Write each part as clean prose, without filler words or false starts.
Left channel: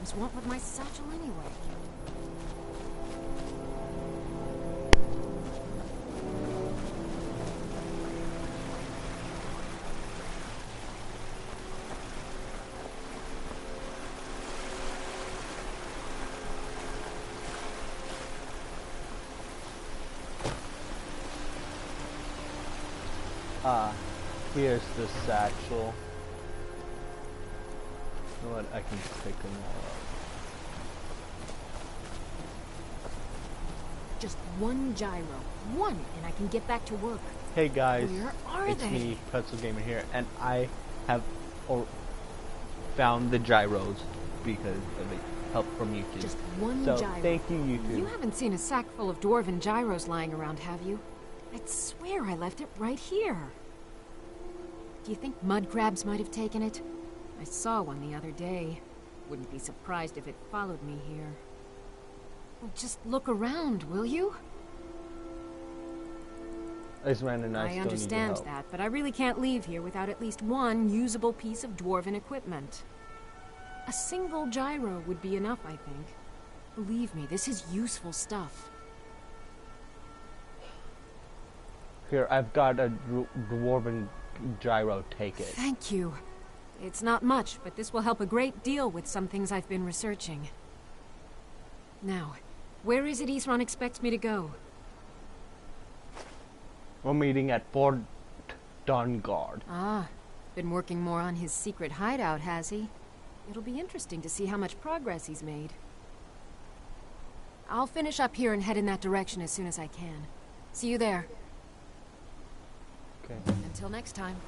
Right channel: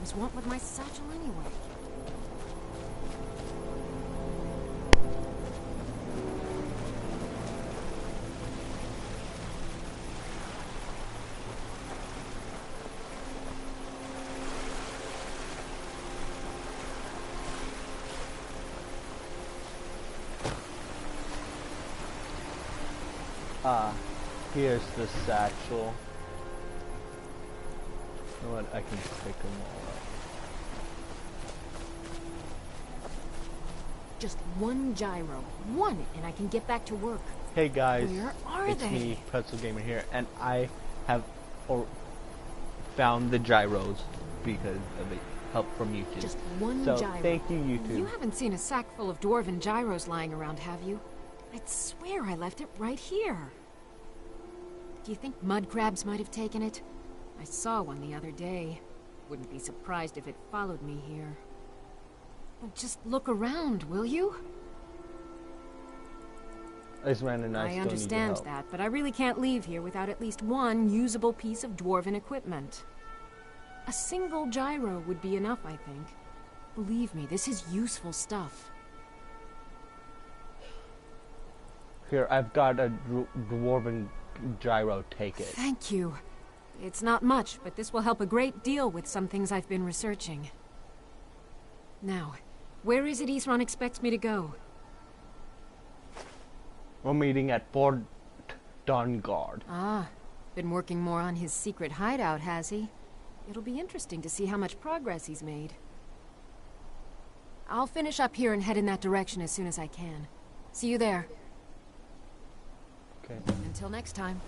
crabs want with my satchel anyway? Here's the satchel. You know what? I can pick them all up. Just one gyro. One, and I can get back to work. Hey guys, Where are it's they? me, Pretzel Gamer here, and I have found the gyros because of the help from YouTube. Just one so, gyro. thank you, YouTube. You haven't seen a sack full of Dwarven gyros lying around, have you? I'd swear I left it right here. Do you think mud crabs might have taken it? I saw one the other day. Wouldn't be surprised if it followed me here. Well, just look around, will you? This man and I still understand need your help. that, but I really can't leave here without at least one usable piece of Dwarven equipment. A single gyro would be enough, I think. Believe me, this is useful stuff. Here, I've got a Dwarven gyro. Take it. Thank you. It's not much, but this will help a great deal with some things I've been researching. Now, where is it Isran expects me to go? We're meeting at Fort Dawnguard. Ah, been working more on his secret hideout, has he? It'll be interesting to see how much progress he's made. I'll finish up here and head in that direction as soon as I can. See you there. Okay. Until next time.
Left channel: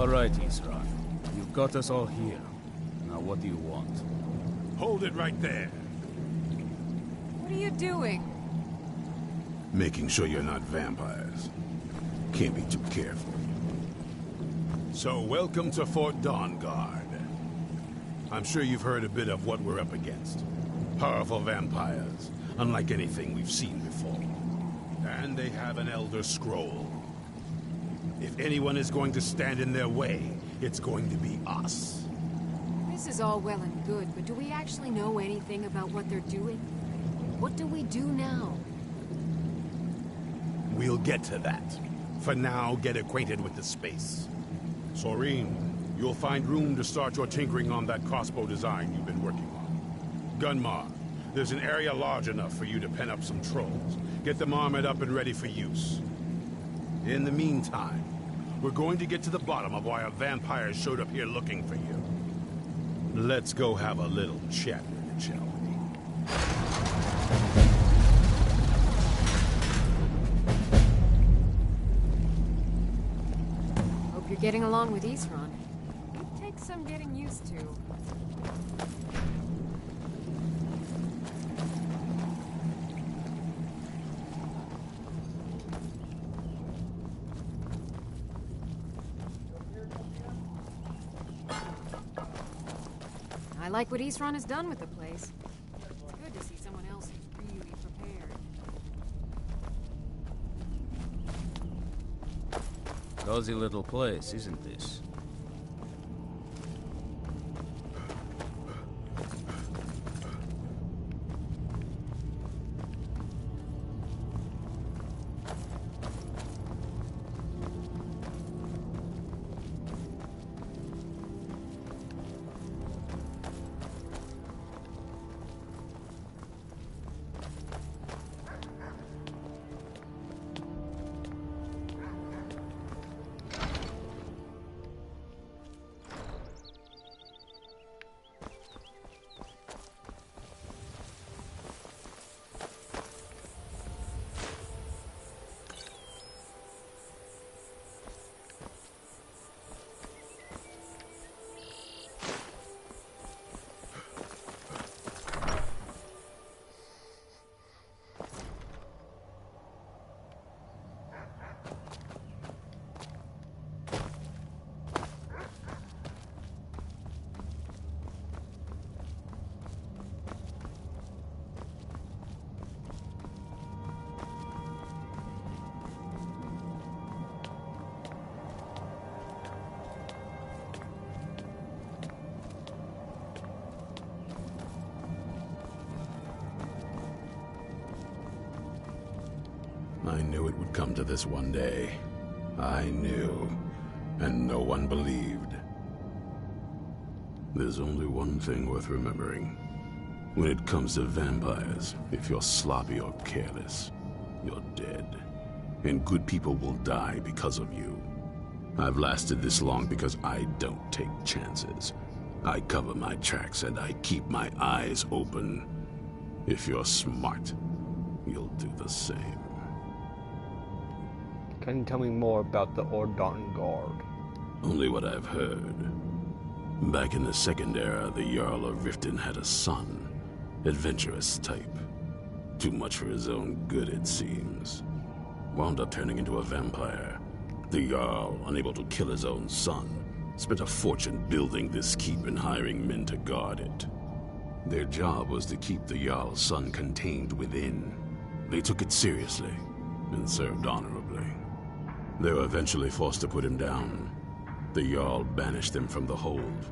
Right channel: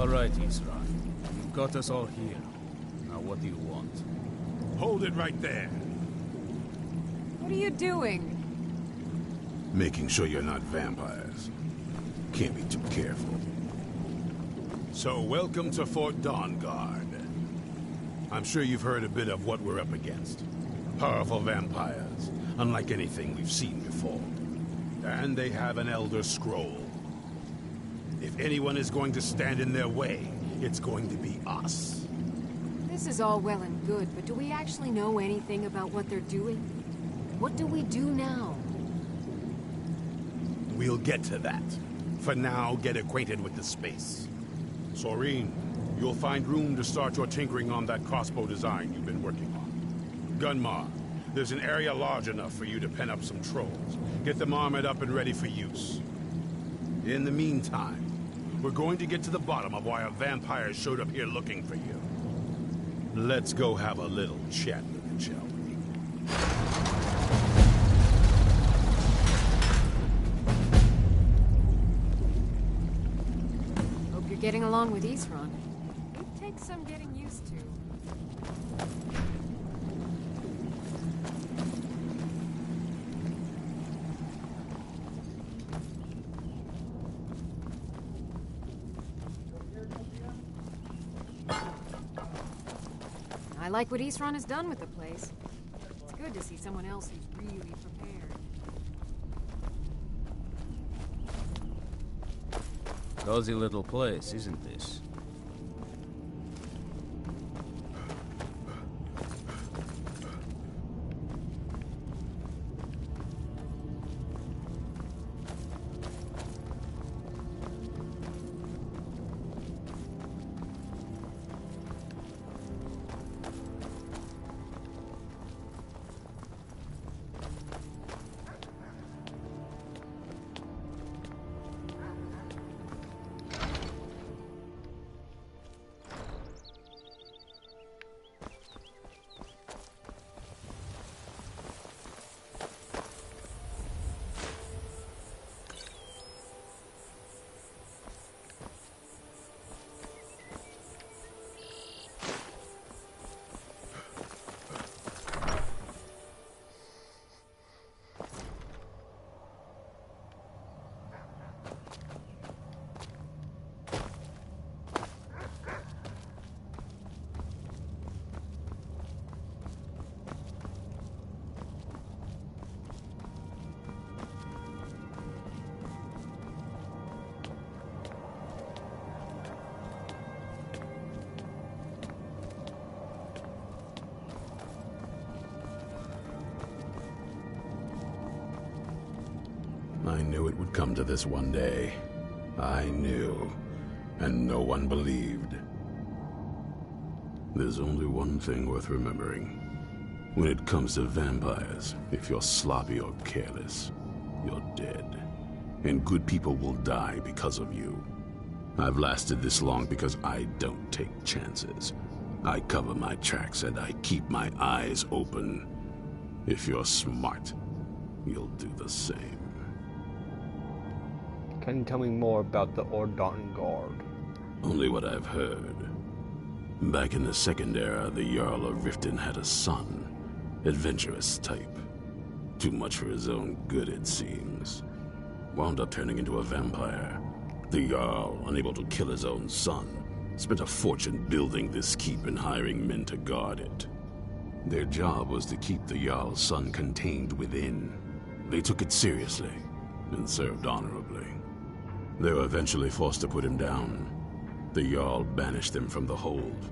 All right, Isran. You've got us all here. Now what do you want? Hold it right there. What are you doing? Making sure you're not vampires. Can't be too careful. So, welcome to Fort Dawnguard. I'm sure you've heard a bit of what we're up against. Powerful vampires, unlike anything we've seen before. And they have an Elder Scroll. If anyone is going to stand in their way, it's going to be us. This is all well and good, but do we actually know anything about what they're doing? What do we do now? We'll get to that. For now, get acquainted with the space. Soreen, you'll find room to start your tinkering on that crossbow design you've been working on. Gunmar, there's an area large enough for you to pen up some trolls. Get them armored up and ready for use. In the meantime, we're going to get to the bottom of why a vampire showed up here looking for you. Let's go have a little chat with it, shall we? getting along with Isran? It takes some getting used to. I like what Isran has done with the place. It's good to see someone else who's really prepared. Cozy little place, isn't this? I knew it would come to this one day. I knew, and no one believed. There's only one thing worth remembering. When it comes to vampires, if you're sloppy or careless, you're dead. And good people will die because of you. I've lasted this long because I don't take chances. I cover my tracks and I keep my eyes open. If you're smart, you'll do the same. Can you tell me more about the Ordon Guard? Only what I've heard. Back in the Second Era, the Jarl of Riften had a son. Adventurous type. Too much for his own good, it seems. Wound up turning into a vampire. The Jarl, unable to kill his own son, spent a fortune building this keep and hiring men to guard it. Their job was to keep the Jarl's son contained within. They took it seriously and served honorably. They were eventually forced to put him down. The Jarl banished them from the hold,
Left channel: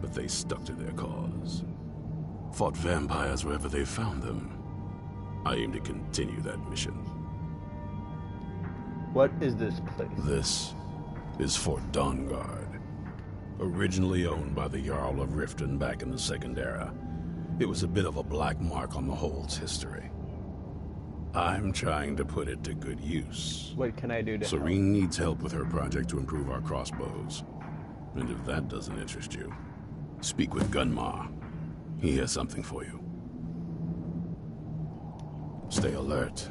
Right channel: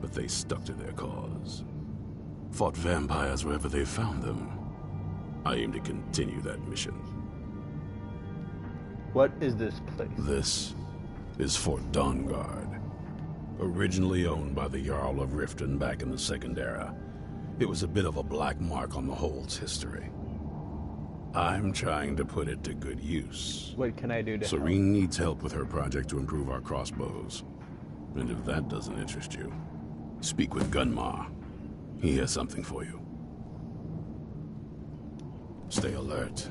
but they stuck to their cause. Fought vampires wherever they found them. I aim to continue that mission. What is this place? This is Fort Dawnguard. Originally owned by the Jarl of Riften back in the Second Era, it was a bit of a black mark on the hold's history. I'm trying to put it to good use. What can I do to help? Serene needs help with her project to improve our crossbows. And if that doesn't interest you, speak with Gunmar. He has something for you. Stay alert.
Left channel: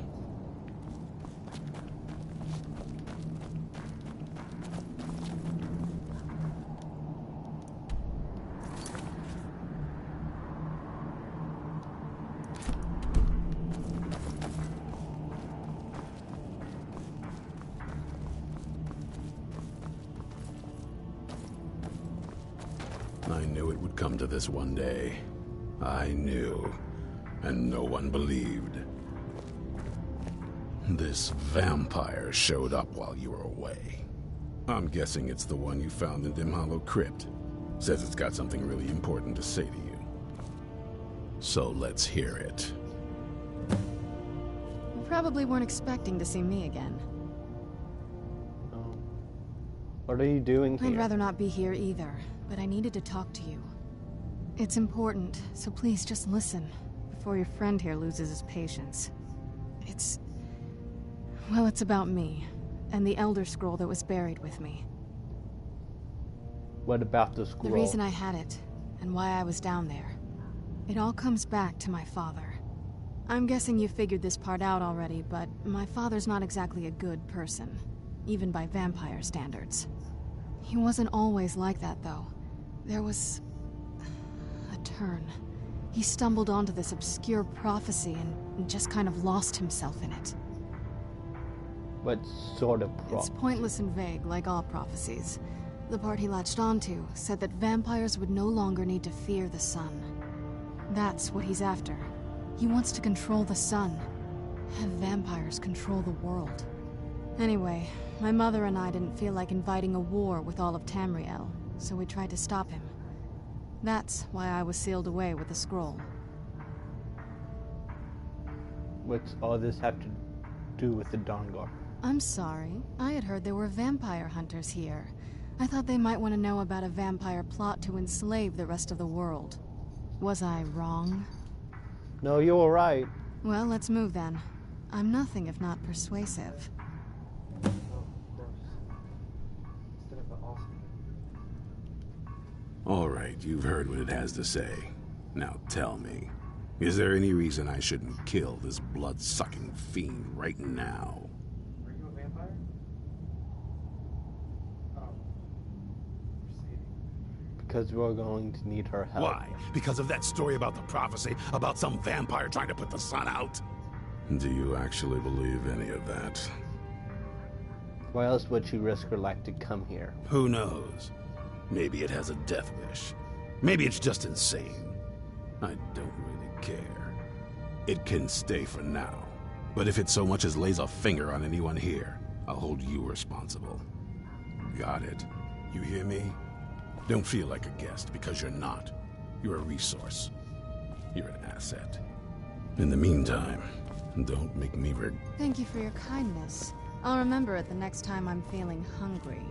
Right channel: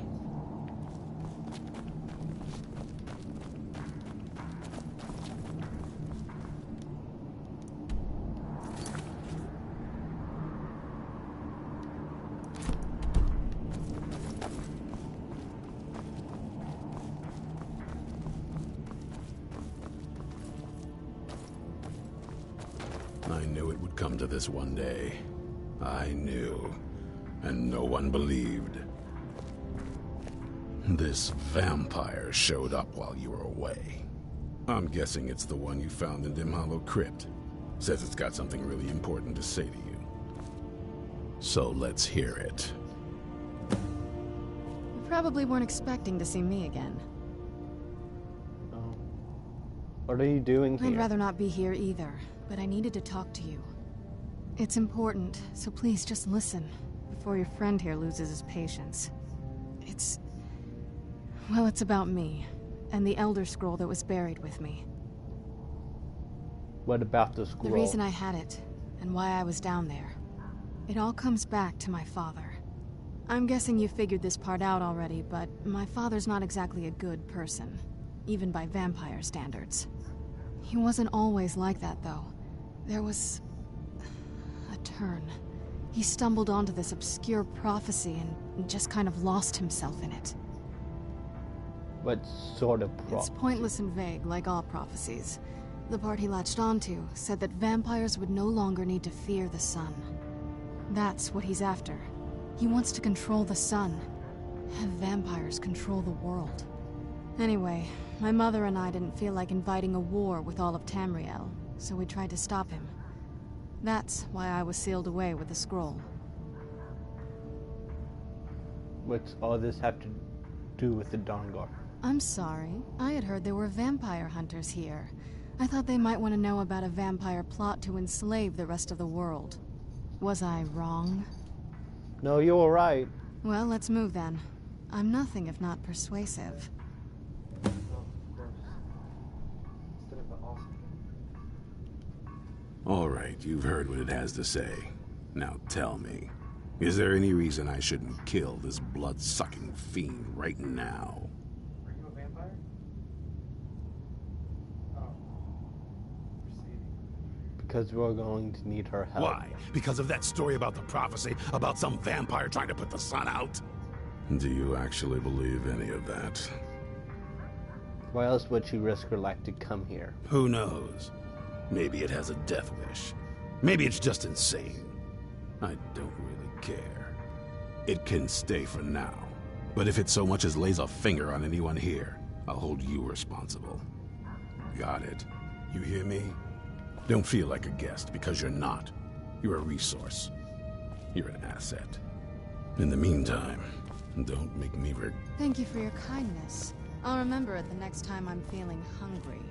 I knew it would come to this one day. I knew, and no one believed. This vampire showed up while you were away. I'm guessing it's the one you found in Dim Hollow Crypt. Says it's got something really important to say to you. So let's hear it. You probably weren't expecting to see me again. Oh. What are you doing here? I'd rather not be here either, but I needed to talk to you. It's important, so please just listen, before your friend here loses his patience. Well, it's about me, and the Elder Scroll that was buried with me. What about the scroll? The reason I had it, and why I was down there. It all comes back to my father. I'm guessing you figured this part out already, but my father's not exactly a good person, even by vampire standards. He wasn't always like that, though. There was a turn. He stumbled onto this obscure prophecy and just kind of lost himself in it. What sort of It's pointless and vague, like all prophecies. The part he latched onto said that vampires would no longer need to fear the sun. That's what he's after. He wants to control the sun. Have vampires control the world. Anyway, my mother and I didn't feel like inviting a war with all of Tamriel, so we tried to stop him. That's why I was sealed away with the scroll. What's all this have to do with the Dawnguard? I'm sorry. I had heard there were vampire hunters here. I thought they might want to know about a vampire plot to enslave the rest of the world. Was I wrong? No, you were right. Well, let's move then. I'm nothing if not persuasive. All right, you've heard what it has to say. Now tell me, is there any reason I shouldn't kill this blood-sucking fiend right now? Are you a vampire? Oh. Because we're going to need her help. Why? Because of that story about the prophecy, about some vampire trying to put the sun out? Do you actually believe any of that? Why else would she risk her life to come here? Who knows? Maybe it has a death wish. Maybe it's just insane. I don't really care. It can stay for now. But if it so much as lays a finger on anyone here, I'll hold you responsible. Got it? You hear me? Don't feel like a guest, because you're not. You're a resource. You're an asset. In the meantime, don't make me Thank you for your kindness. I'll remember it the next time I'm feeling hungry.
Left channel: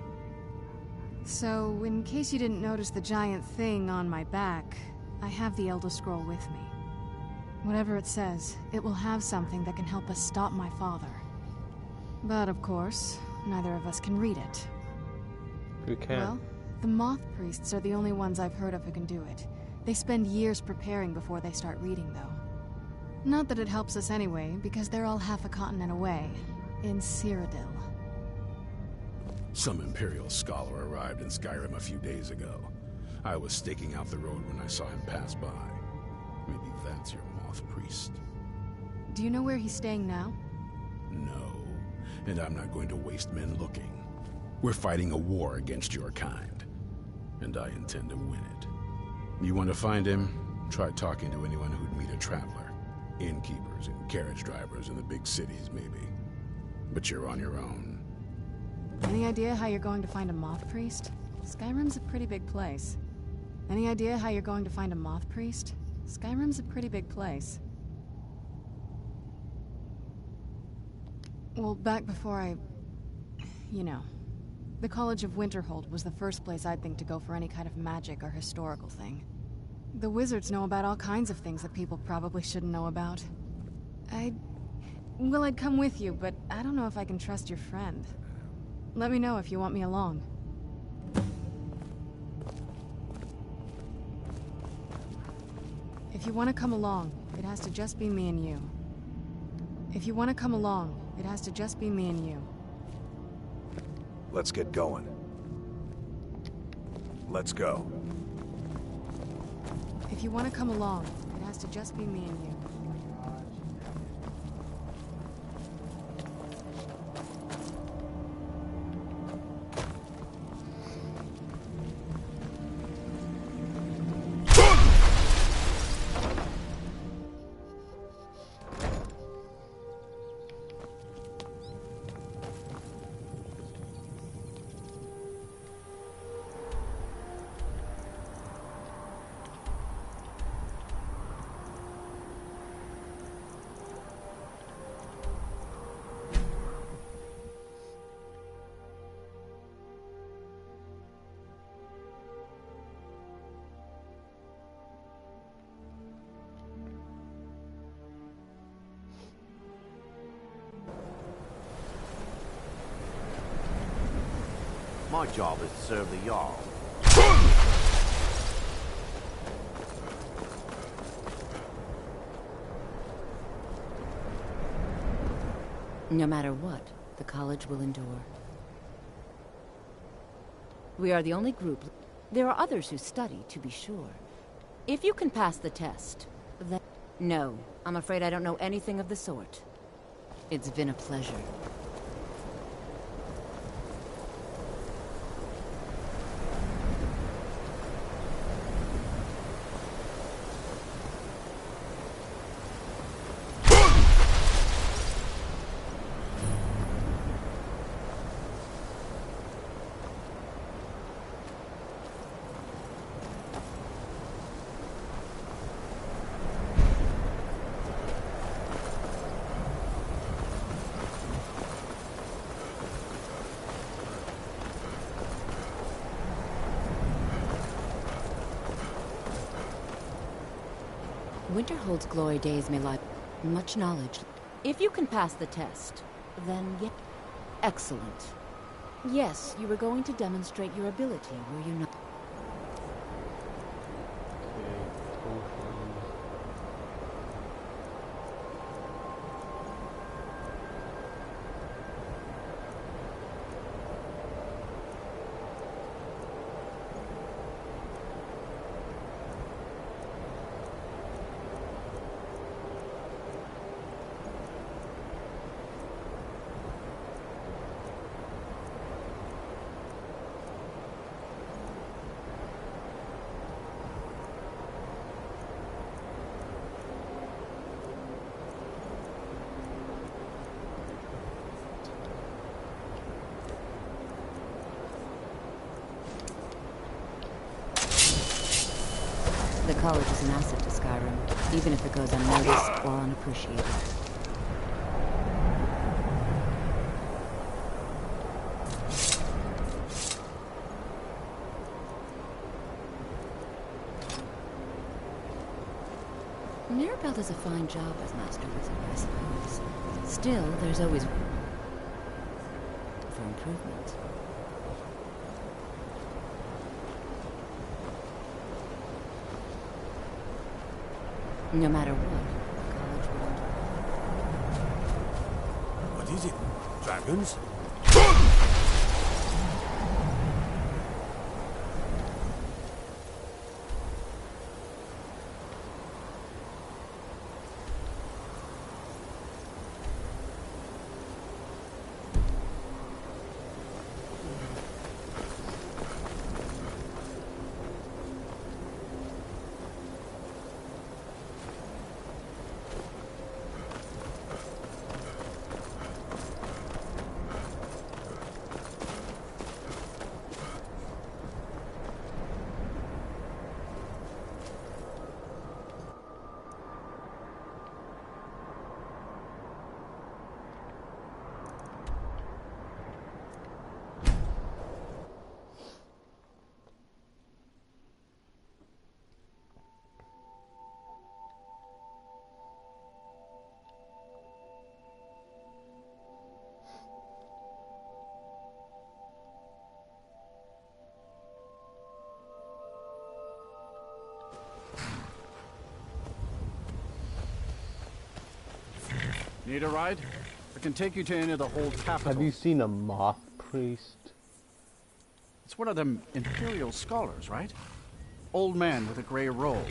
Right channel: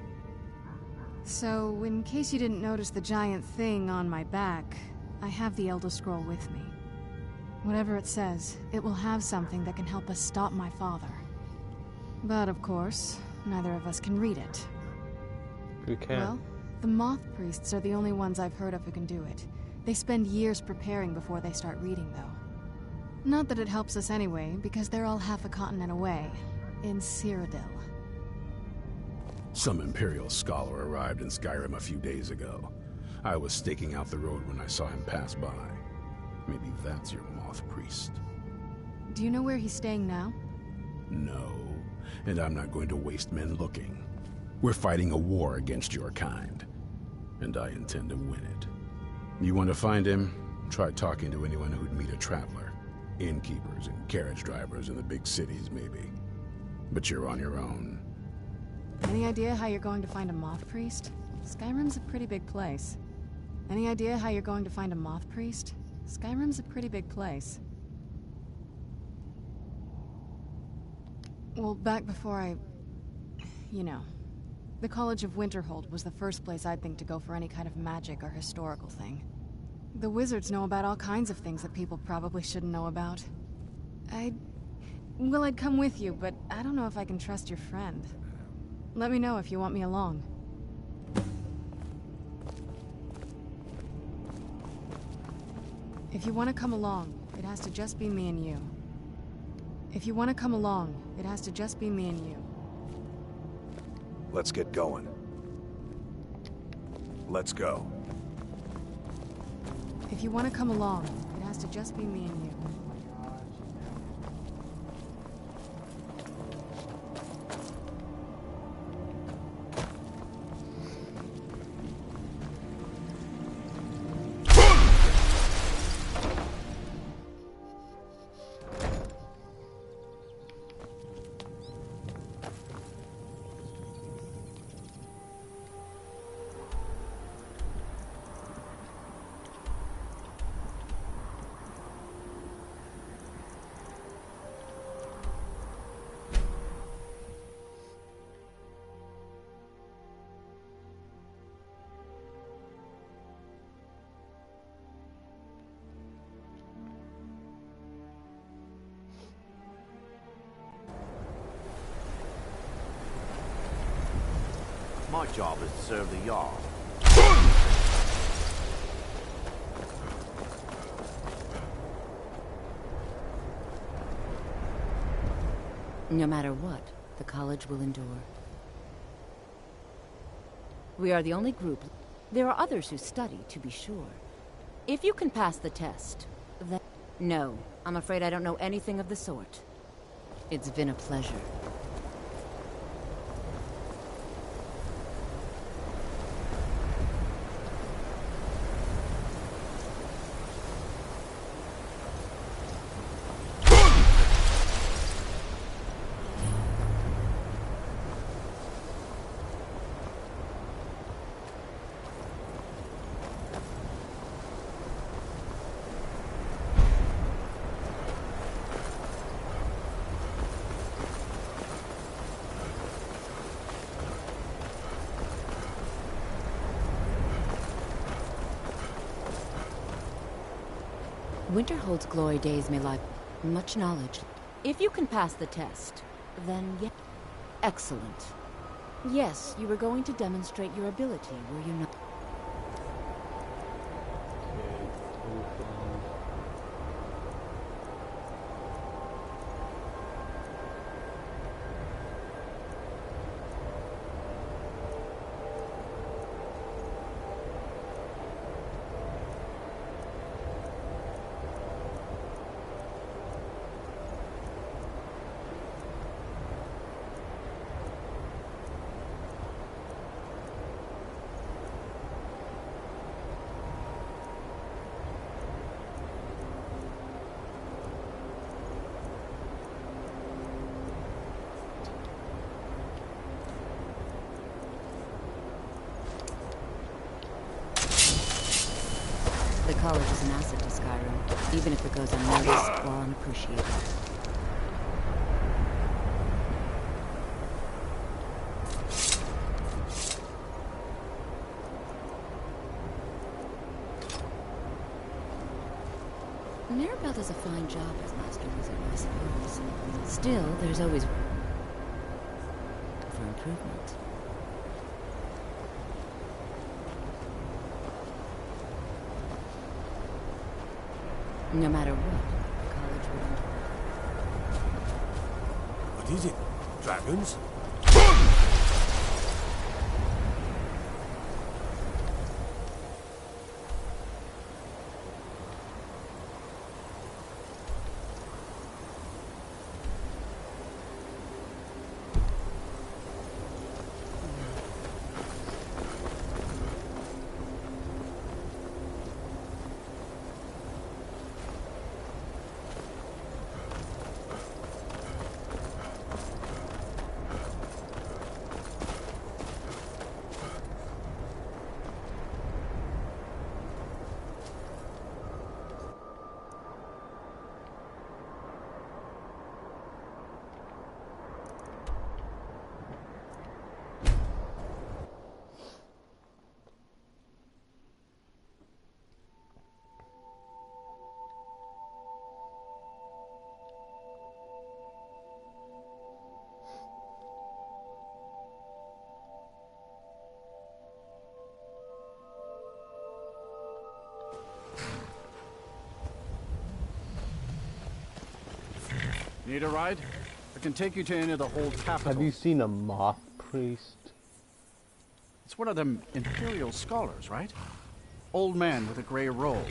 So, in case you didn't notice the giant thing on my back, I have the Elder Scroll with me. Whatever it says, it will have something that can help us stop my father. But of course, neither of us can read it. Who can? Well, the Moth Priests are the only ones I've heard of who can do it. They spend years preparing before they start reading, though. Not that it helps us anyway, because they're all half a continent away, in Cyrodiil. Some Imperial scholar arrived in Skyrim a few days ago. I was staking out the road when I saw him pass by. Maybe that's your Moth Priest. Do you know where he's staying now? No, and I'm not going to waste men looking. We're fighting a war against your kind, and I intend to win it. You want to find him? Try talking to anyone who'd meet a traveler. Innkeepers and carriage drivers in the big cities, maybe. But you're on your own. Any idea how you're going to find a Moth Priest? Skyrim's a pretty big place. Any idea how you're going to find a Moth Priest? Skyrim's a pretty big place. Well, back before you know. The College of Winterhold was the first place I'd think to go for any kind of magic or historical thing. The wizards know about all kinds of things that people probably shouldn't know about. I'd come with you, but I don't know if I can trust your friend. Let me know if you want me along. If you want to come along, it has to just be me and you. If you want to come along, it has to just be me and you. Let's get going. Let's go. If you want to come along, it has to just be me and you. My job is to serve the Jarl. No matter what, the college will endure. We are the only group. There are others who study, to be sure. If you can pass the test, then... No, I'm afraid I don't know anything of the sort. It's been a pleasure. Winterhold's glory days may lie much knowledge. If you can pass the test, then yeah. Excellent. Yes, you were going to demonstrate your ability, were you not? Okay, potions. The college is an asset to Skyrim, even if it goes unnoticed or unappreciated. Maribel does a fine job as Master Wizard, I suppose. Still, there's always for improvement. No matter what, the college wouldn't. What is it? Dragons? Need a ride? I can take you to any of the whole capital. Have you seen a moth priest? It's one of them Imperial scholars, right? Old man with a gray robe.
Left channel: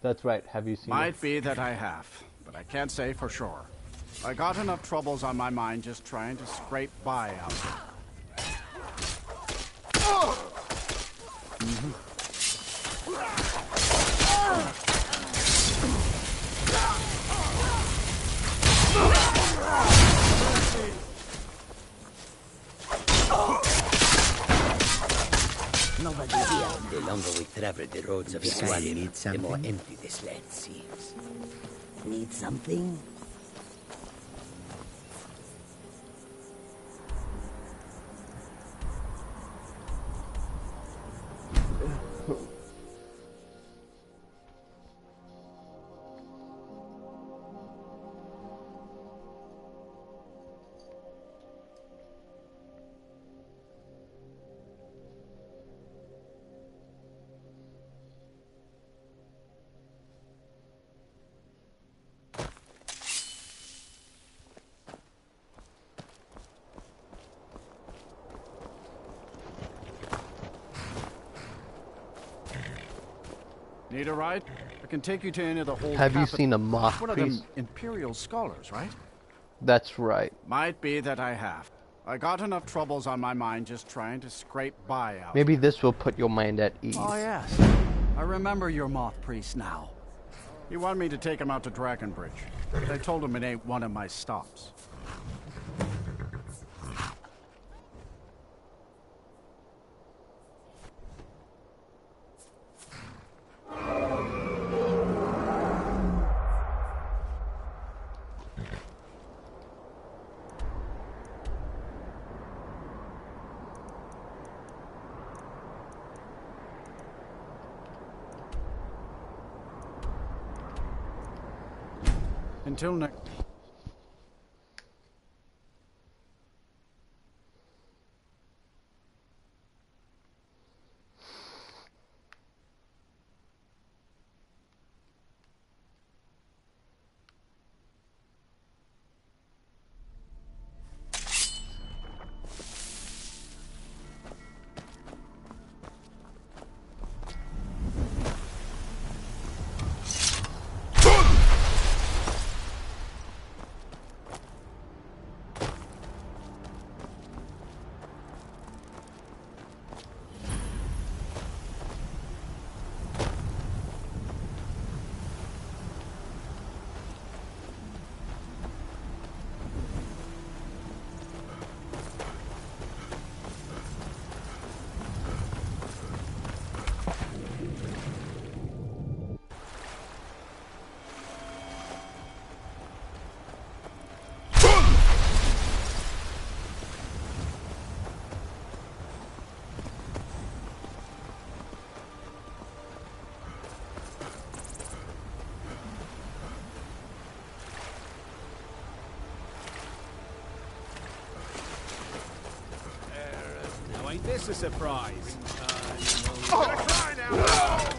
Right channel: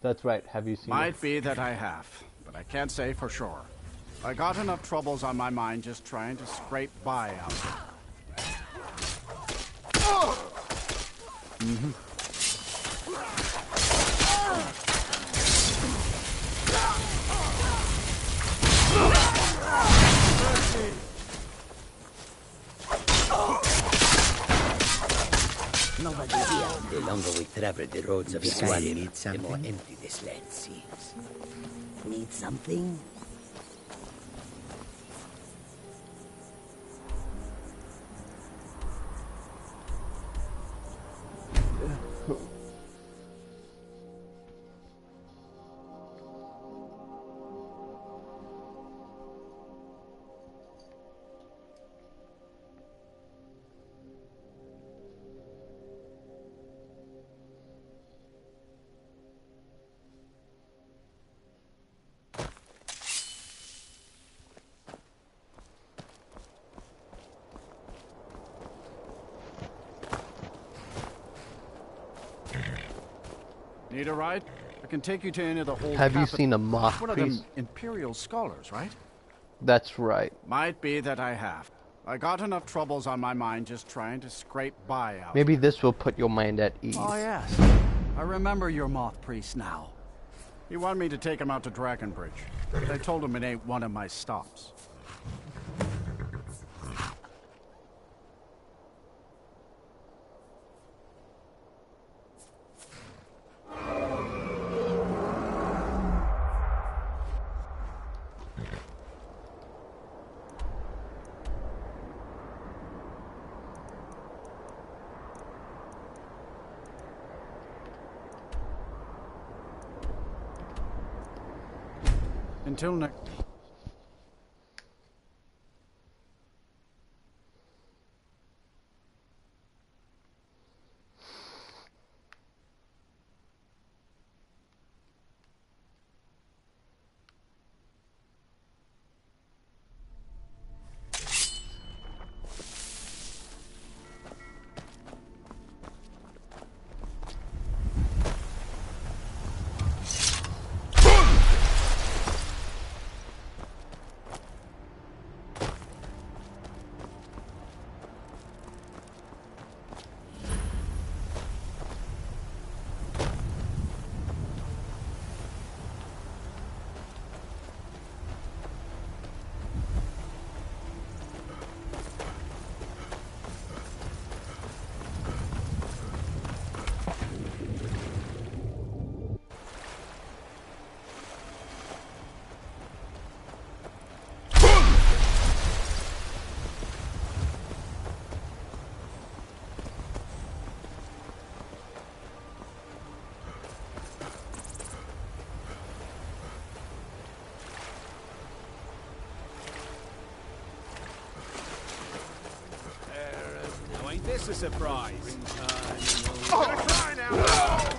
That's right. Have you seen Might be that I have, but I can't say for sure. I got enough troubles on my mind just trying to scrape by out here. The longer we travel the roads of Skyrim, the more empty this land seems. Need something? Need a ride? I can take you to any of the whole. Have you seen a moth One of priest? them imperial scholars, right? That's right. Might be that I have. I got enough troubles on my mind just trying to scrape by out. Maybe this will put your mind at ease. Oh yes, I remember your moth priest now. He wanted me to take him out to Dragonbridge, but I told him it ain't one of my stops. Until next. Ain't this a surprise? Try now!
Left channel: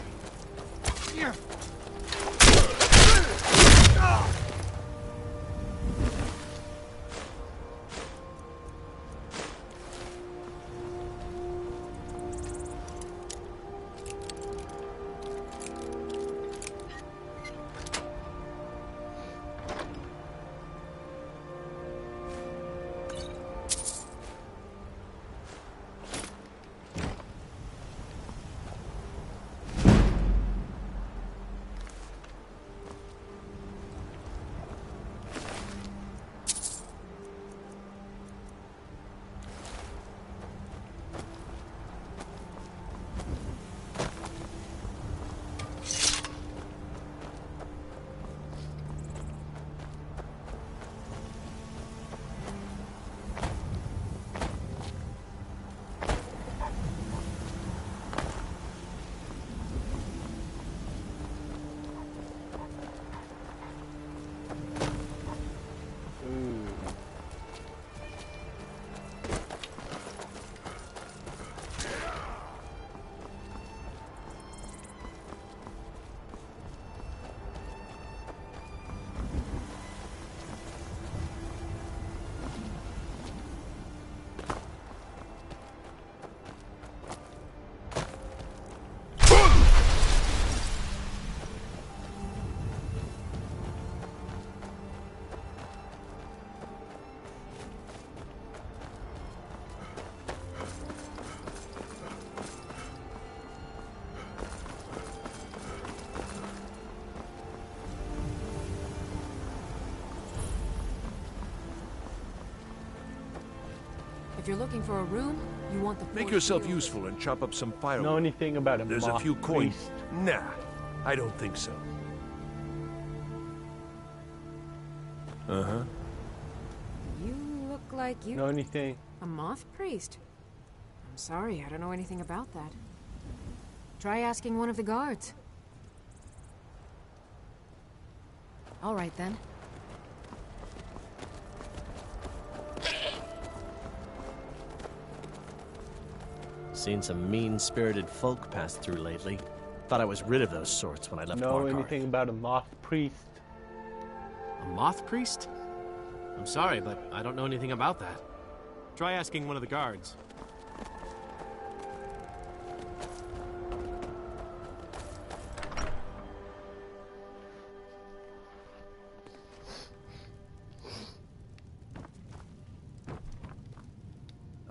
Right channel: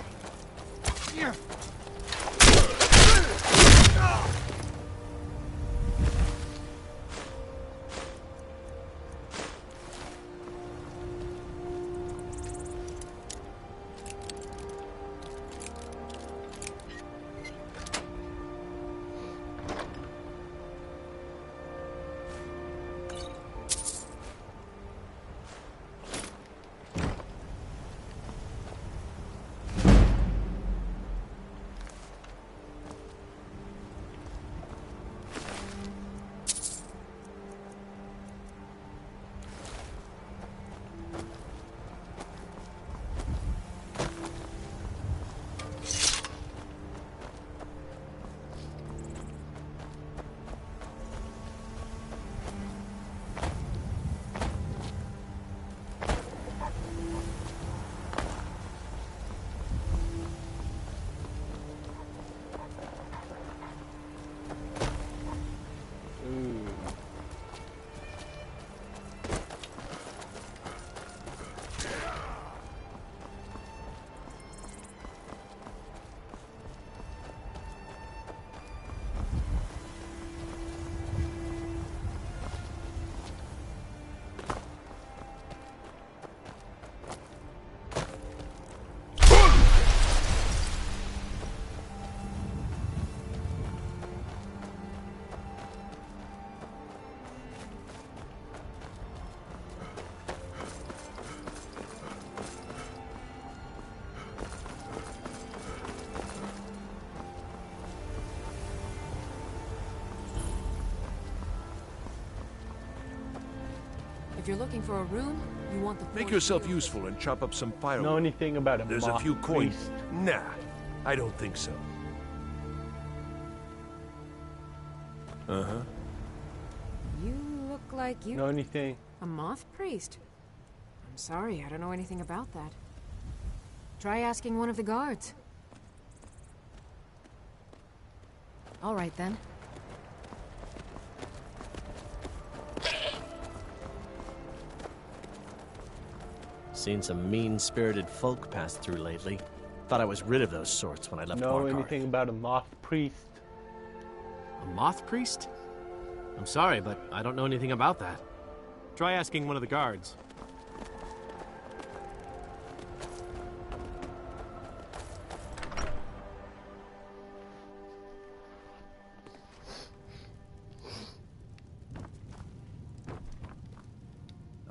If you're looking for a room, you want the Make yourself useful and chop up some firewood. Know anything about a There's a moth few coins. priest? Nah, I don't think so. Uh-huh. You look like you... Know anything? A moth priest? I'm sorry, I don't know anything about that. Try asking one of the guards. All right, then. Seen some mean-spirited folk pass through lately. Thought I was rid of those sorts when I left Know Markarth. anything about a moth priest? A moth priest? I'm sorry, but I don't know anything about that. Try asking one of the guards.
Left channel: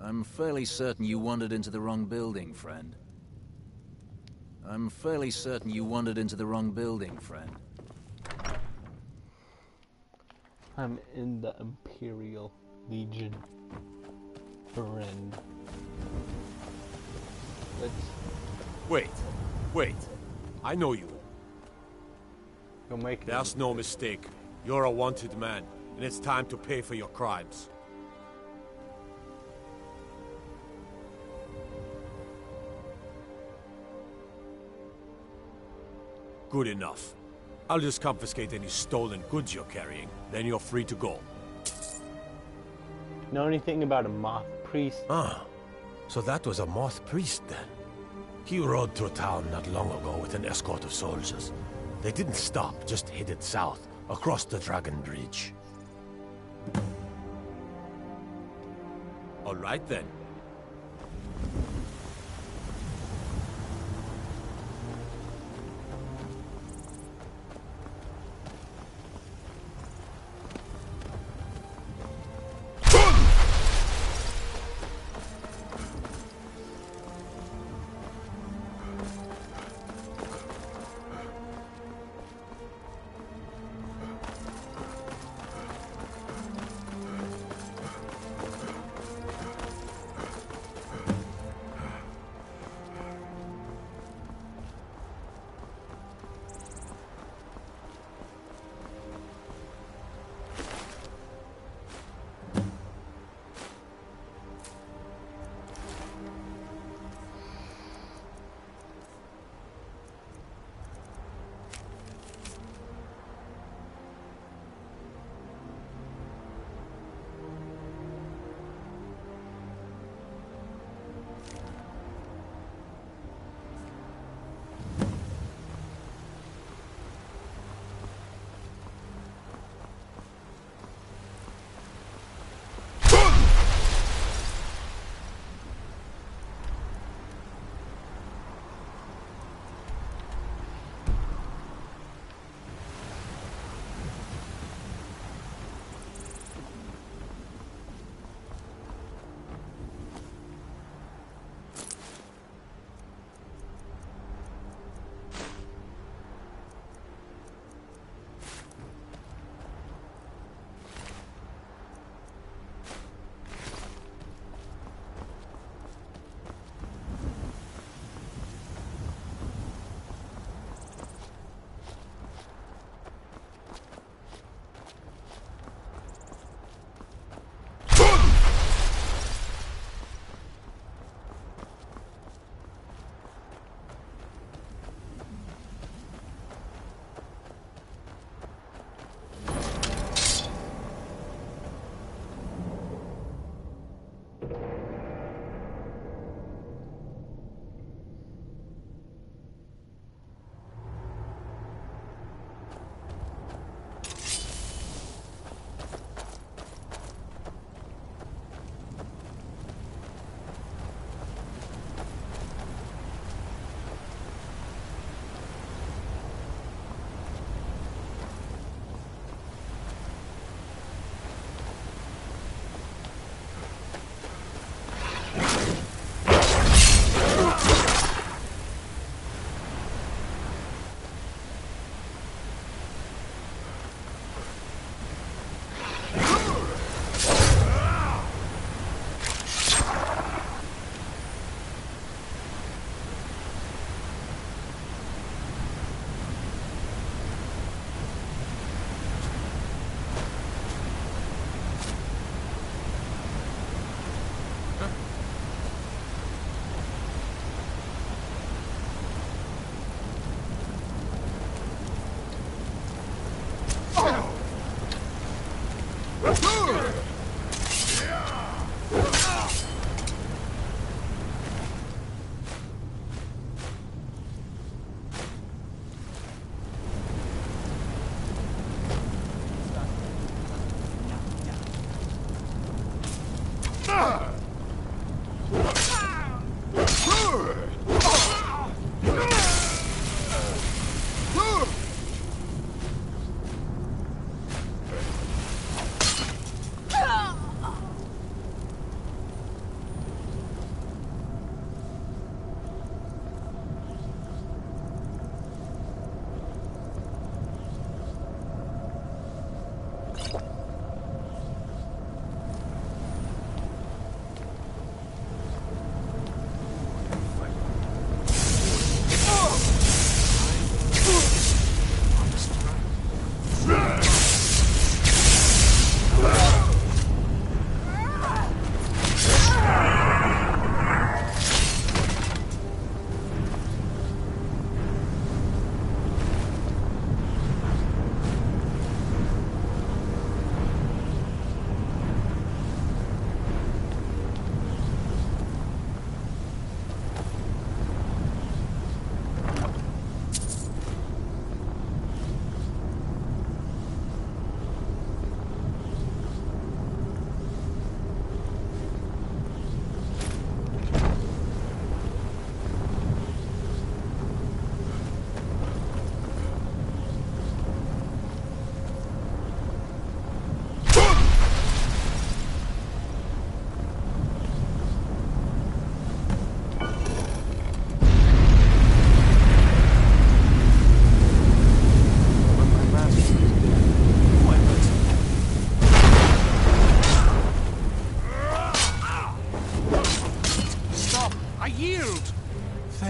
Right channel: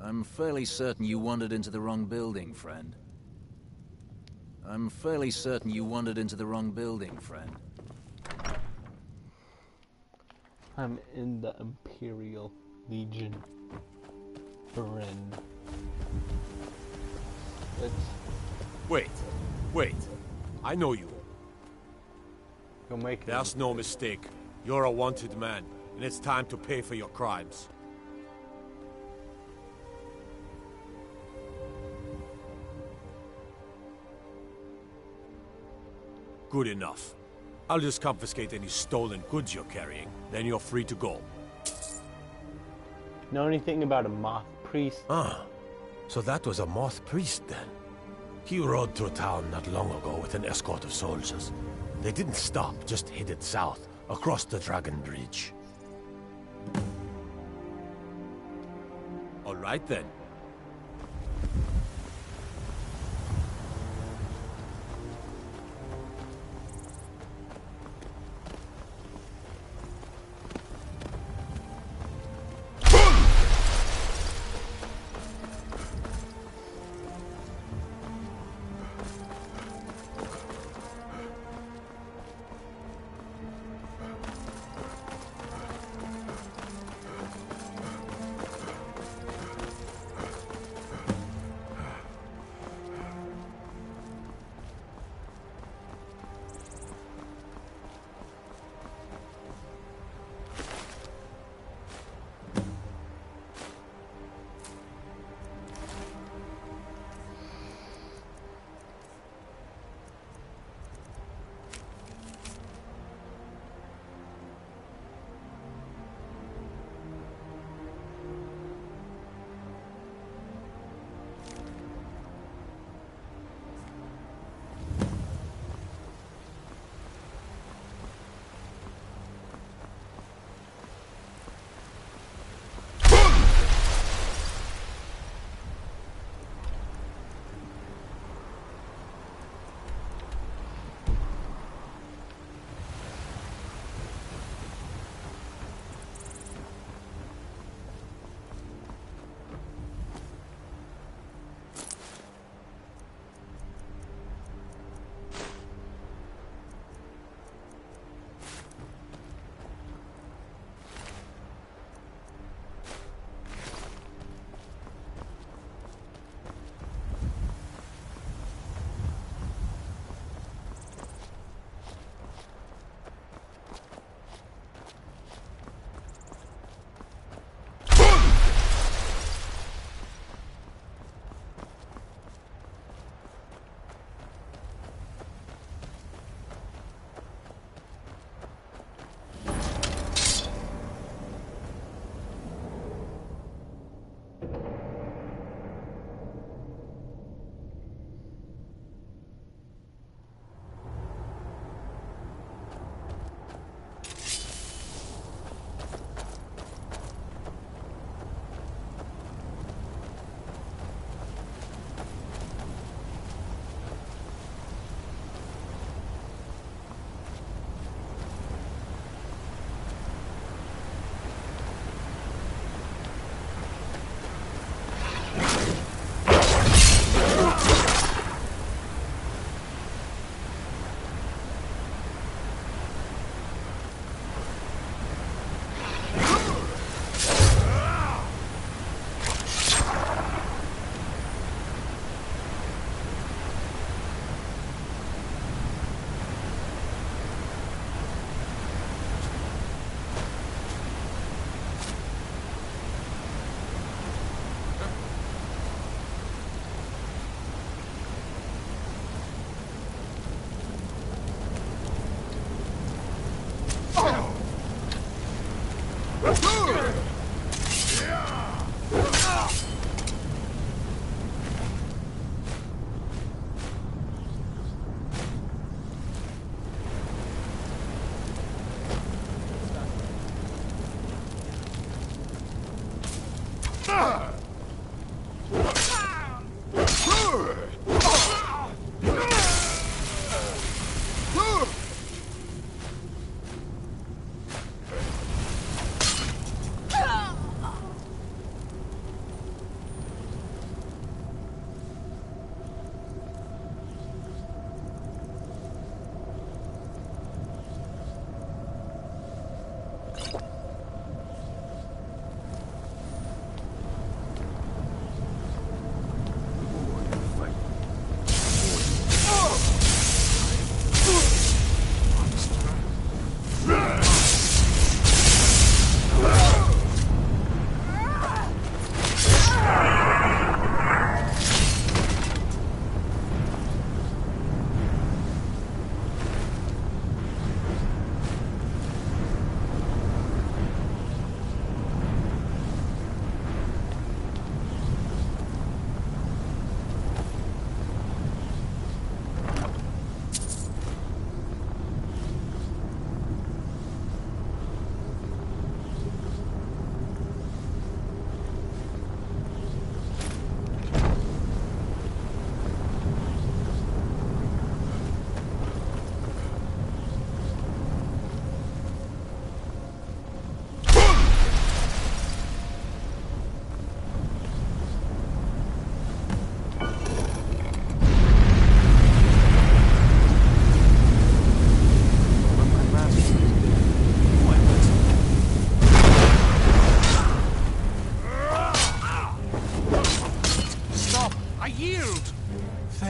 I'm fairly certain you wandered into the wrong building, friend. I'm fairly certain you wandered into the wrong building, friend. I'm in the Imperial Legion. Friend. Let's... Wait. I know you. You're making... There's no mistake. You're a wanted man, and it's time to pay for your crimes. Good enough. I'll just confiscate any stolen goods you're carrying, then you're free to go. Know anything about a moth priest? Ah, so that was a moth priest then. He rode through town not long ago with an escort of soldiers. They didn't stop, just headed south, across the Dragon Bridge. All right then.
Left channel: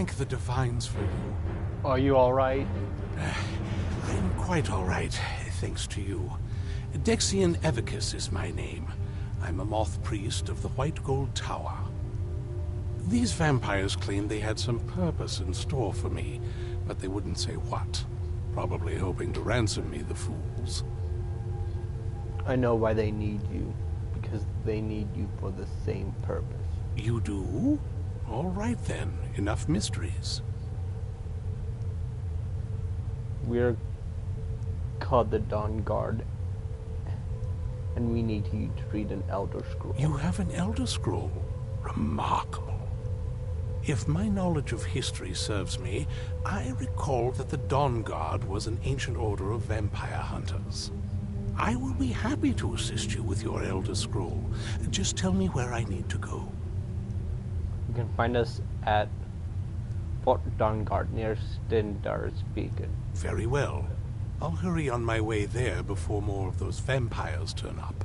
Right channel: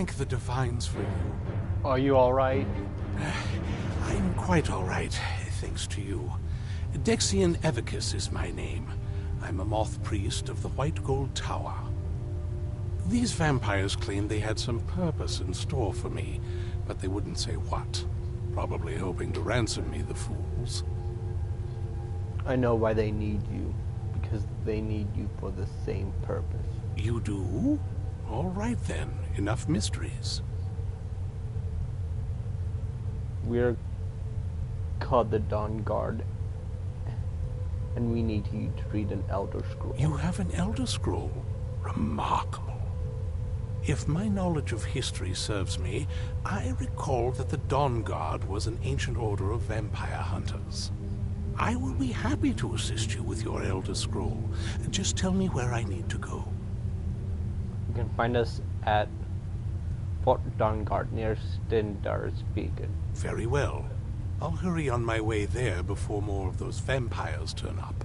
thank the Divines for you. Are you alright? I'm quite all right, thanks to you. Dexian Evicus is my name. I'm a moth priest of the White Gold Tower. These vampires claimed they had some purpose in store for me, but they wouldn't say what. Probably hoping to ransom me, the fools. I know why they need you. Because they need you for the same purpose. You do? All right then. Enough mysteries. We're called the Dawn Guard. And we need you to read an Elder Scroll. You have an Elder Scroll? Remarkable. If my knowledge of history serves me, I recall that the Dawn Guard was an ancient order of vampire hunters. I will be happy to assist you with your Elder Scroll. Just tell me where I need to go. You can find us at Fort Dawnguard near Stendar's Beacon. Very well. I'll hurry on my way there before more of those vampires turn up.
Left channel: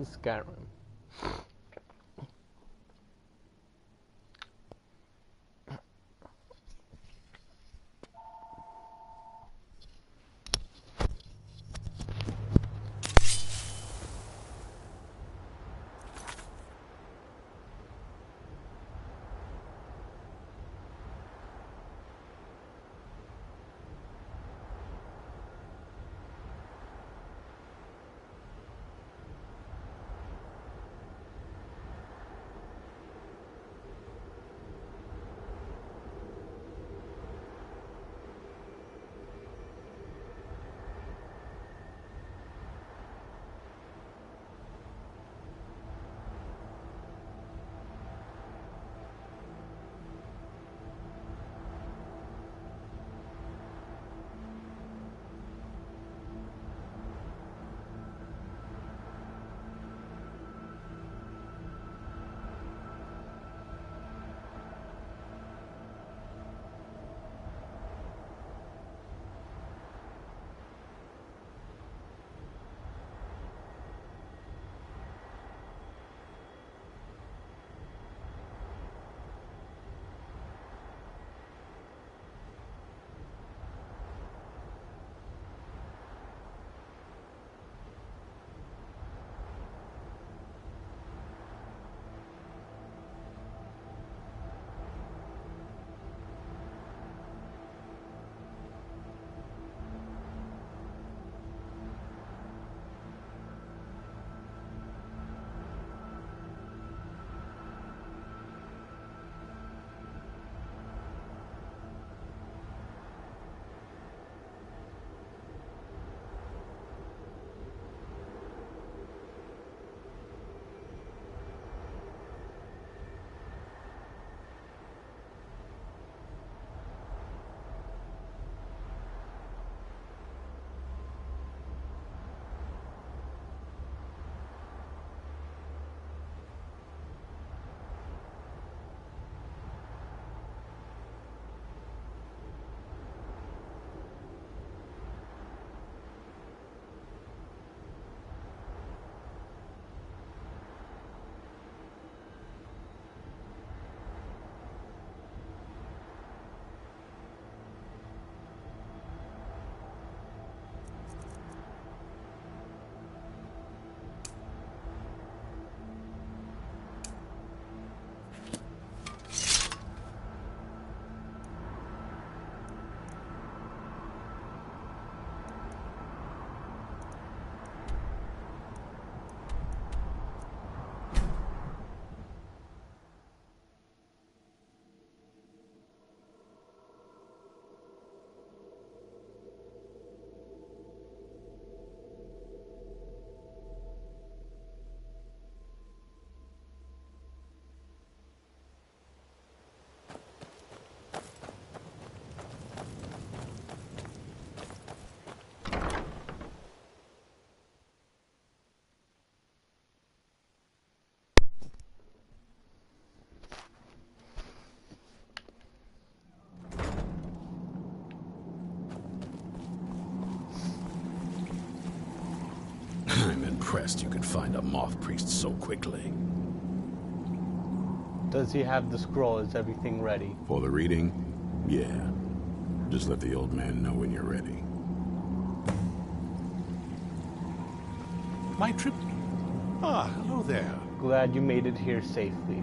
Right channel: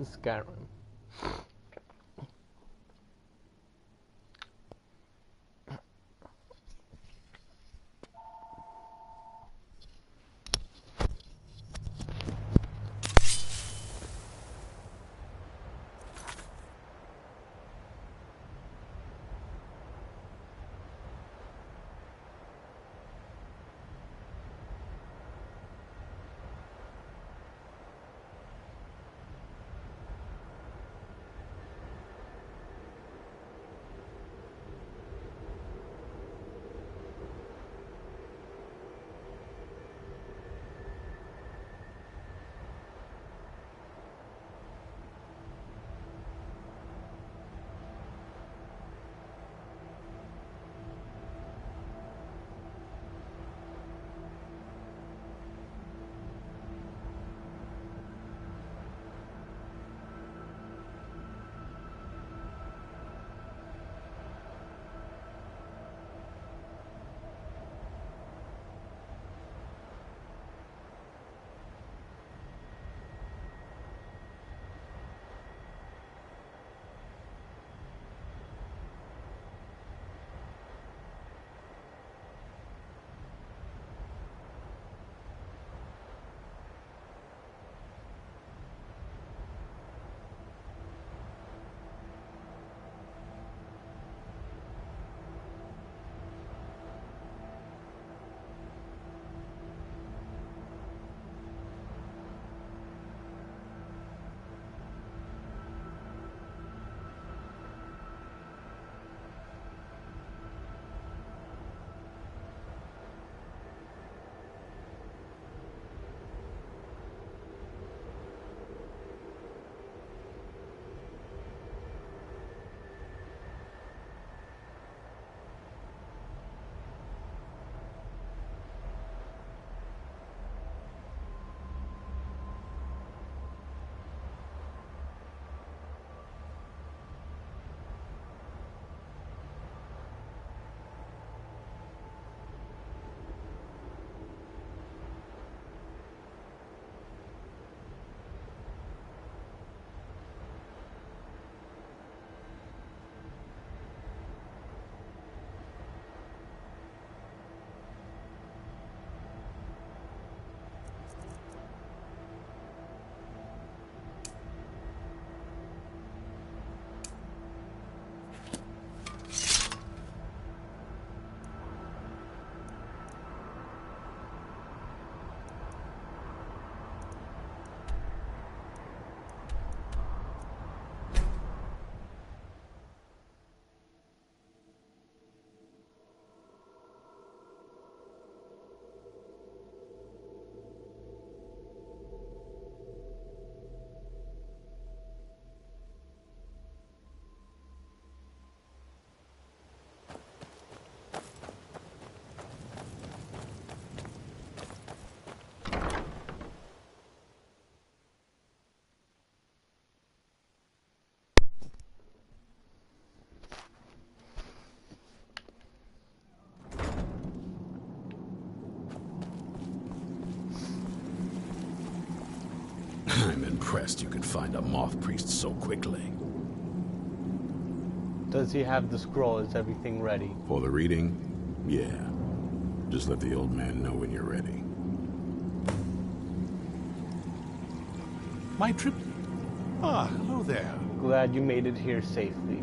To Skyrim. I'm impressed you could find a moth priest so quickly. Does he have the scroll? Is everything ready? For the reading? Yeah. Just let the old man know when you're ready. My trip... Ah, hello there. Glad you made it here safely.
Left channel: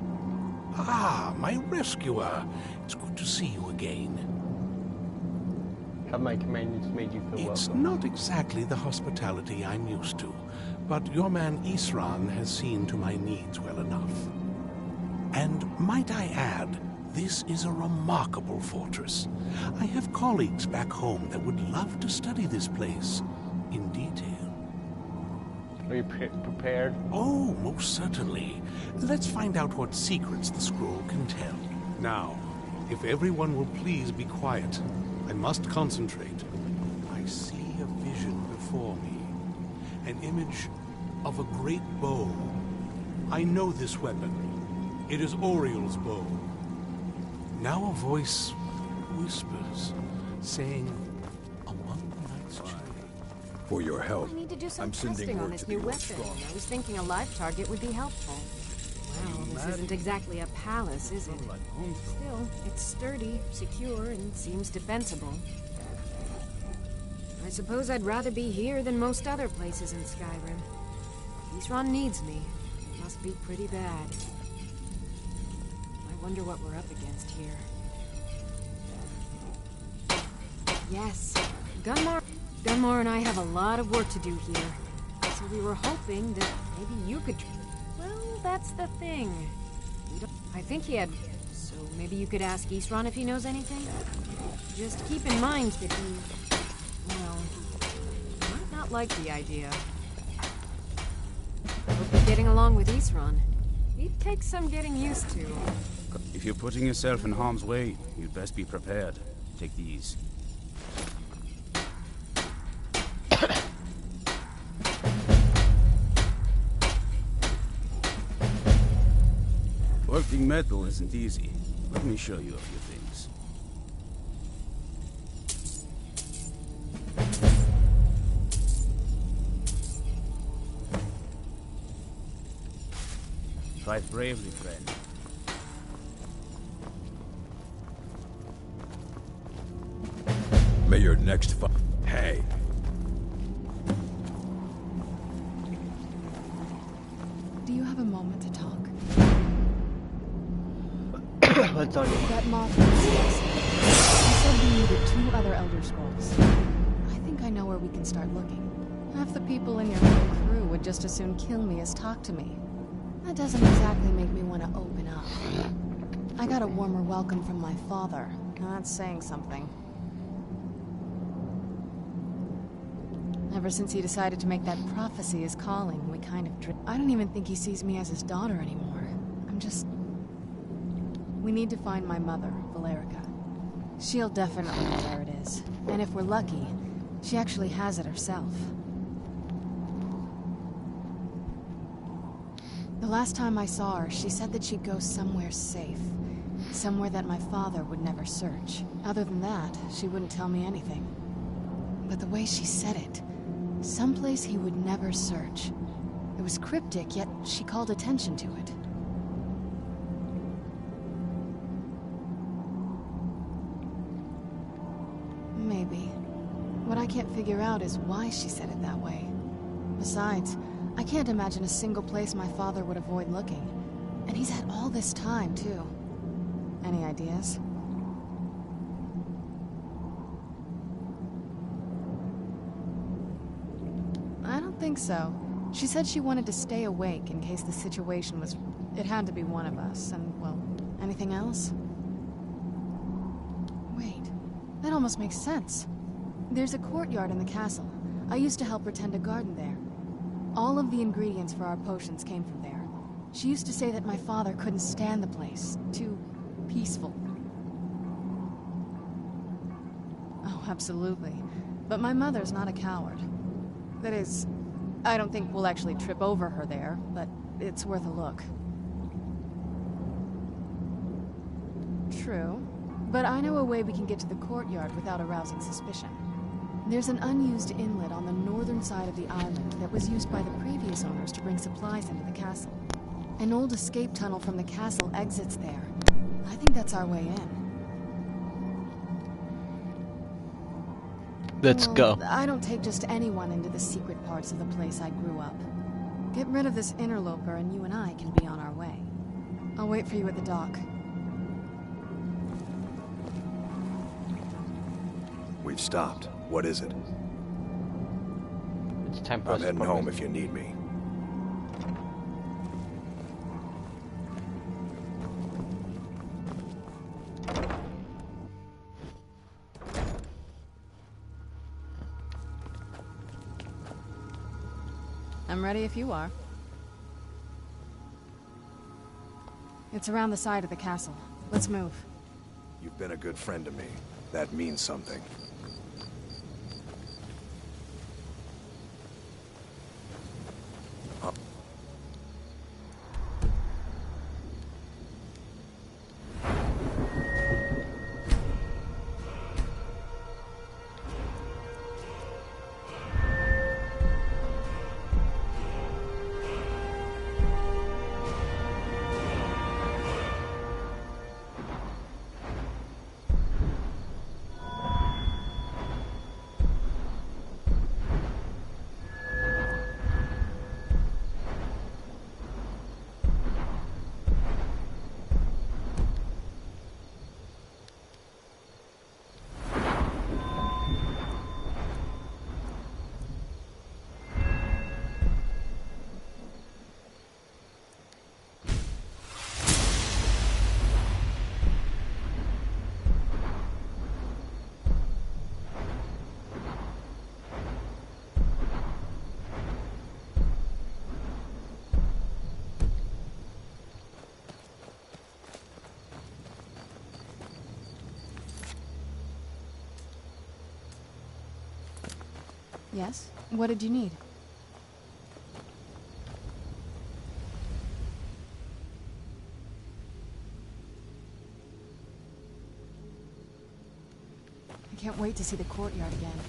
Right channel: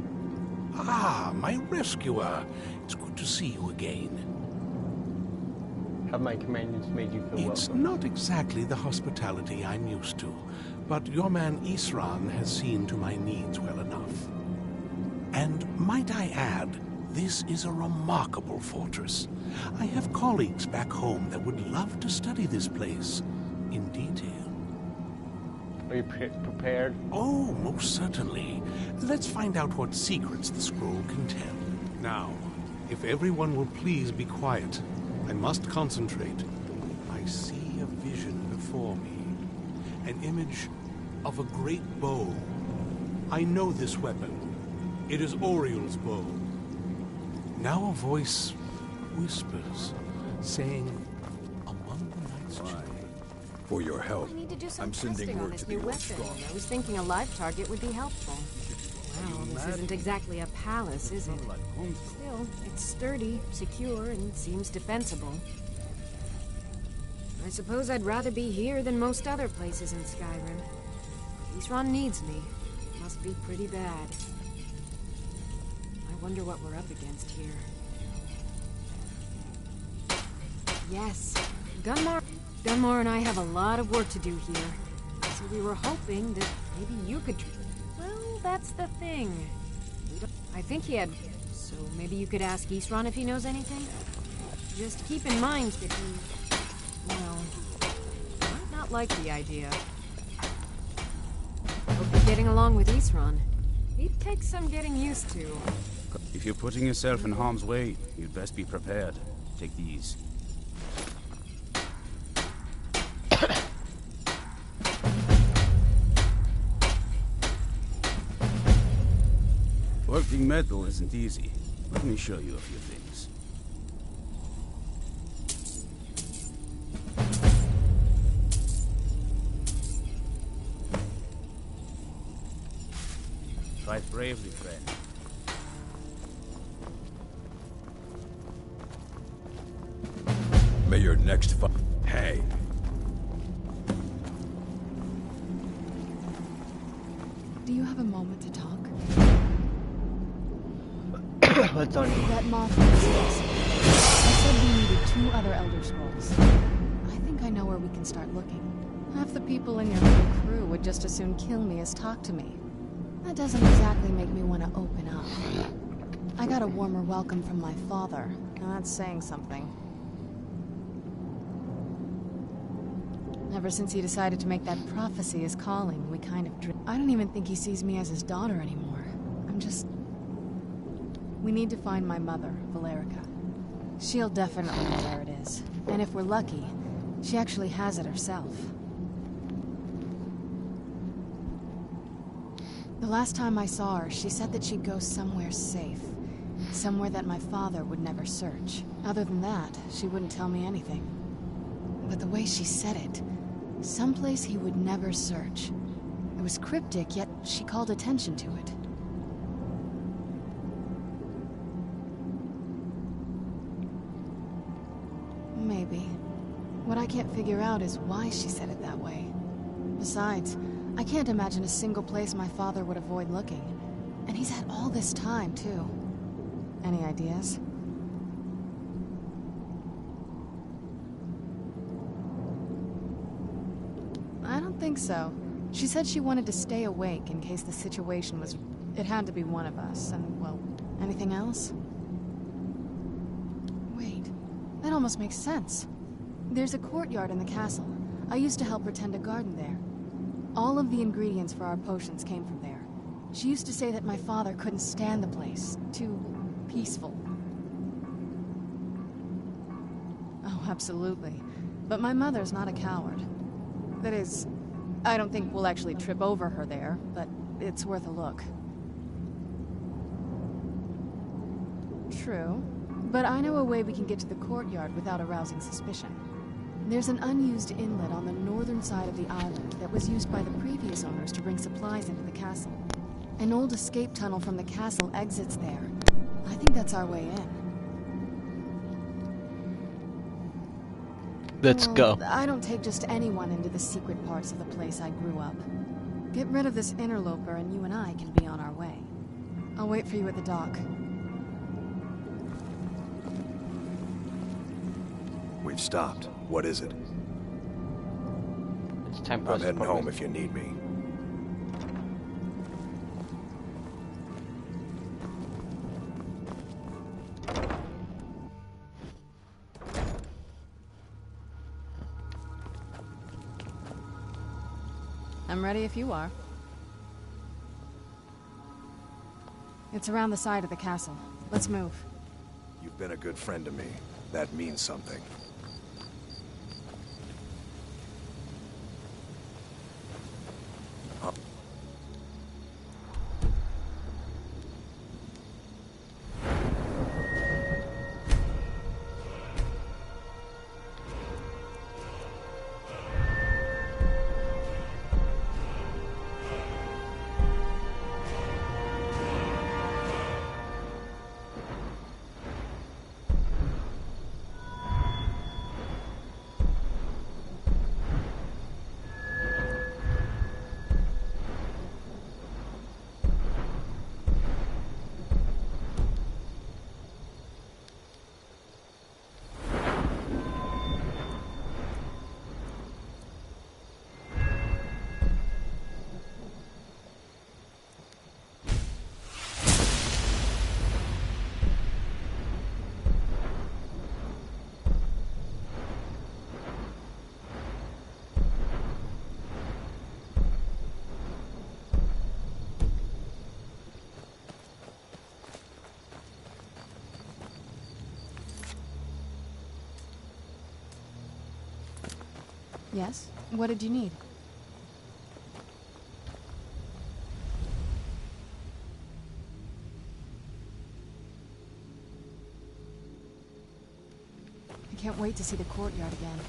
Ah, my rescuer. It's good to see you again. Have my companions made you feel It's welcome? not exactly the hospitality I'm used to, but your man Isran has seen to my needs well enough. And might I add, this is a remarkable fortress. I have colleagues back home that would love to study this place in detail. Are you prepared? Oh, most certainly. Let's find out what secrets the scroll can tell. Now, if everyone will please be quiet, I must concentrate. I see a vision before me. An image of a great bow. I know this weapon. It is Oriel's bow. Now a voice whispers, saying, among the night's children. For your help, We need to do some I'm sending testing on word this to the new old weapon. strong. I was thinking a live target would be helpful. Well, this isn't exactly a palace, is it? Still, it's sturdy, secure, and seems defensible. I suppose I'd rather be here than most other places in Skyrim. Isran needs me. It must be pretty bad. I wonder what we're up against here. Yes, Gunmar and I have a lot of work to do here. So we were hoping that maybe you could... Well, that's the thing. I think he had... So maybe you could ask Isran if he knows anything? Just keep in mind that he... Well, might not like the idea. Hope you're getting along with Isran. He'd take some getting used to. If you're putting yourself in harm's way, you'd best be prepared. Take these. Working metal isn't easy. Let me show you a few things. Fight bravely, friend. May your next fight... Hey! Do you have a moment to talk? What's on your mind? That moth priest. He said we needed 2 other Elder Scrolls. I think I know where we can start looking. Half the people in your little crew would just as soon kill me as talk to me. That doesn't exactly make me want to open up. I got a warmer welcome from my father. Now that's saying something. Ever since he decided to make that prophecy his calling, we kind of I don't even think he sees me as his daughter anymore. I'm just... We need to find my mother, Valerica. She'll definitely know where it is. And if we're lucky, she actually has it herself. The last time I saw her, she said that she'd go somewhere safe. Somewhere that my father would never search. Other than that, she wouldn't tell me anything. But the way she said it, someplace he would never search. It was cryptic, yet she called attention to it. Maybe. What I can't figure out is why she said it that way. Besides, I can't imagine a single place my father would avoid looking. And he's had all this time, too. Any ideas? I don't think so. She said she wanted to stay awake in case the situation was... It had to be one of us, and, well, anything else? Wait, that almost makes sense. There's a courtyard in the castle. I used to help her tend a garden there. All of the ingredients for our potions came from there. She used to say that my father couldn't stand the place. Too peaceful. Oh, absolutely. But my mother's not a coward. That is, I don't think we'll actually trip over her there, but it's worth a look. True. But I know a way we can get to the courtyard without arousing suspicion. There's an unused inlet on the northern side of the island that was used by the previous owners to bring supplies into the castle. An old escape tunnel from the castle exits there. I think that's our way in. Let's go. I don't take just anyone into the secret parts of the place I grew up. Get rid of this interloper and you and I can be on our way. I'll wait for you at the dock. We've stopped. What is it? It's time for I'm us to heading progress. home if you need me. I'm ready if you are. It's around the side of the castle. Let's move. You've been a good friend to me. That means something. Yes? What did you need? I can't wait to see the courtyard again.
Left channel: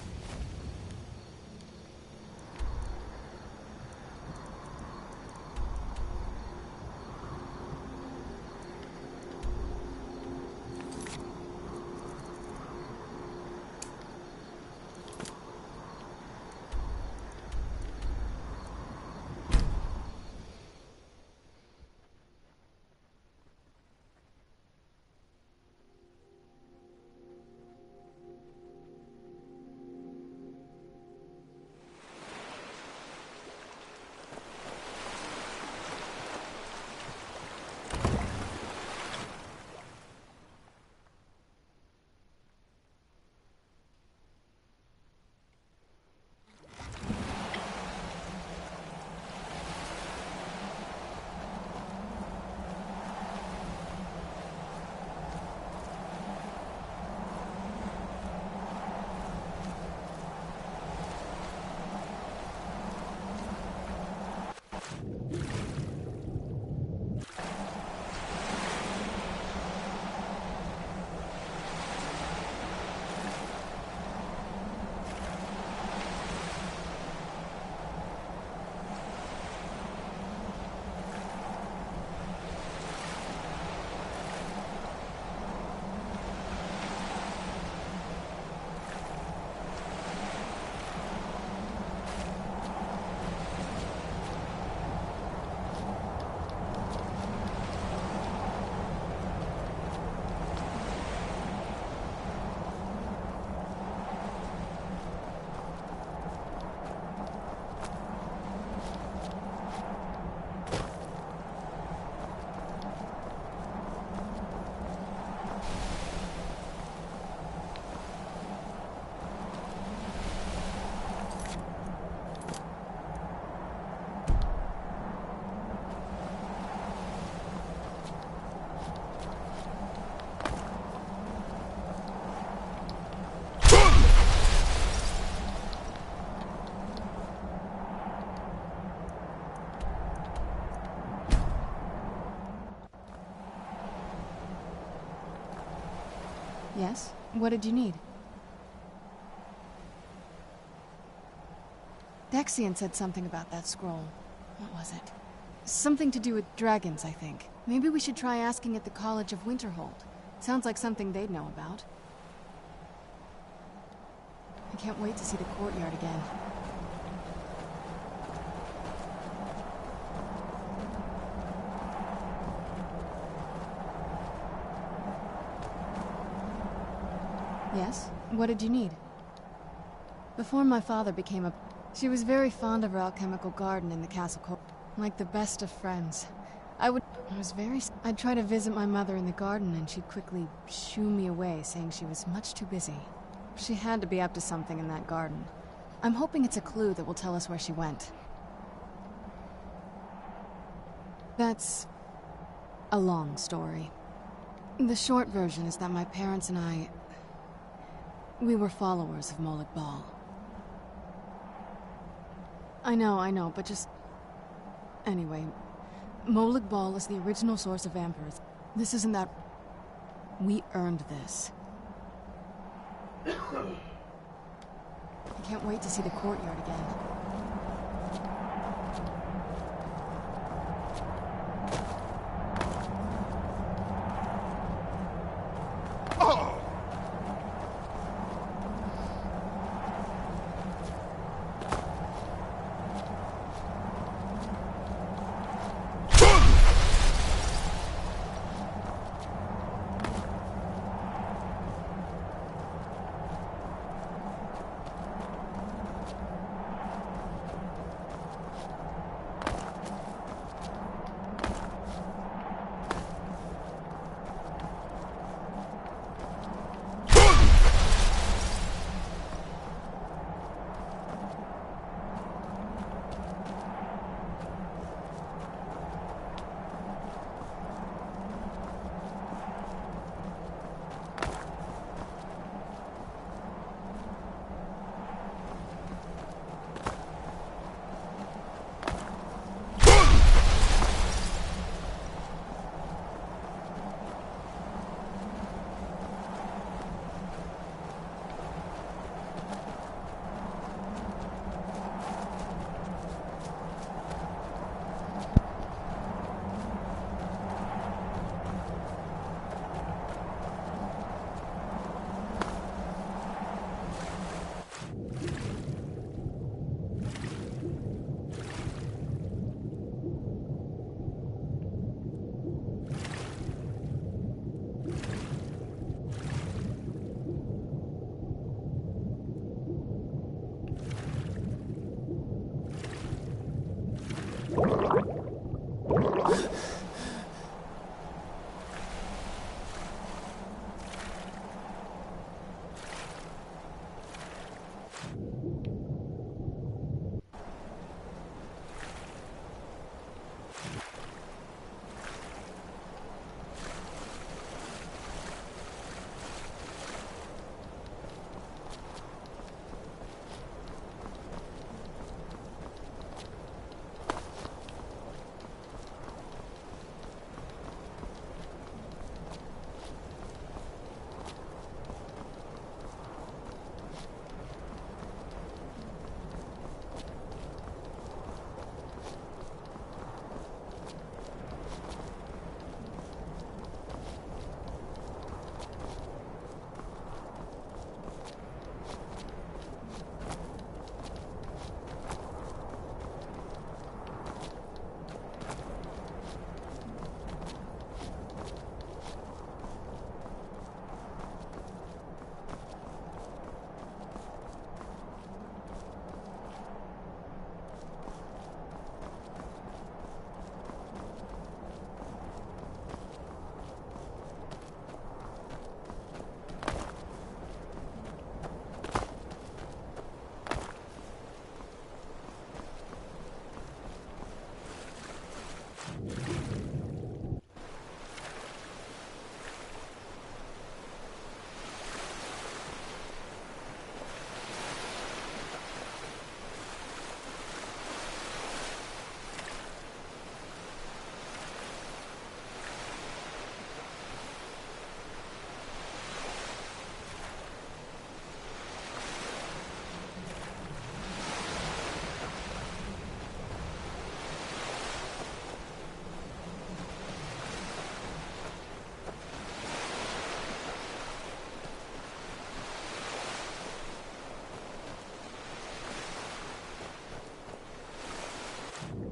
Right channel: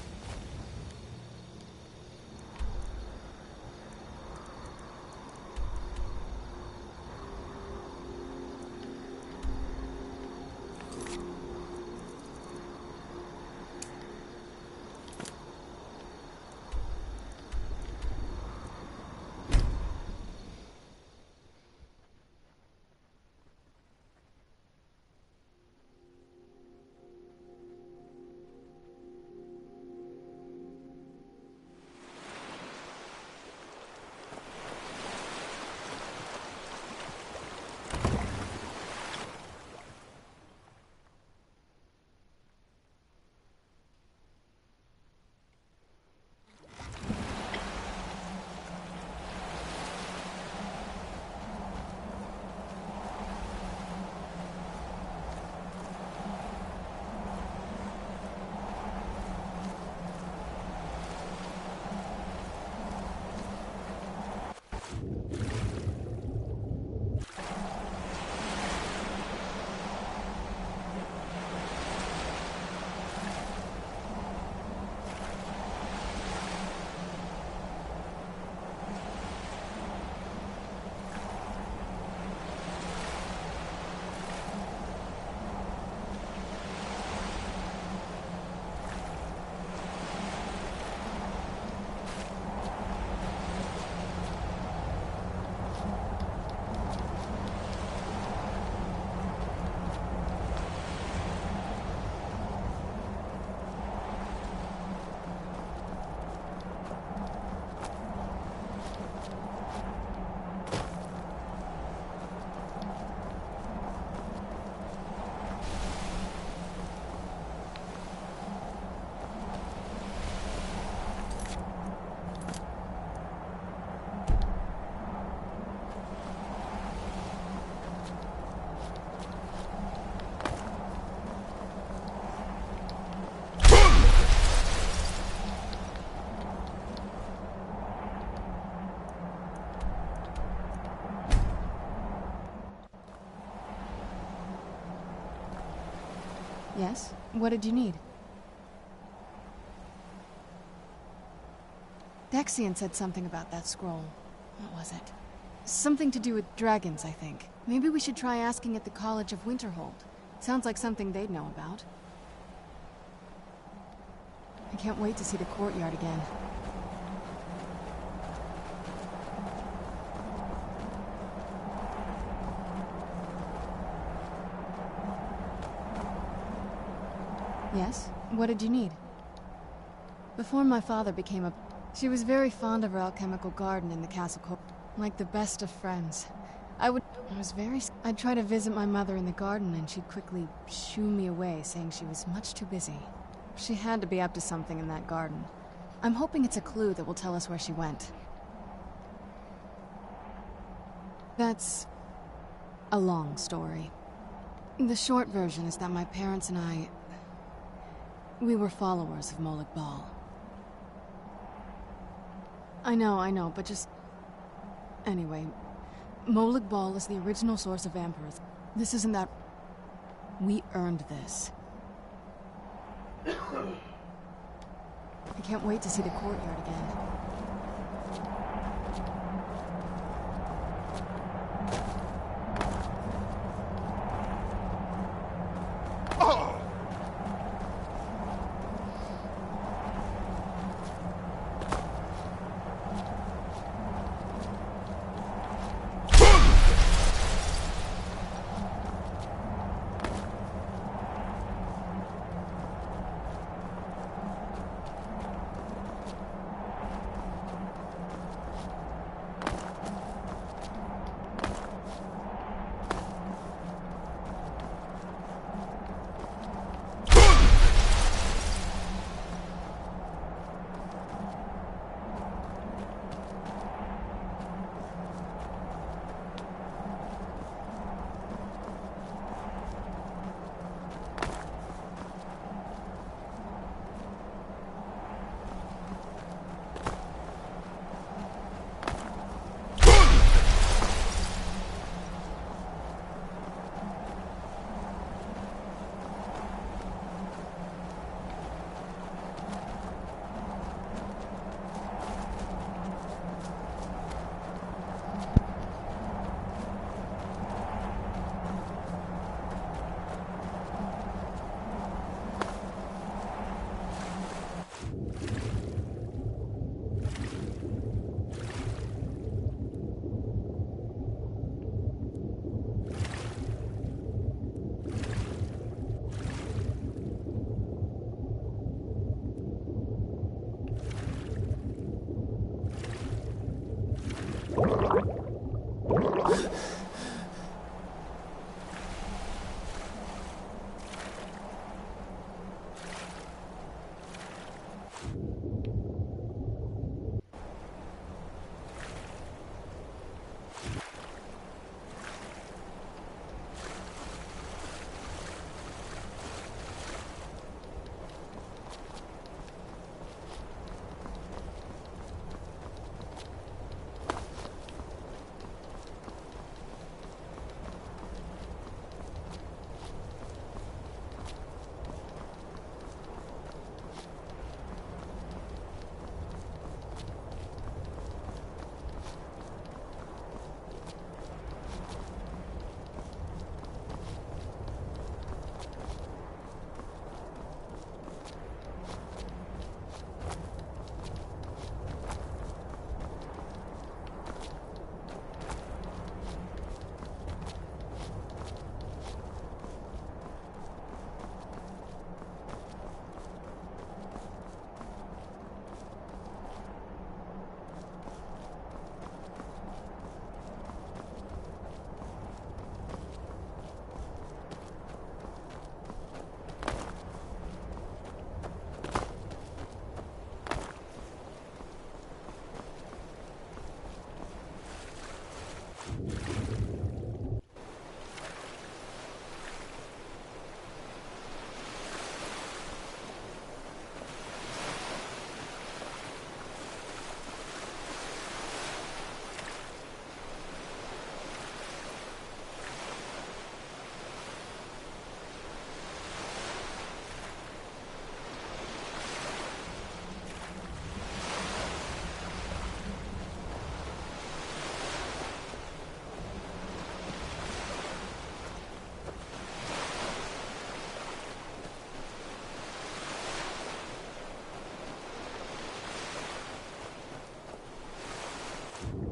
Yes? What did you need? Dexian said something about that scroll. What was it? Something to do with dragons, I think. Maybe we should try asking at the College of Winterhold. Sounds like something they'd know about. I can't wait to see the courtyard again. Yes? What did you need? Before my father became a... She was very fond of her alchemical garden in the castle court. Like the best of friends. I'd try to visit my mother in the garden and she'd quickly shoo me away, saying she was much too busy. She had to be up to something in that garden. I'm hoping it's a clue that will tell us where she went. That's a long story. The short version is that my parents and I... we were followers of Molag Bal. I know, but just... Anyway, Molag Bal is the original source of vampires. This isn't that... We earned this. I can't wait to see the courtyard again.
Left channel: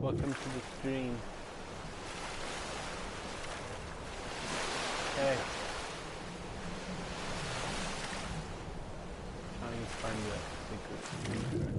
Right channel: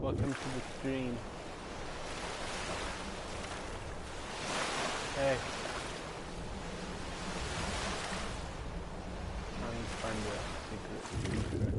Welcome to the stream. Hey. Trying to find the secret secret.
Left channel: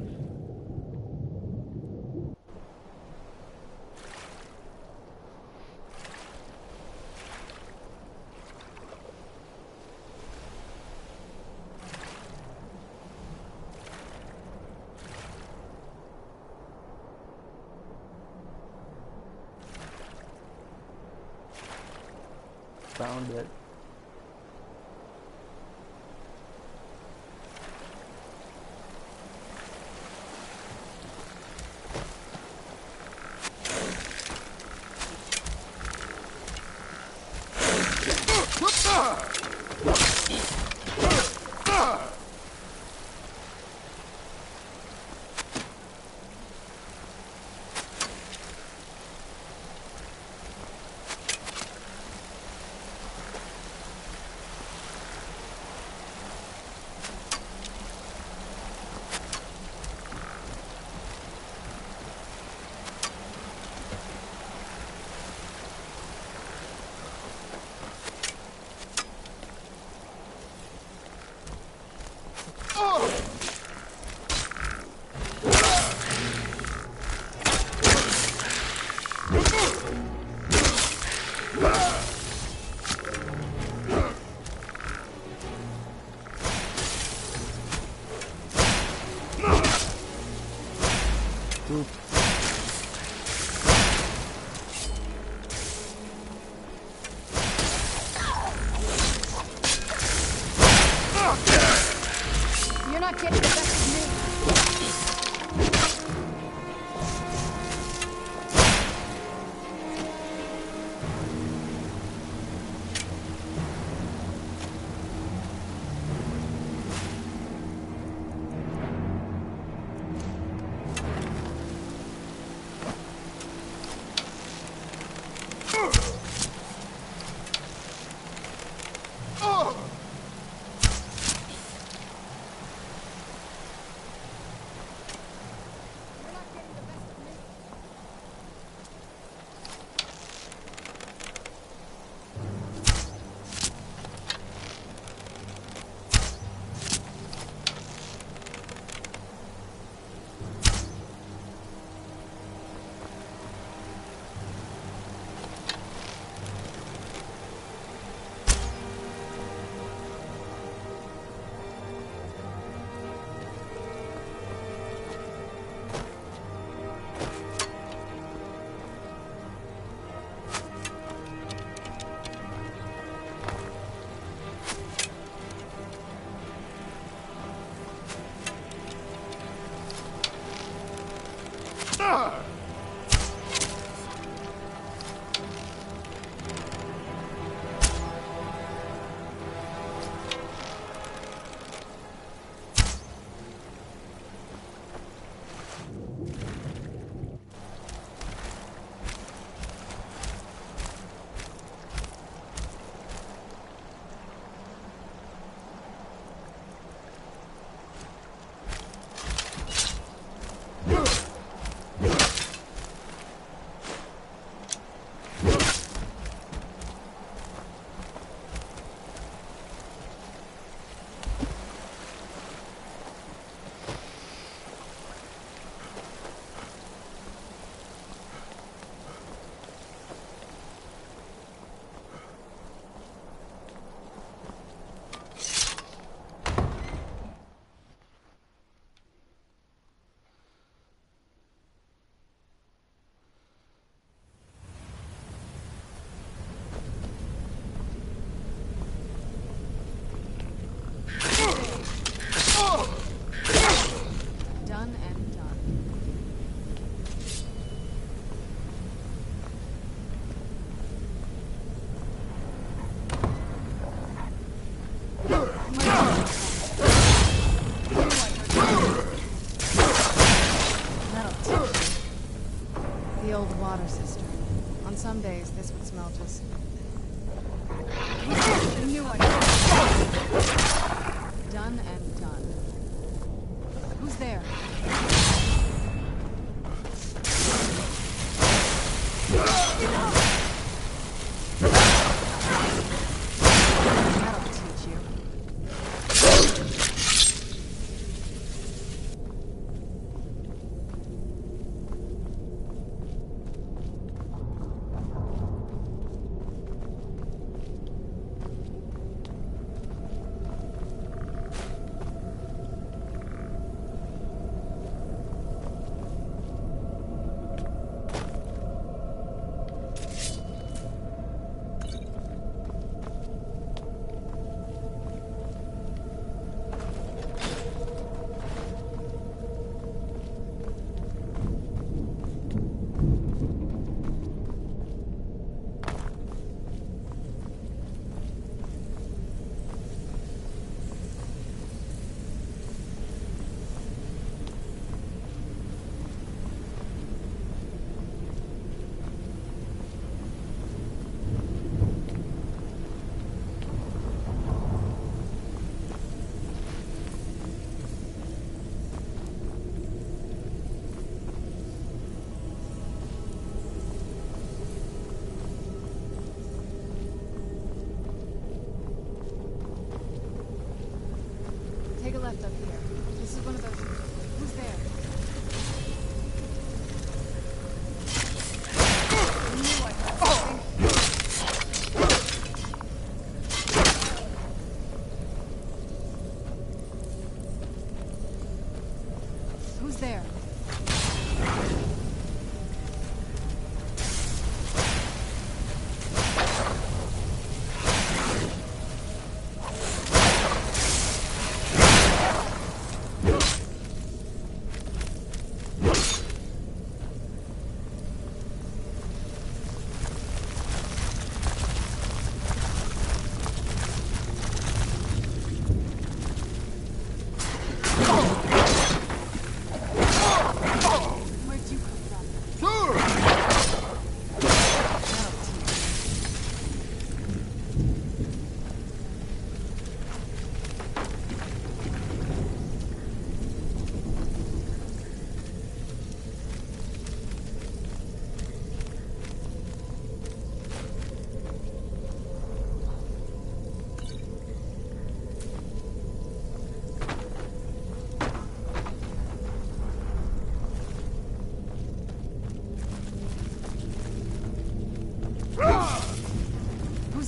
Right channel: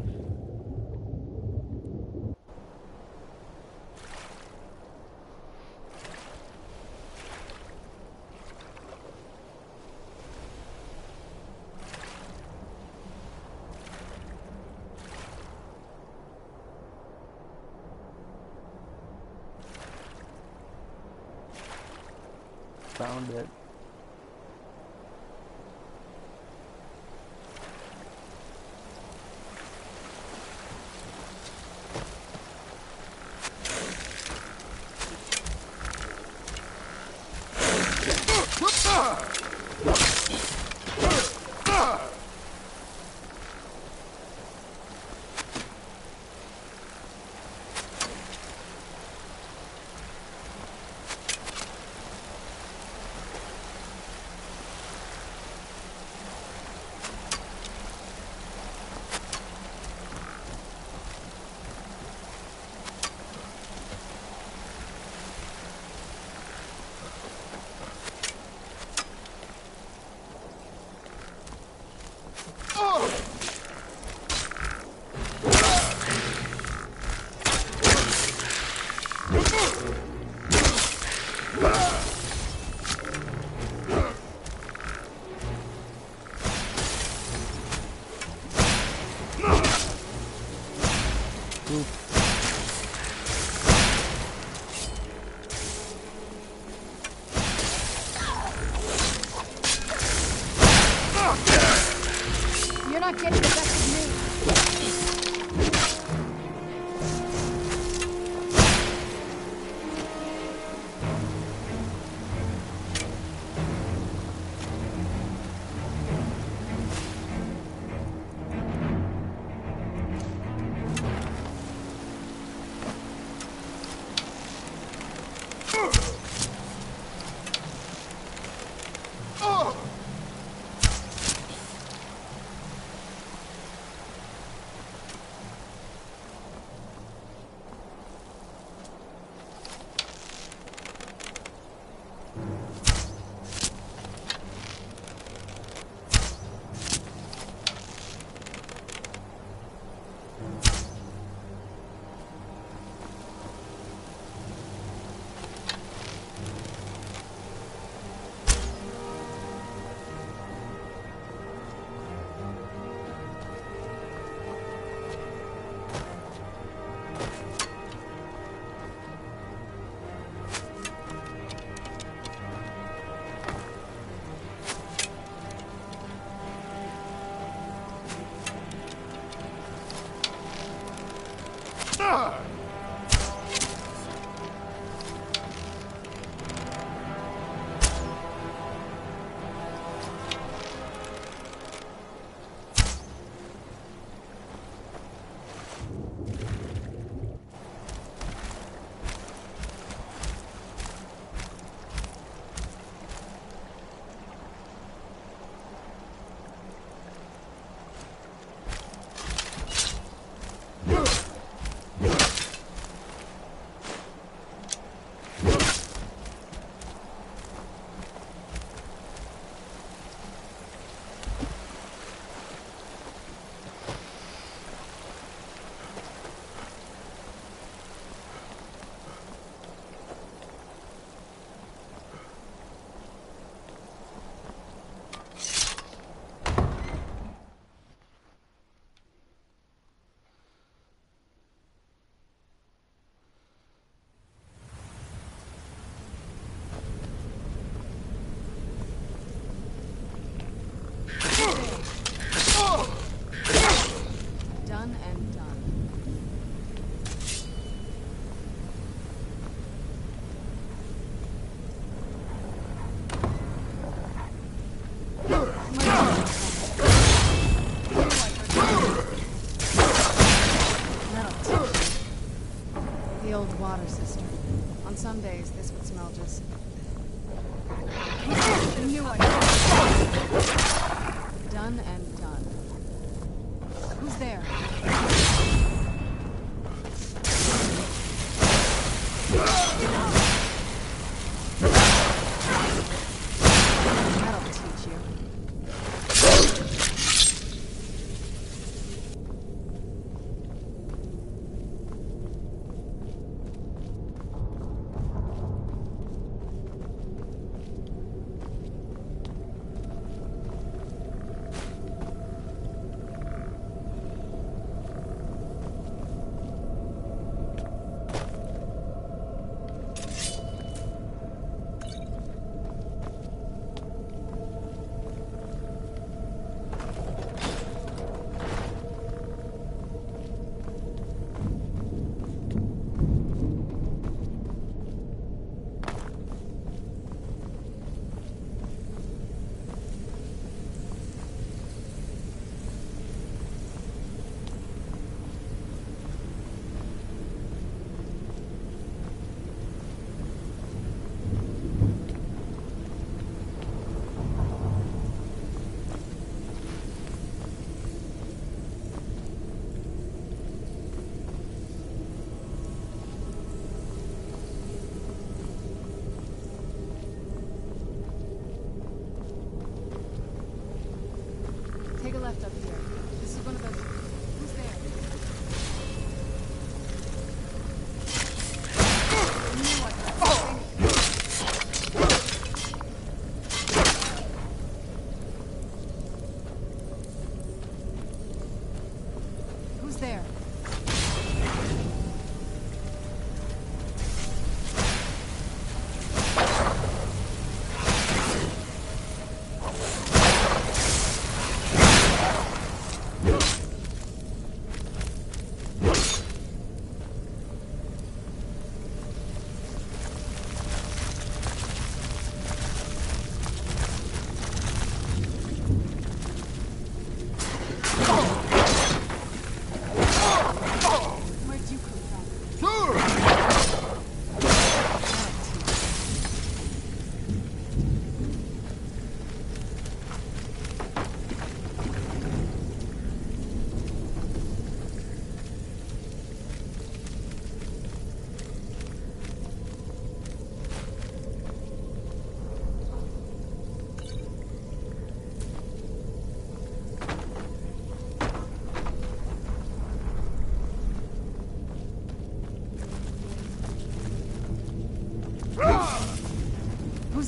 Found it. You're not getting the best of me. Done and done. That'll teach you. The old water cistern. On some days, this would smell just... I knew I could. Done and done. Who's there?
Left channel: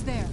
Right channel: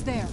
Who's there?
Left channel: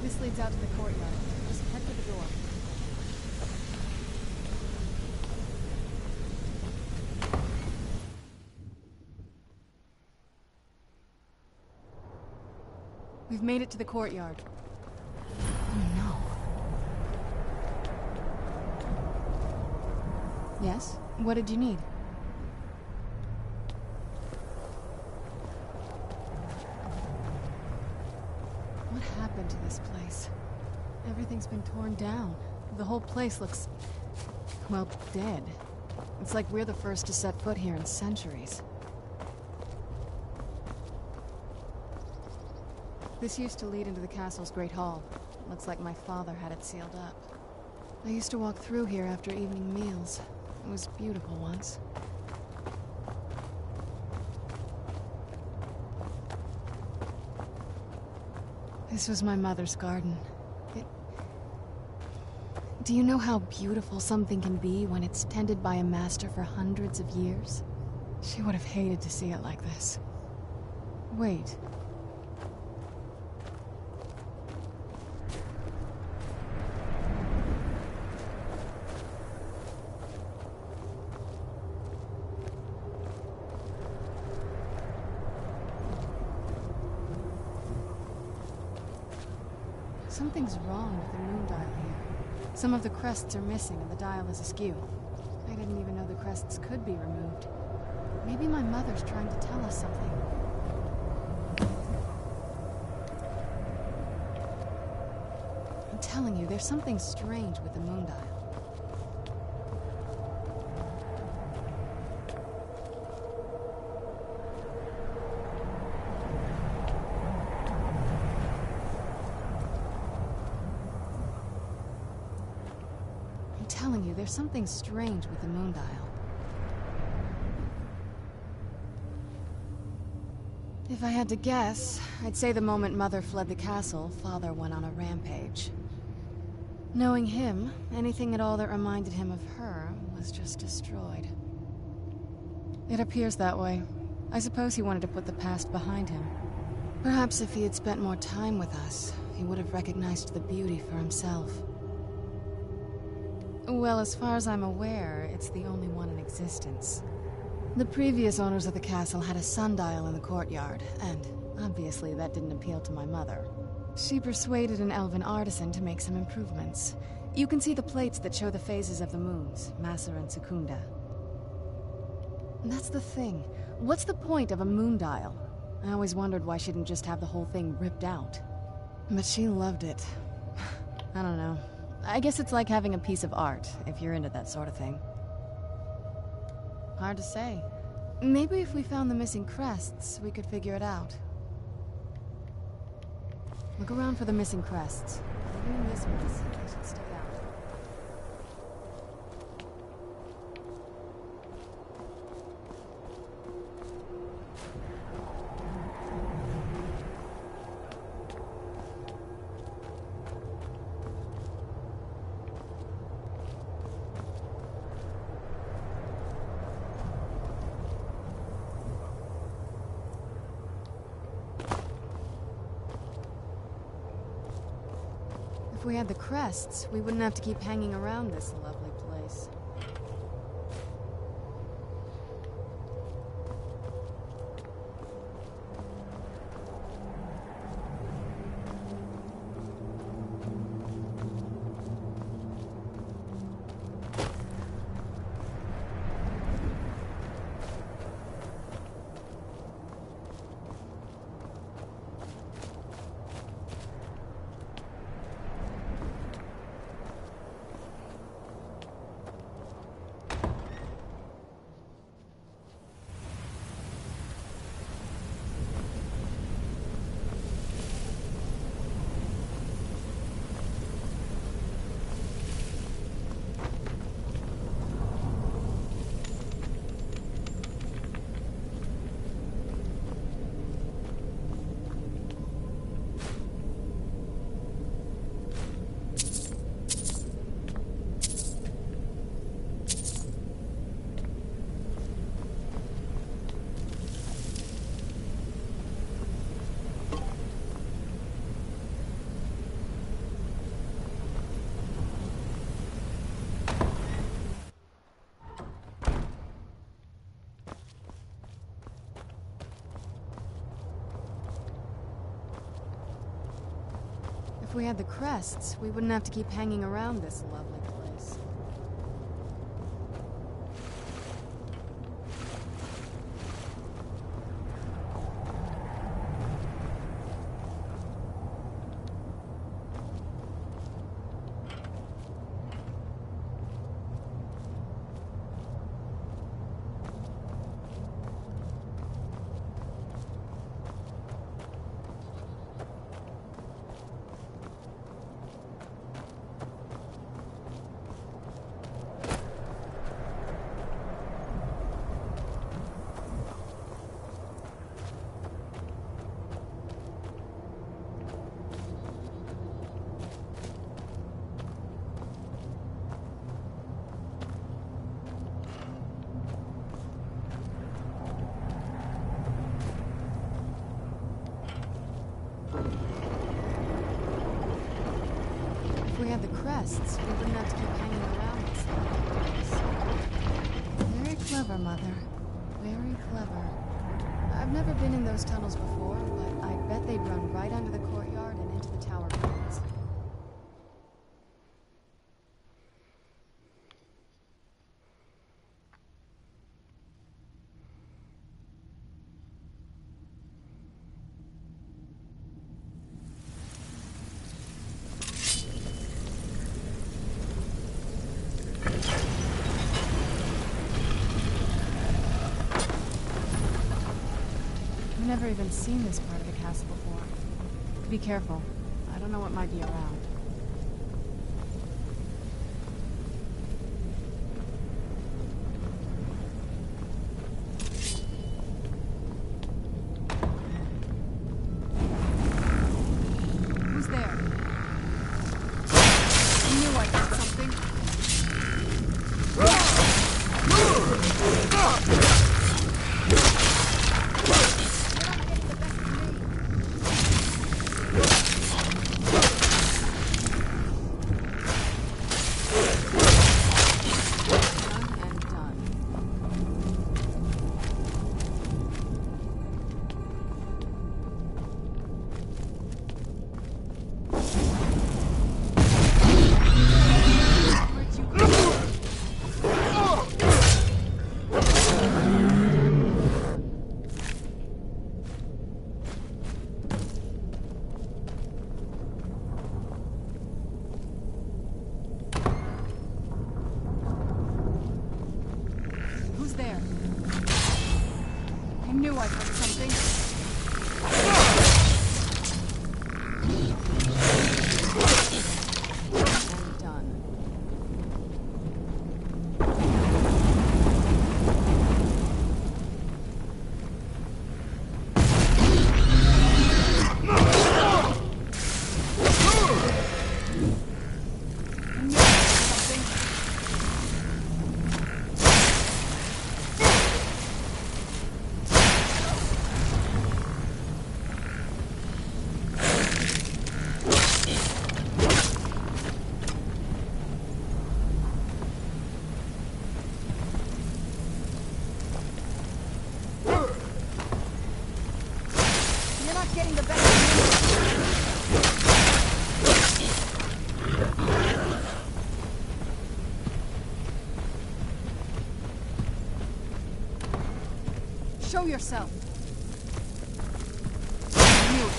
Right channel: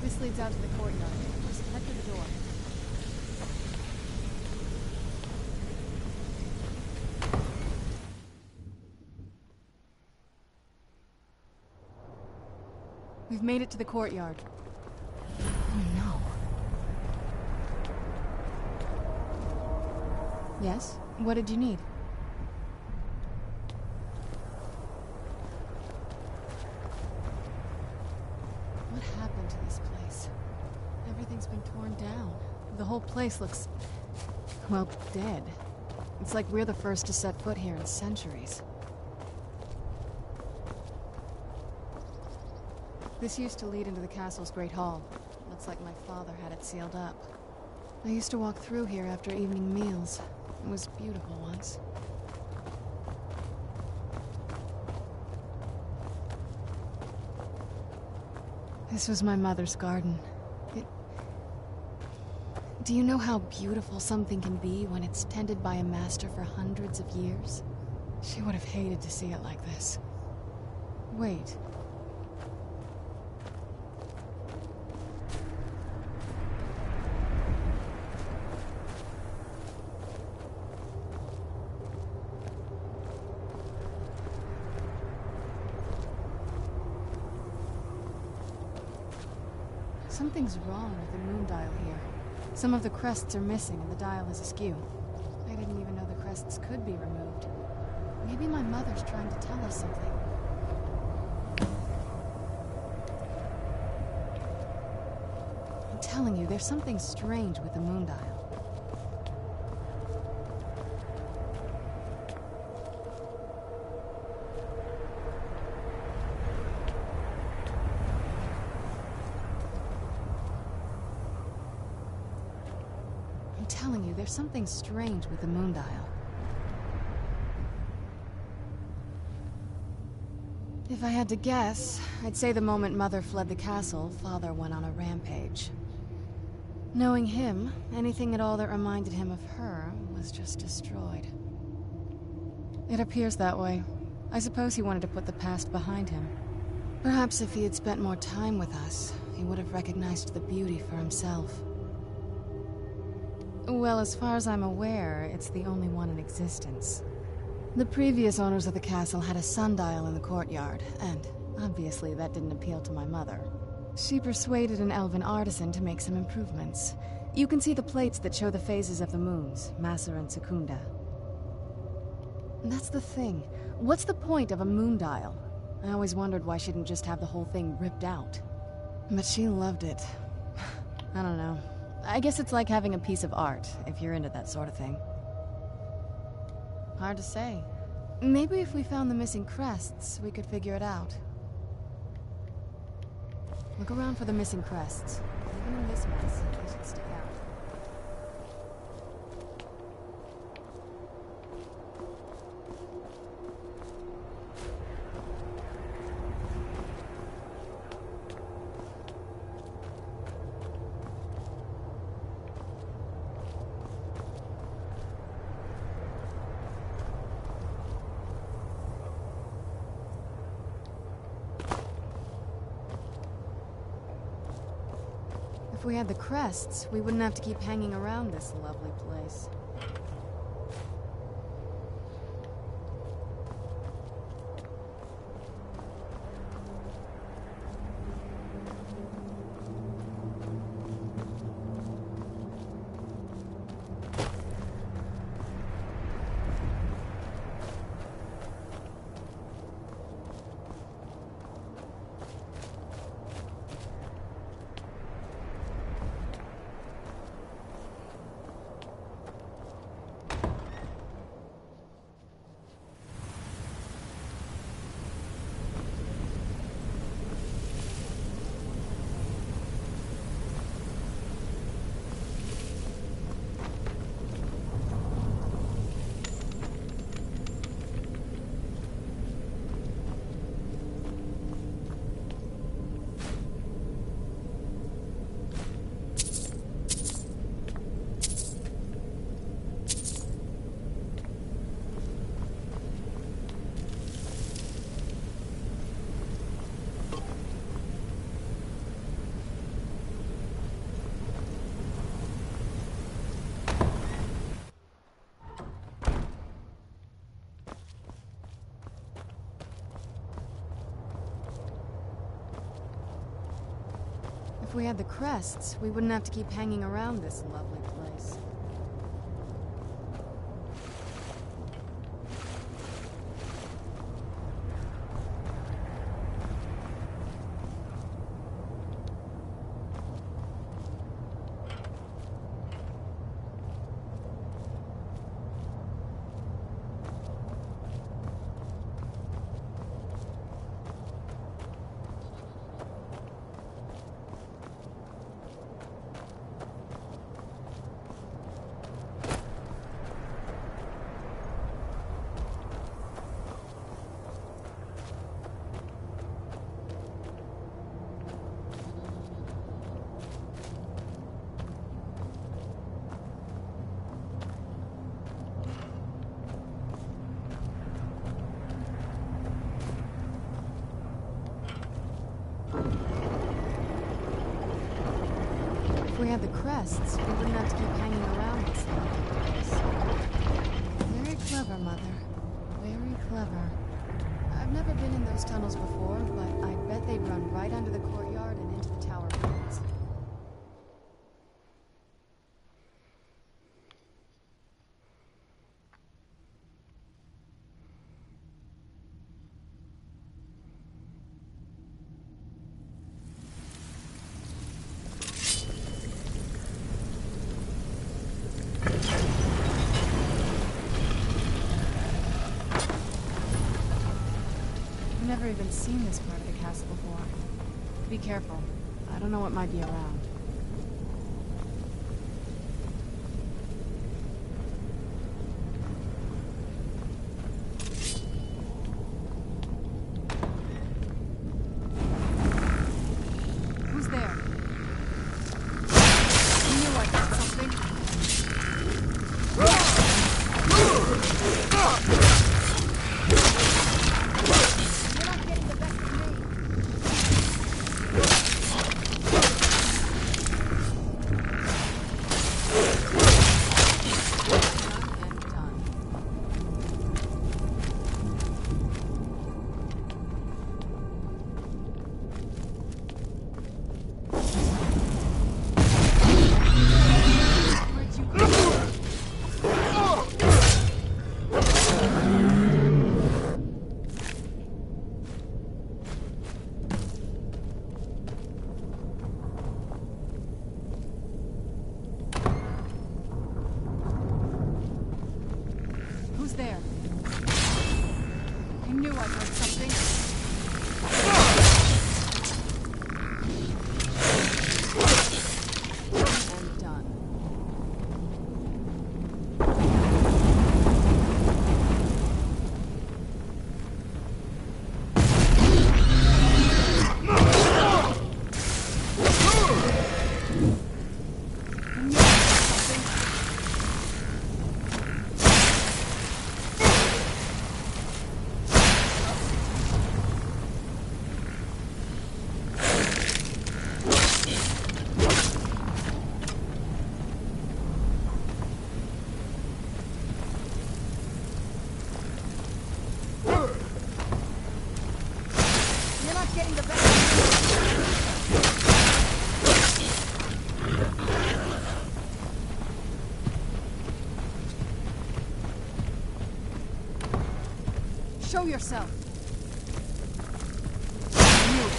This leads out to the courtyard. Just head for the door. We've made it to the courtyard. Oh no. Yes? What did you need? What happened to this place? Everything's been torn down. The whole place looks, well, dead. It's like we're the first to set foot here in centuries. This used to lead into the castle's great hall. Looks like my father had it sealed up. I used to walk through here after evening meals. It was beautiful once. This was my mother's garden. Do you know how beautiful something can be when it's tended by a master for hundreds of years? She would have hated to see it like this. Wait. Something's wrong with the moon dial here. Some of the crests are missing and the dial is askew. I didn't even know the crests could be removed. Maybe my mother's trying to tell us something. I'm telling you, there's something strange with the moon dial. There's something strange with the moon dial. If I had to guess, I'd say the moment Mother fled the castle, Father went on a rampage. Knowing him, anything at all that reminded him of her was just destroyed. It appears that way. I suppose he wanted to put the past behind him. Perhaps if he had spent more time with us, he would have recognized the beauty for himself. Well, as far as I'm aware, it's the only one in existence. The previous owners of the castle had a sundial in the courtyard, and obviously that didn't appeal to my mother. She persuaded an elven artisan to make some improvements. You can see the plates that show the phases of the moons, Maser and Secunda. That's the thing. What's the point of a moon dial? I always wondered why she didn't just have the whole thing ripped out. But she loved it. I don't know. I guess it's like having a piece of art, if you're into that sort of thing. Hard to say. Maybe if we found the missing crests, we could figure it out. Look around for the missing crests. Even in this mess, they should stick out. If we had the crests, we wouldn't have to keep hanging around this lovely place. If we had the crests, we wouldn't have to keep hanging around this lovely place. If we had the crests, we wouldn't have to keep hanging around this place. Very clever, Mother. Very clever. I've never been in those tunnels before, but I bet they'd run right under the courtyard and into the tower ruins. I've never even seen this part of the castle before. Be careful. I don't know what might be around. Who's there? I knew I got something. Who's there? I knew I heard something. And done. Getting the best Show yourself. I knew it.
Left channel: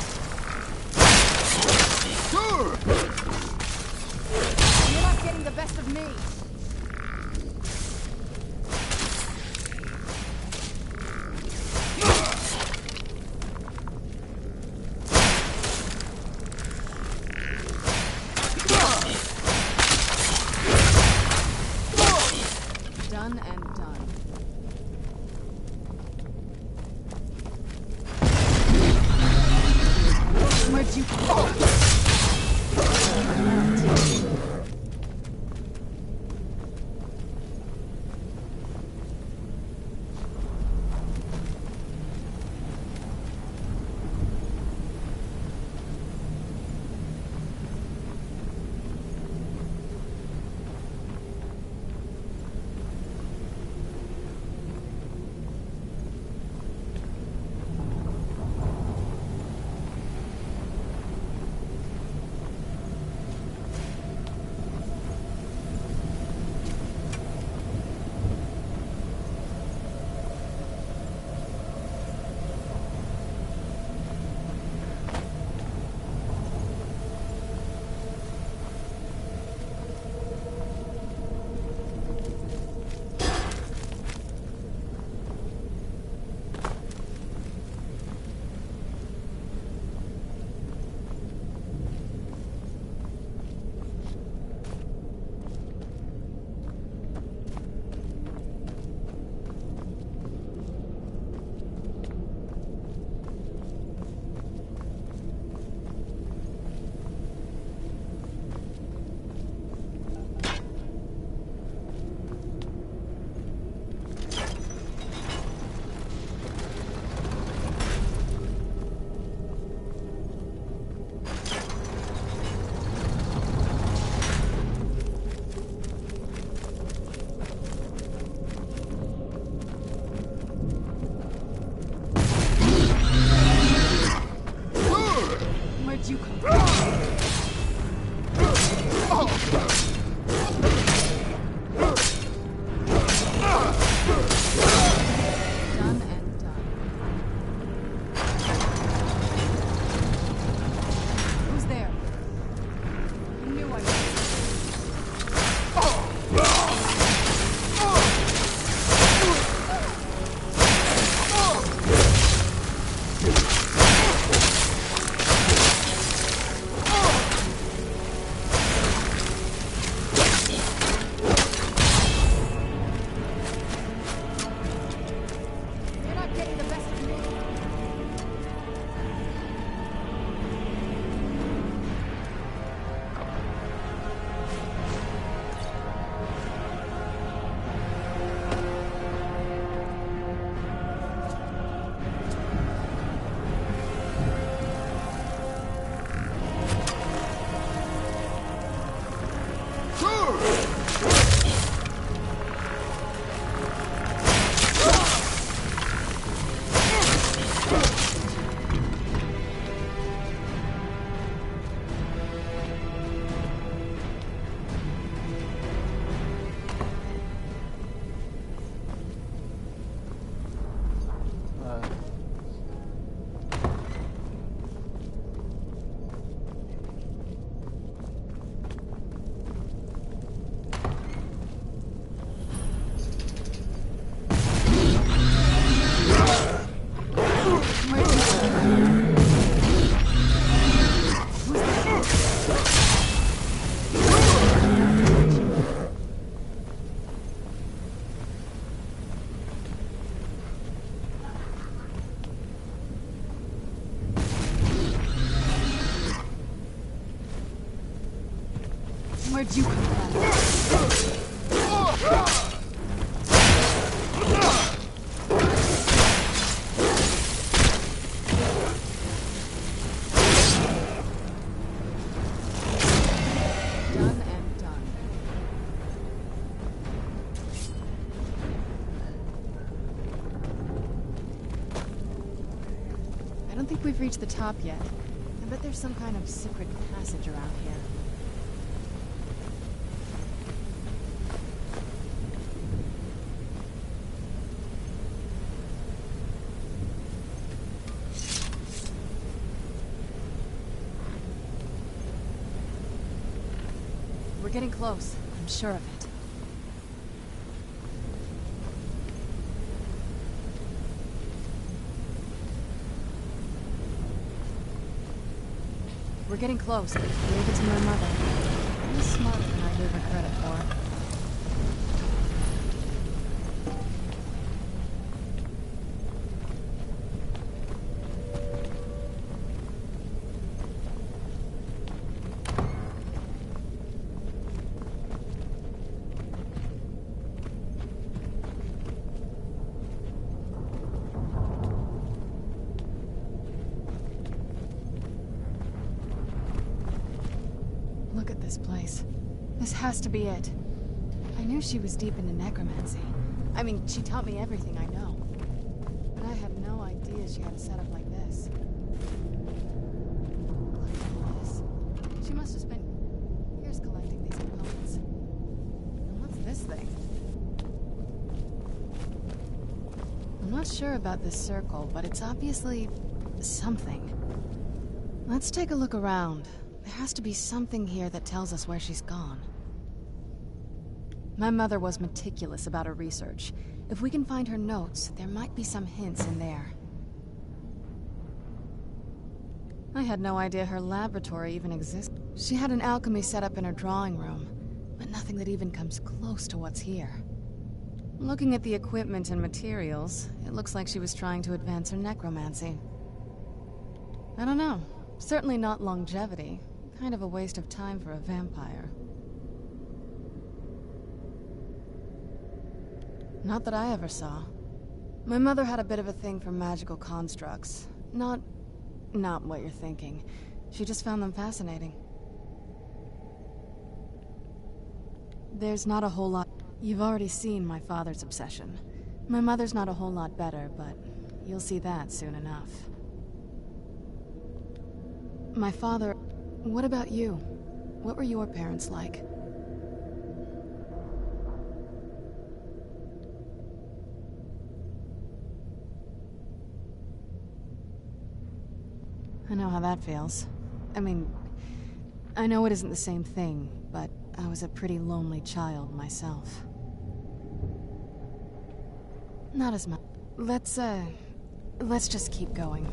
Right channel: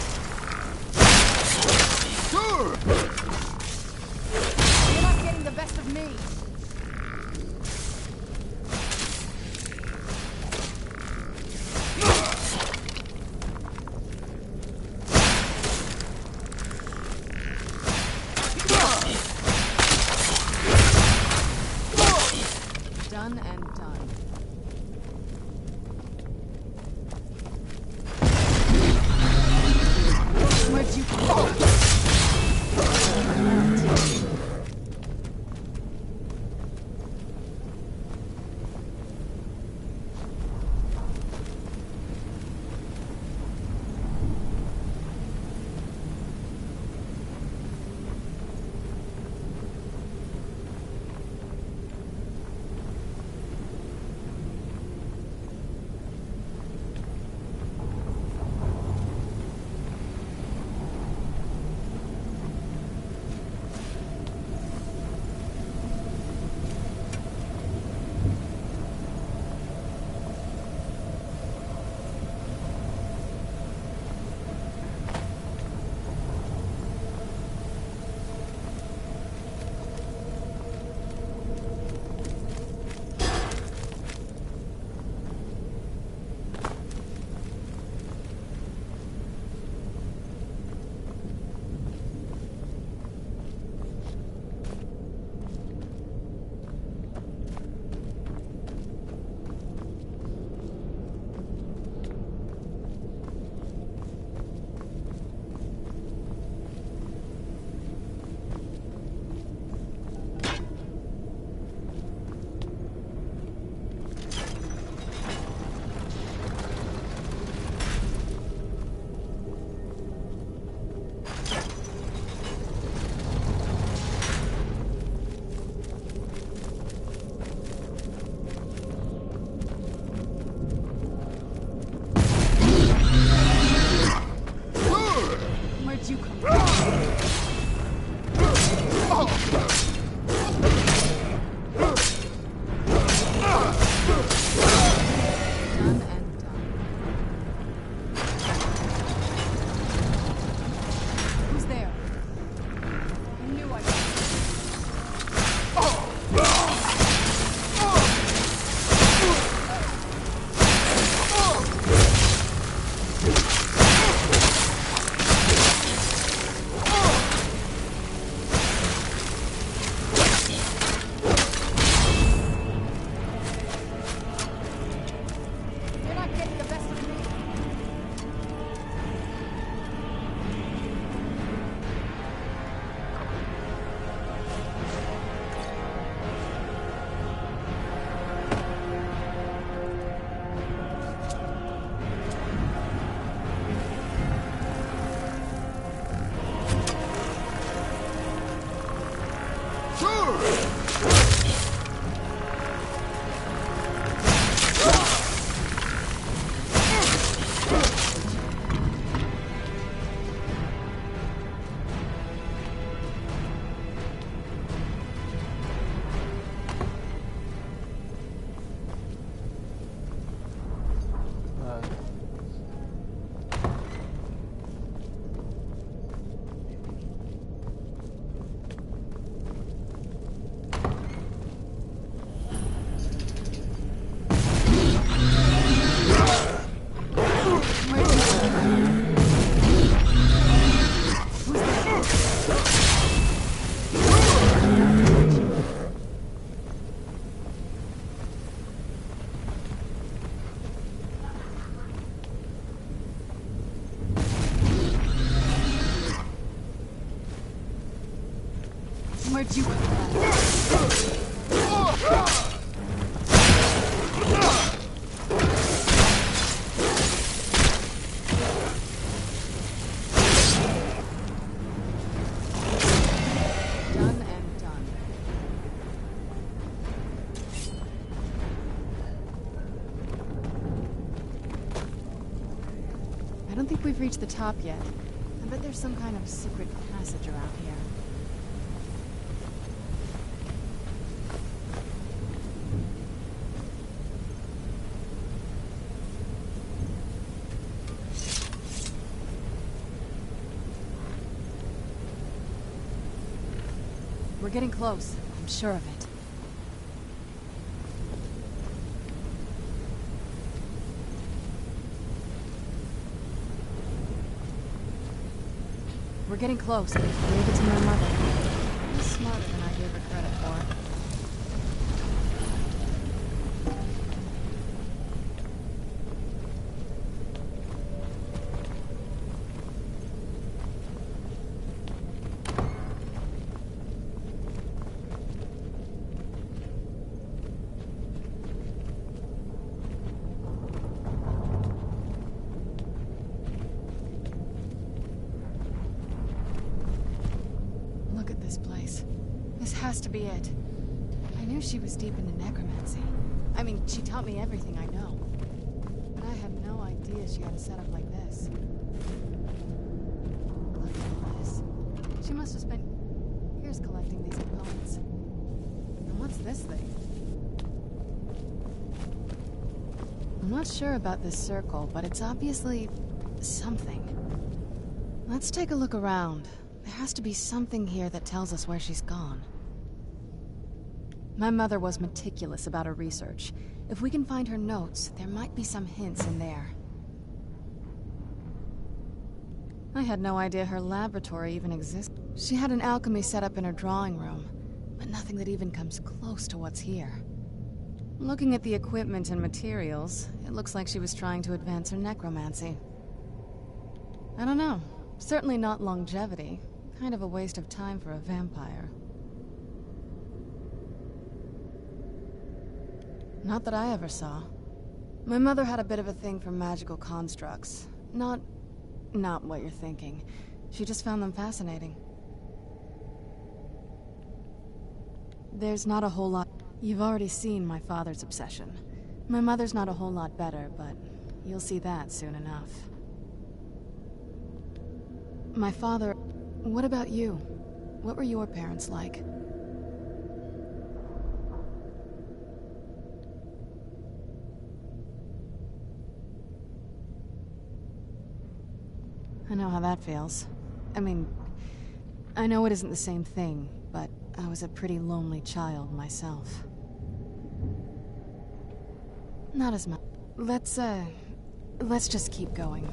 You're not getting the best of me. Done and done. Where'd you go? Where'd you come from? Done and done. I don't think we've reached the top yet. I bet there's some kind of secret passage around here. We're getting close. I'm sure of it. We're getting close. I gave it to my mother. She's smarter than I gave her credit for. Look at this place. This has to be it. I knew she was deep into necromancy. I mean, she taught me everything I know. But I had no idea she had a setup like this. Look at all this. She must have spent years collecting these components. And what's this thing? I'm not sure about this circle, but it's obviously something. Let's take a look around. There has to be something here that tells us where she's gone. My mother was meticulous about her research. If we can find her notes, there might be some hints in there. I had no idea her laboratory even existed. She had an alchemy set up in her drawing room, but nothing that even comes close to what's here. Looking at the equipment and materials, it looks like she was trying to advance her necromancy. I don't know. Certainly not longevity. Kind of a waste of time for a vampire. Not that I ever saw. My mother had a bit of a thing for magical constructs. Not what you're thinking. She just found them fascinating. There's not a whole lot. You've already seen my father's obsession. My mother's not a whole lot better, but you'll see that soon enough. My father... What about you? What were your parents like? I know how that feels. I mean, I know it isn't the same thing, but I was a pretty lonely child myself. Not as much. Let's just keep going.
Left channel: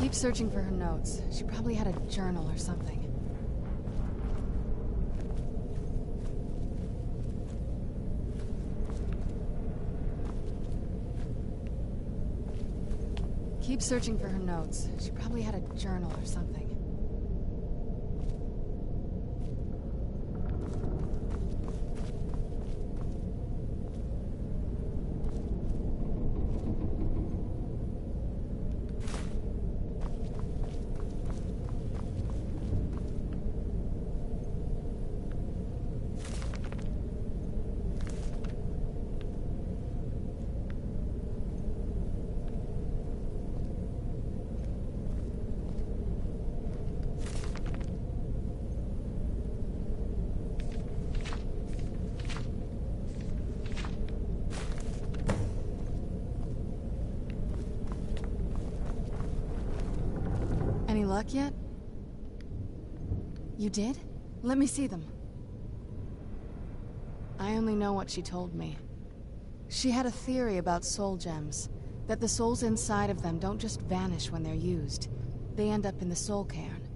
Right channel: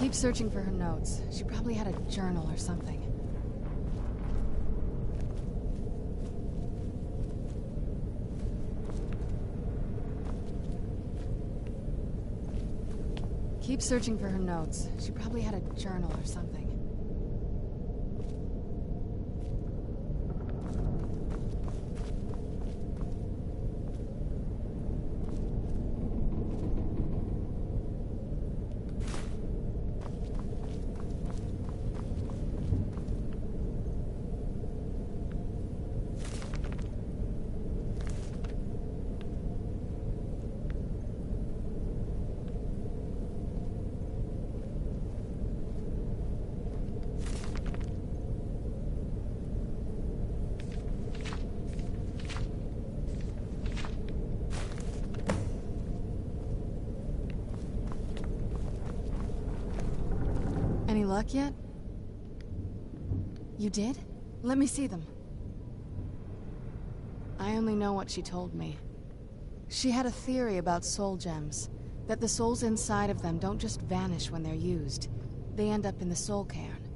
Keep searching for her notes. She probably had a journal or something. Keep searching for her notes. She probably had a journal or something. Any luck yet? You did? Let me see them. I only know what she told me. She had a theory about soul gems, that the souls inside of them don't just vanish when they're used. They end up in the soul cairn.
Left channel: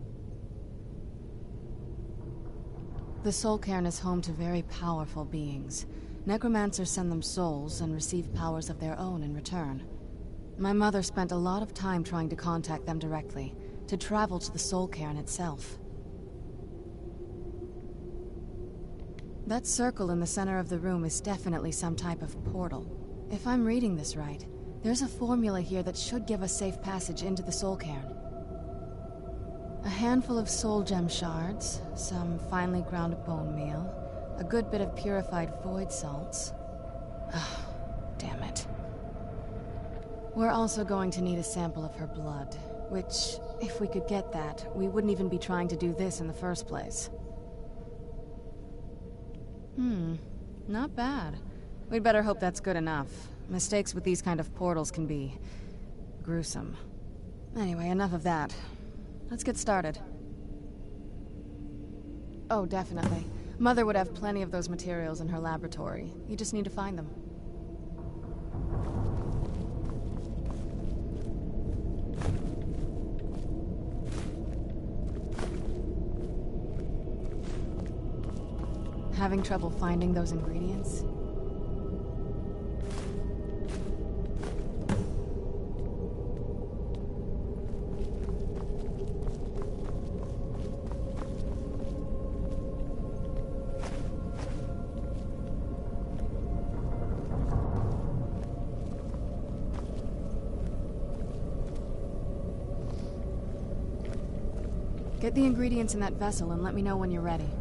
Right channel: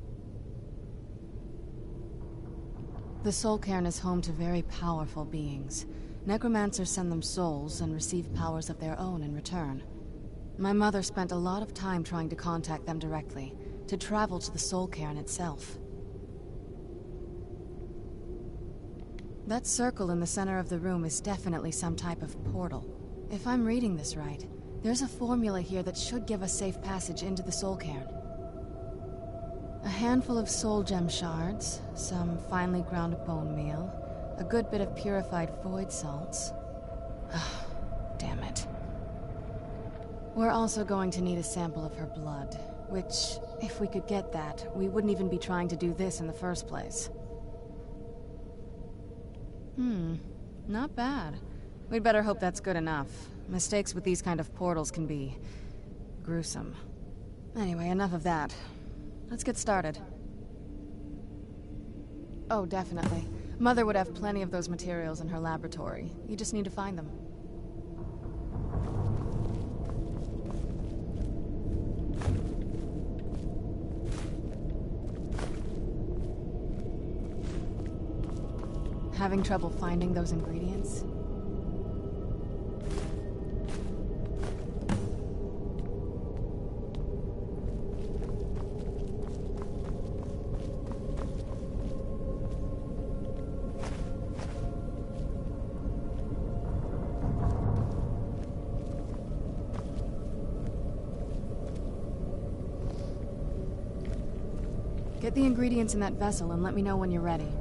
The soul cairn is home to very powerful beings. Necromancers send them souls and receive powers of their own in return. My mother spent a lot of time trying to contact them directly, to travel to the soul cairn itself. That circle in the center of the room is definitely some type of portal. If I'm reading this right, there's a formula here that should give us safe passage into the soul cairn. A handful of soul gem shards, some finely ground bone meal, a good bit of purified void salts. Oh, damn it. We're also going to need a sample of her blood, which, if we could get that, we wouldn't even be trying to do this in the first place. Not bad. We'd better hope that's good enough. Mistakes with these kind of portals can be gruesome. Anyway, enough of that. Let's get started. Oh, definitely. Mother would have plenty of those materials in her laboratory. You just need to find them. Having trouble finding those ingredients? Get the ingredients in that vessel and let me know when you're ready.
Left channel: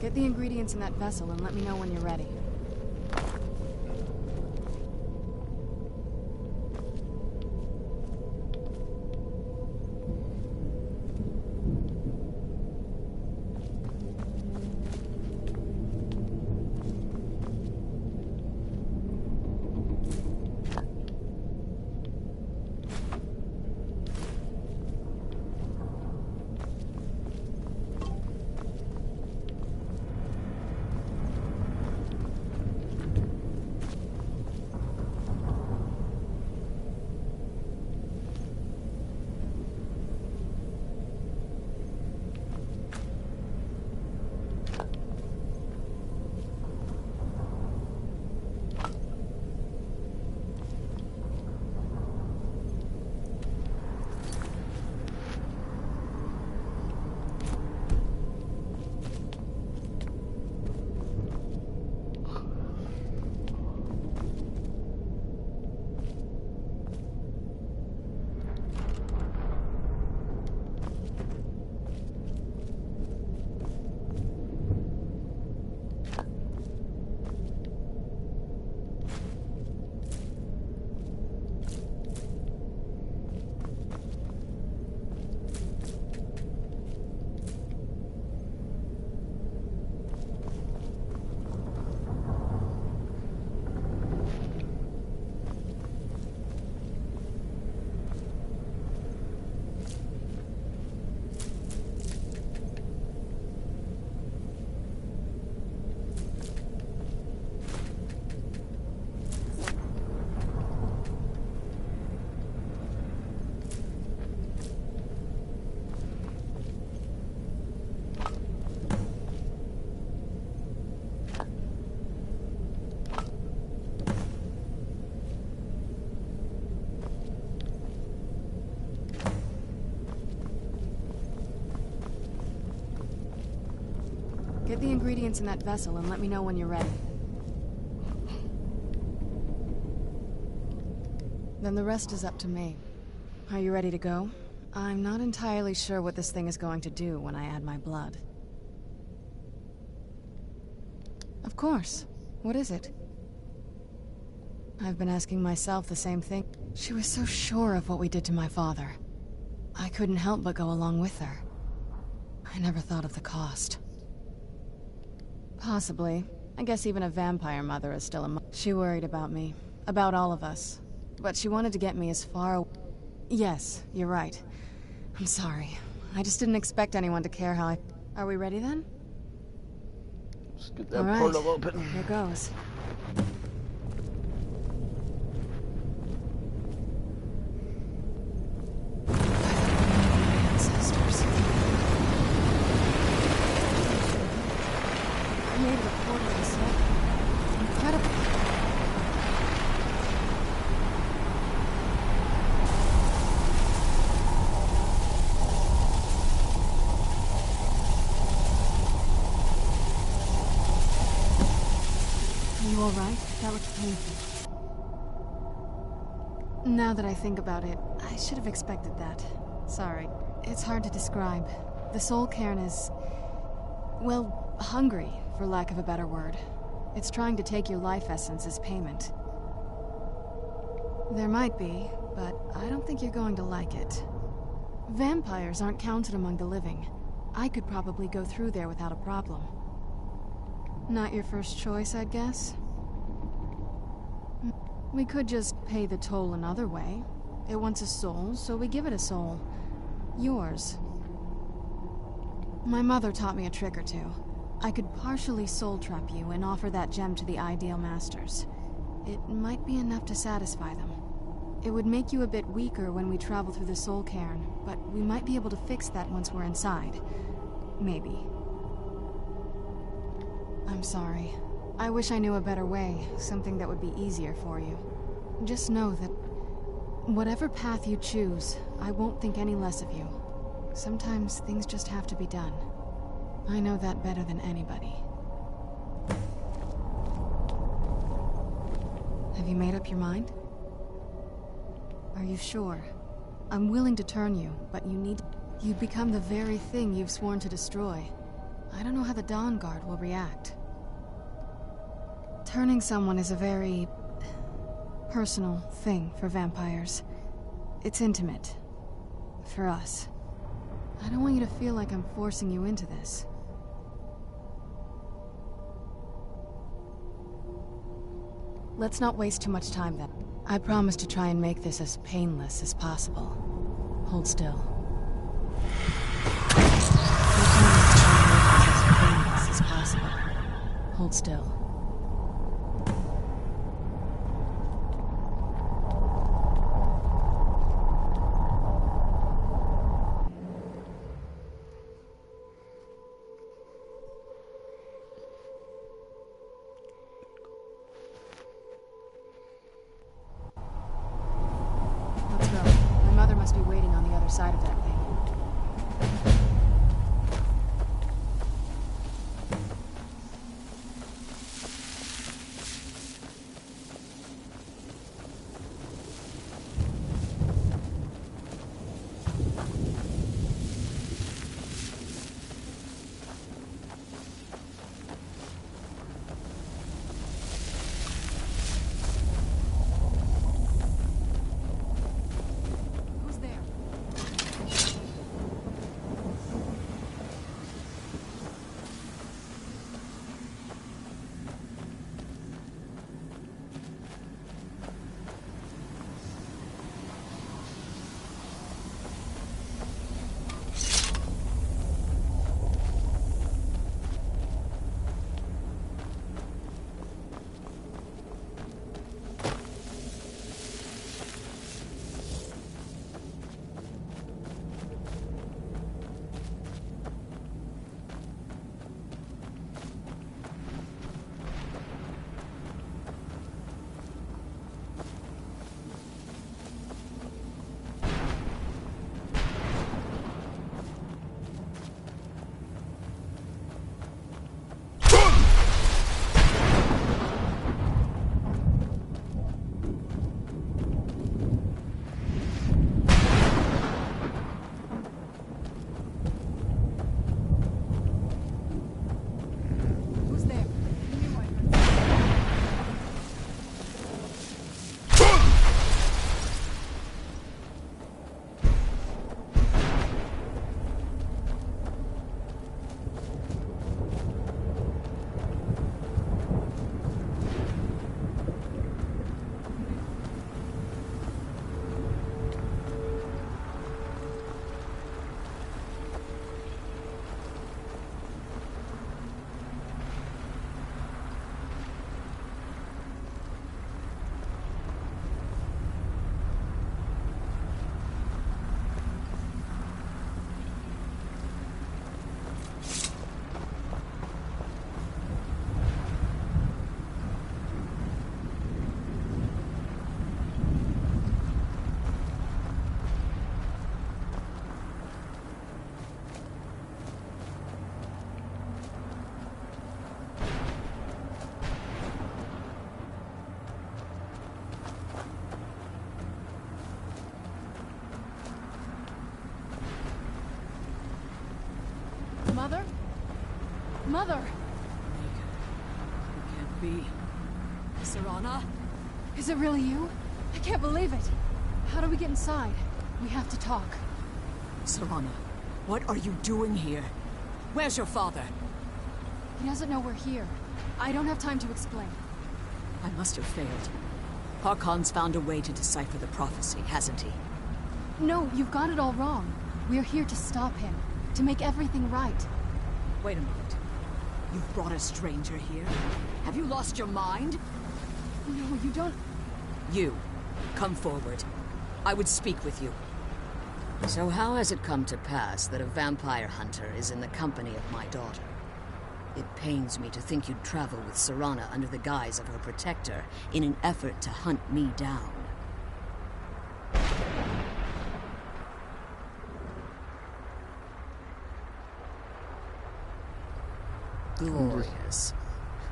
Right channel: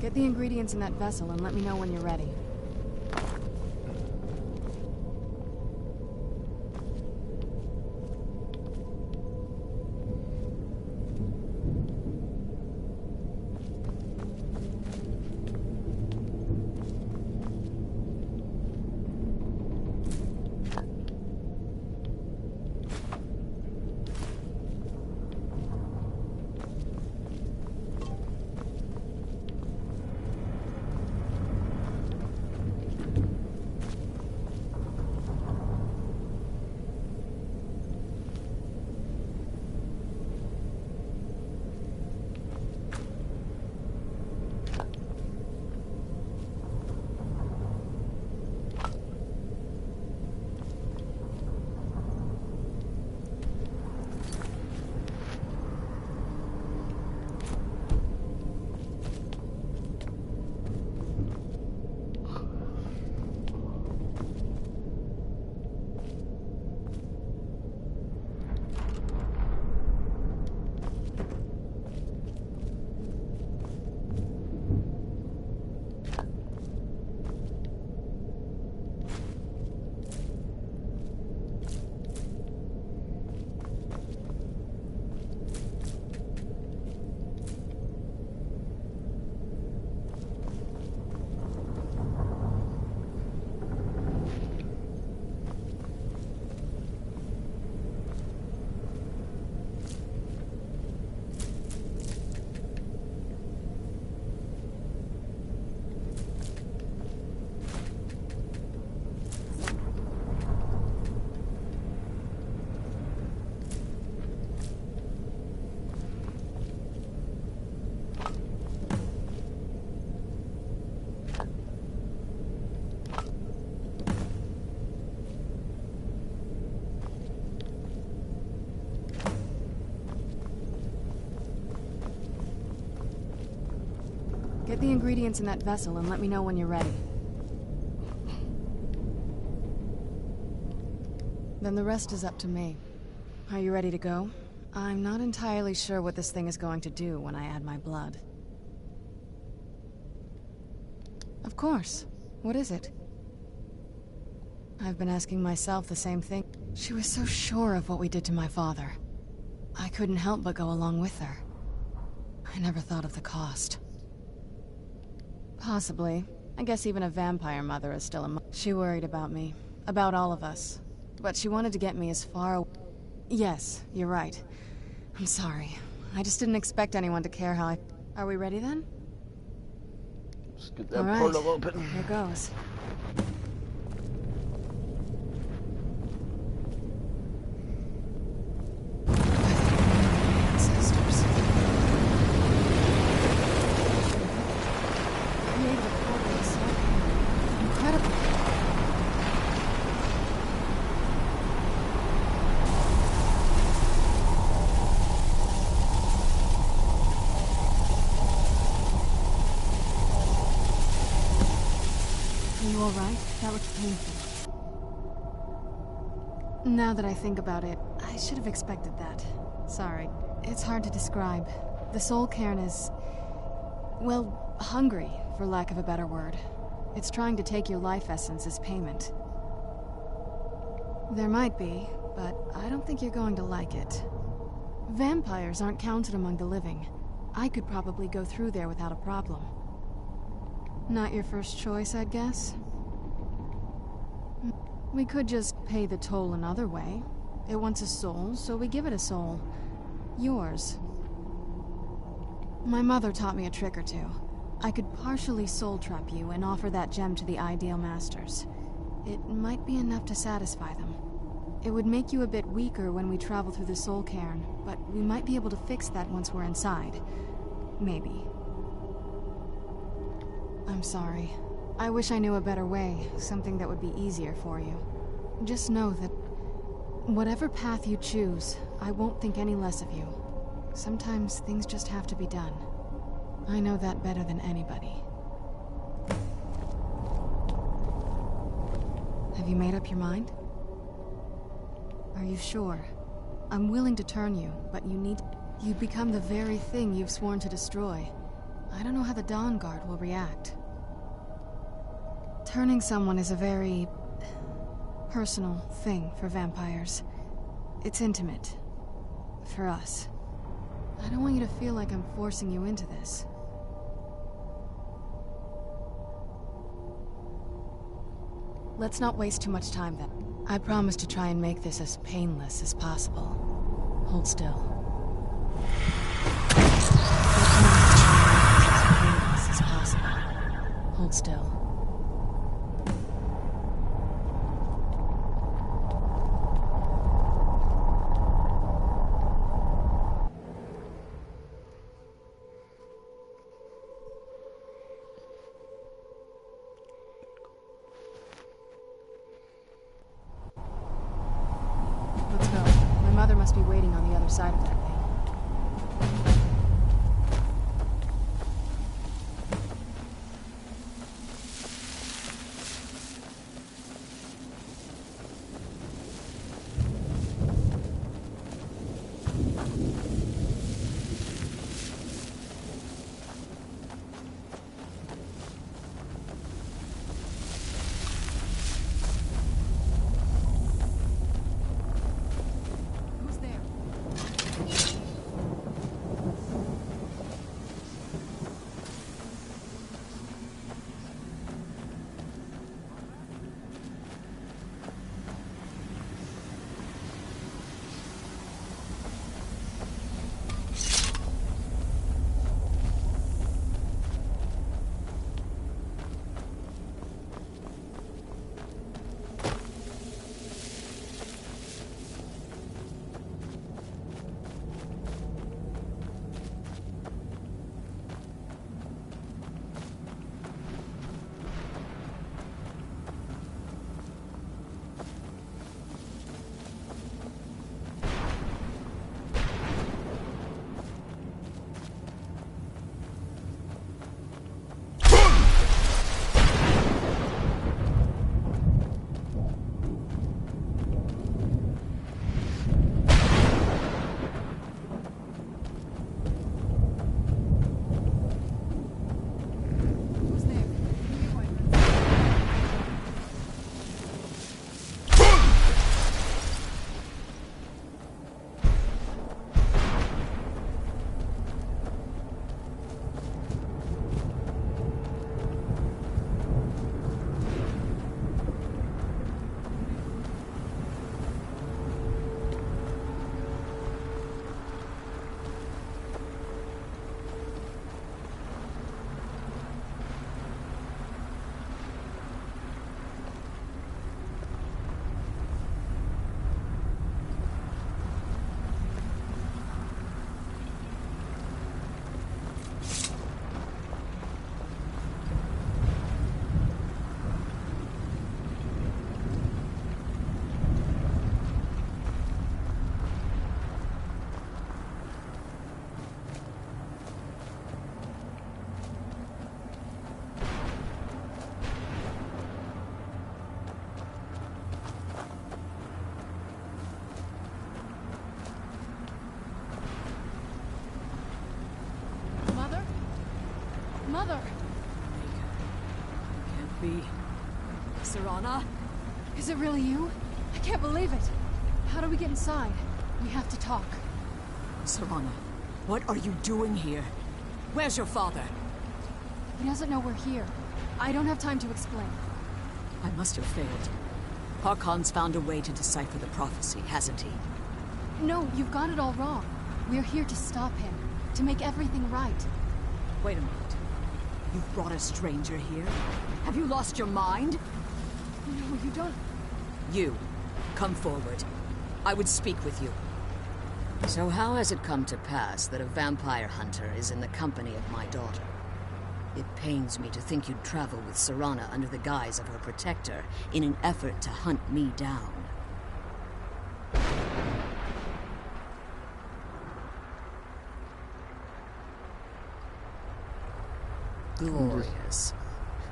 Get the ingredients in that vessel and let me know when you're ready. Get the ingredients in that vessel and let me know when you're ready. Then the rest is up to me. Are you ready to go? I'm not entirely sure what this thing is going to do when I add my blood. Of course. What is it? I've been asking myself the same thing. She was so sure of what we did to my father. I couldn't help but go along with her. I never thought of the cost. Possibly. I guess even a vampire mother is still a mother. She worried about me. About all of us. But she wanted to get me as far away. Yes, you're right. I'm sorry. I just didn't expect anyone to care how I... Are we ready then? Let's get that portal open. Here goes. Ancestors. Created a portal to the soul. Incredible. Are you alright? That looks painful. Now that I think about it, I should have expected that. Sorry. It's hard to describe. The soul cairn is... well, hungry, for lack of a better word. It's trying to take your life essence as payment. There might be, but I don't think you're going to like it. Vampires aren't counted among the living. I could probably go through there without a problem. Not your first choice, I'd guess? We could just pay the toll another way. It wants a soul, so we give it a soul. Yours. My mother taught me a trick or two. I could partially soul trap you and offer that gem to the ideal masters. It might be enough to satisfy them. It would make you a bit weaker when we travel through the soul cairn, but we might be able to fix that once we're inside. Maybe. I'm sorry. I wish I knew a better way, something that would be easier for you. Just know that whatever path you choose, I won't think any less of you. Sometimes things just have to be done. I know that better than anybody. Have you made up your mind? Are you sure? I'm willing to turn you, but you'd become the very thing you've sworn to destroy. I don't know how the Dawn Guard will react. Turning someone is a very... personal thing for vampires. It's intimate. For us. I don't want you to feel like I'm forcing you into this. Let's not waste too much time then. I promise to try and make this as painless as possible. Hold still. As possible. Hold still. Let's go. My mother must be waiting on the other side of that thing. Mother! Maker, it can't be. Serana? Is it really you? I can't believe it. How do we get inside? We have to talk. Serana, what are you doing here? Where's your father? He doesn't know we're here. I don't have time to explain. I must have failed. Harkon's found a way to decipher the prophecy, hasn't he? No, you've got it all wrong. We're here to stop him. To make everything right. Wait a moment. You've brought a stranger here? Have you lost your mind? No, you don't... You, come forward. I would speak with you. So how has it come to pass that a vampire hunter is in the company of my daughter? It pains me to think you'd travel with Serana under the guise of her protector in an effort to hunt me down. Glorious.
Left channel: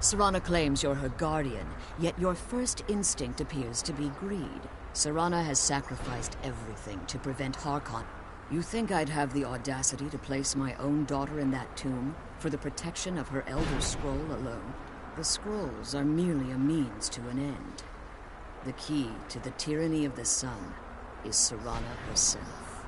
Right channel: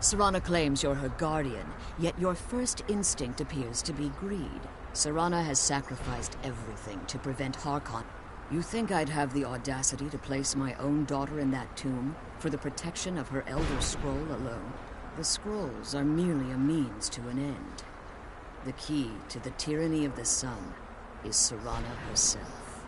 Serana claims you're her guardian, yet your first instinct appears to be greed. Serana has sacrificed everything to prevent Harkon. You think I'd have the audacity to place my own daughter in that tomb for the protection of her Elder Scroll alone? The scrolls are merely a means to an end. The key to the tyranny of the sun is Serana herself.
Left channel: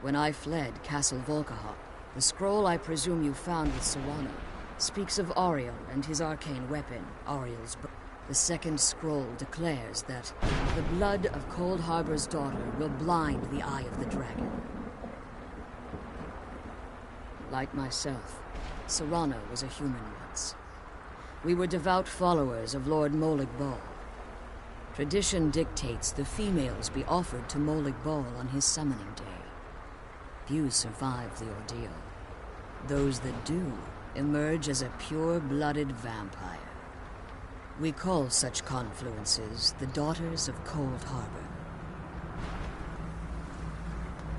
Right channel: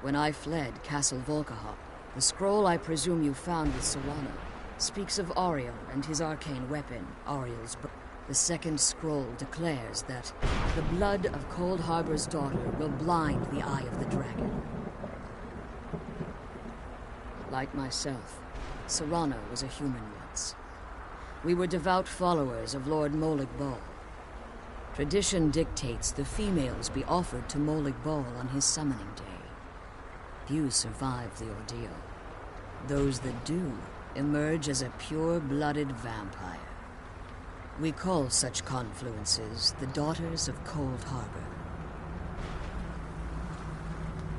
When I fled Castle Volkihar, the scroll I presume you found with Serana speaks of Ariel and his arcane weapon, Ariel's bow. The second scroll declares that the blood of Cold Harbor's daughter will blind the eye of the dragon. Like myself, Serana was a human once. We were devout followers of Lord Molig Bal. Tradition dictates the females be offered to Molig Bal on his summoning day. Few survive the ordeal. Those that do emerge as a pure-blooded vampire. We call such confluences the Daughters of Cold Harbor.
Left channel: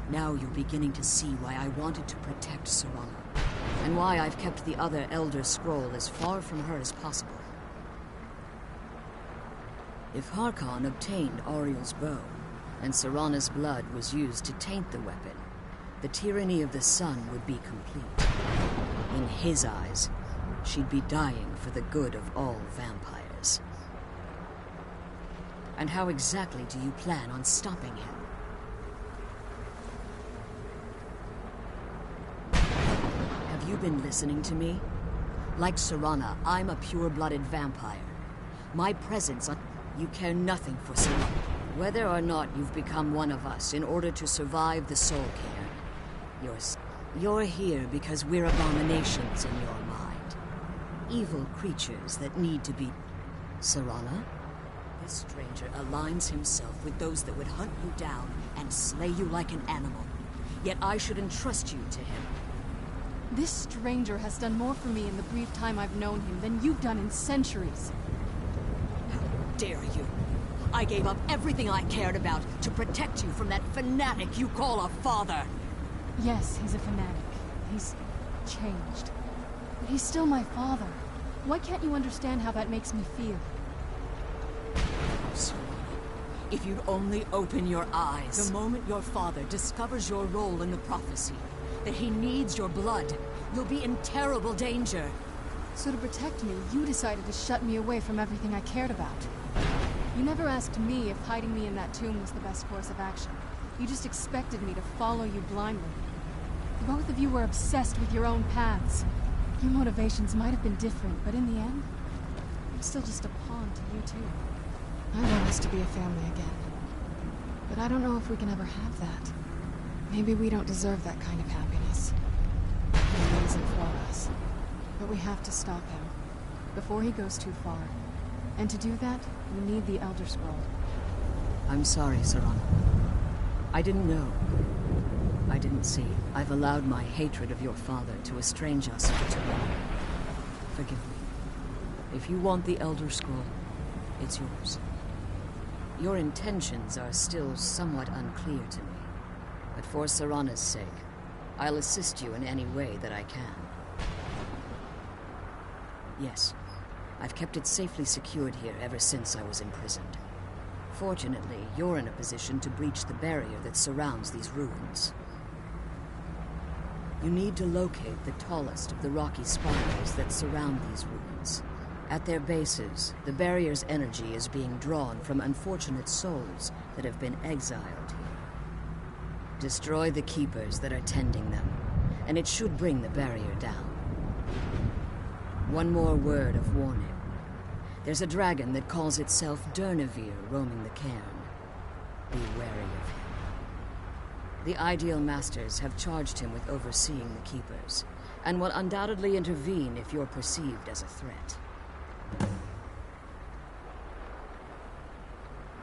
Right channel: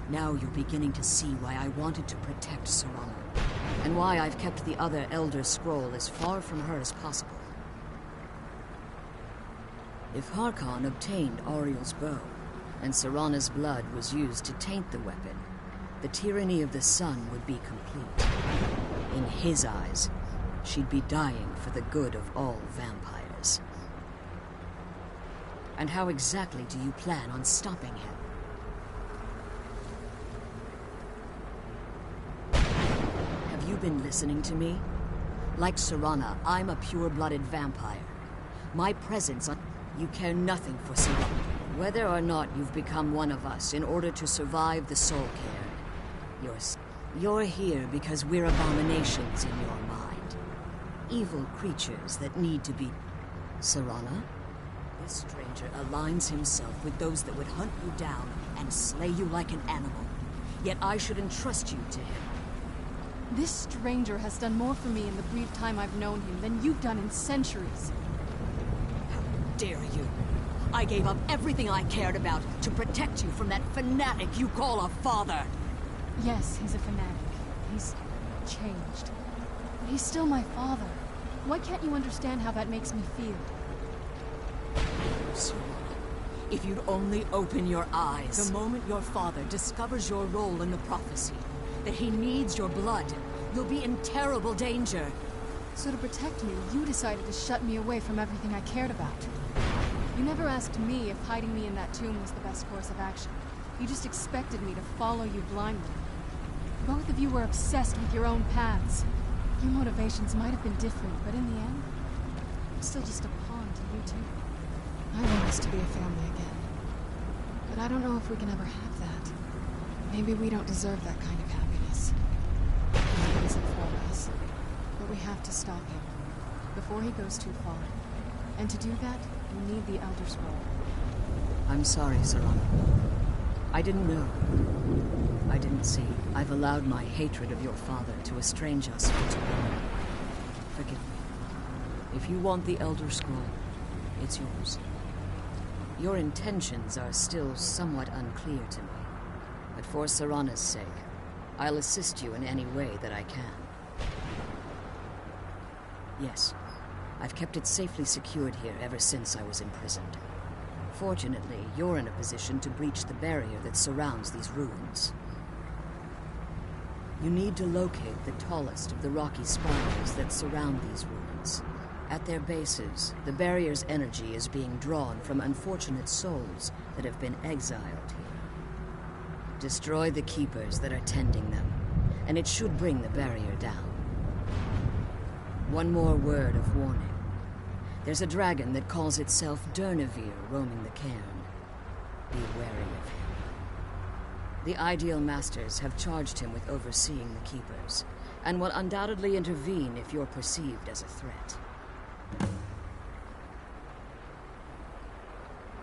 Now you're beginning to see why I wanted to protect Serana, and why I've kept the other Elder Scroll as far from her as possible. If Harkon obtained Ariel's bow, and Serana's blood was used to taint the weapon, the tyranny of the sun would be complete. In his eyes, she'd be dying for the good of all vampires. And how exactly do you plan on stopping him? Have you been listening to me? Like Serana, I'm a pure-blooded vampire. My presence on... You care nothing for Serana. Whether or not you've become one of us in order to survive the Soul Cairn, you're here because we're abominations in your mind. Evil creatures that need to be... Serana? This stranger aligns himself with those that would hunt you down and slay you like an animal. Yet I should entrust you to him. This stranger has done more for me in the brief time I've known him than you've done in centuries. How dare you? I gave up everything I cared about to protect you from that fanatic you call a father. Yes, he's a fanatic. He's changed. But he's still my father. Why can't you understand how that makes me feel? Serana, if you'd only open your eyes. The moment your father discovers your role in the prophecy, that he needs your blood, you'll be in terrible danger. So to protect me, you decided to shut me away from everything I cared about. You never asked me if hiding me in that tomb was the best course of action. You just expected me to follow you blindly. Both of you were obsessed with your own paths. Your motivations might have been different, but in the end, I'm still just a pawn to you two. I want us to be a family again. But I don't know if we can ever have that. Maybe we don't deserve that kind of happiness. Maybe it isn't for us. But we have to stop him, before he goes too far. And to do that, we need the Elder Scroll. I'm sorry, Serana. I didn't know. I didn't see. I've allowed my hatred of your father to estrange us for too long. Forgive me. If you want the Elder Scroll, it's yours. Your intentions are still somewhat unclear to me. But for Serana's sake, I'll assist you in any way that I can. Yes, I've kept it safely secured here ever since I was imprisoned. Fortunately, you're in a position to breach the barrier that surrounds these ruins. You need to locate the tallest of the rocky spirals that surround these ruins. At their bases, the barrier's energy is being drawn from unfortunate souls that have been exiled here. Destroy the keepers that are tending them, and it should bring the barrier down. One more word of warning. There's a dragon that calls itself Durnevere roaming the cairn. Be wary of him. The Ideal Masters have charged him with overseeing the keepers, and will undoubtedly intervene if you're perceived as a threat.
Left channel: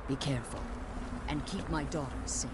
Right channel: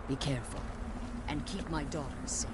Be careful, and keep my daughters safe.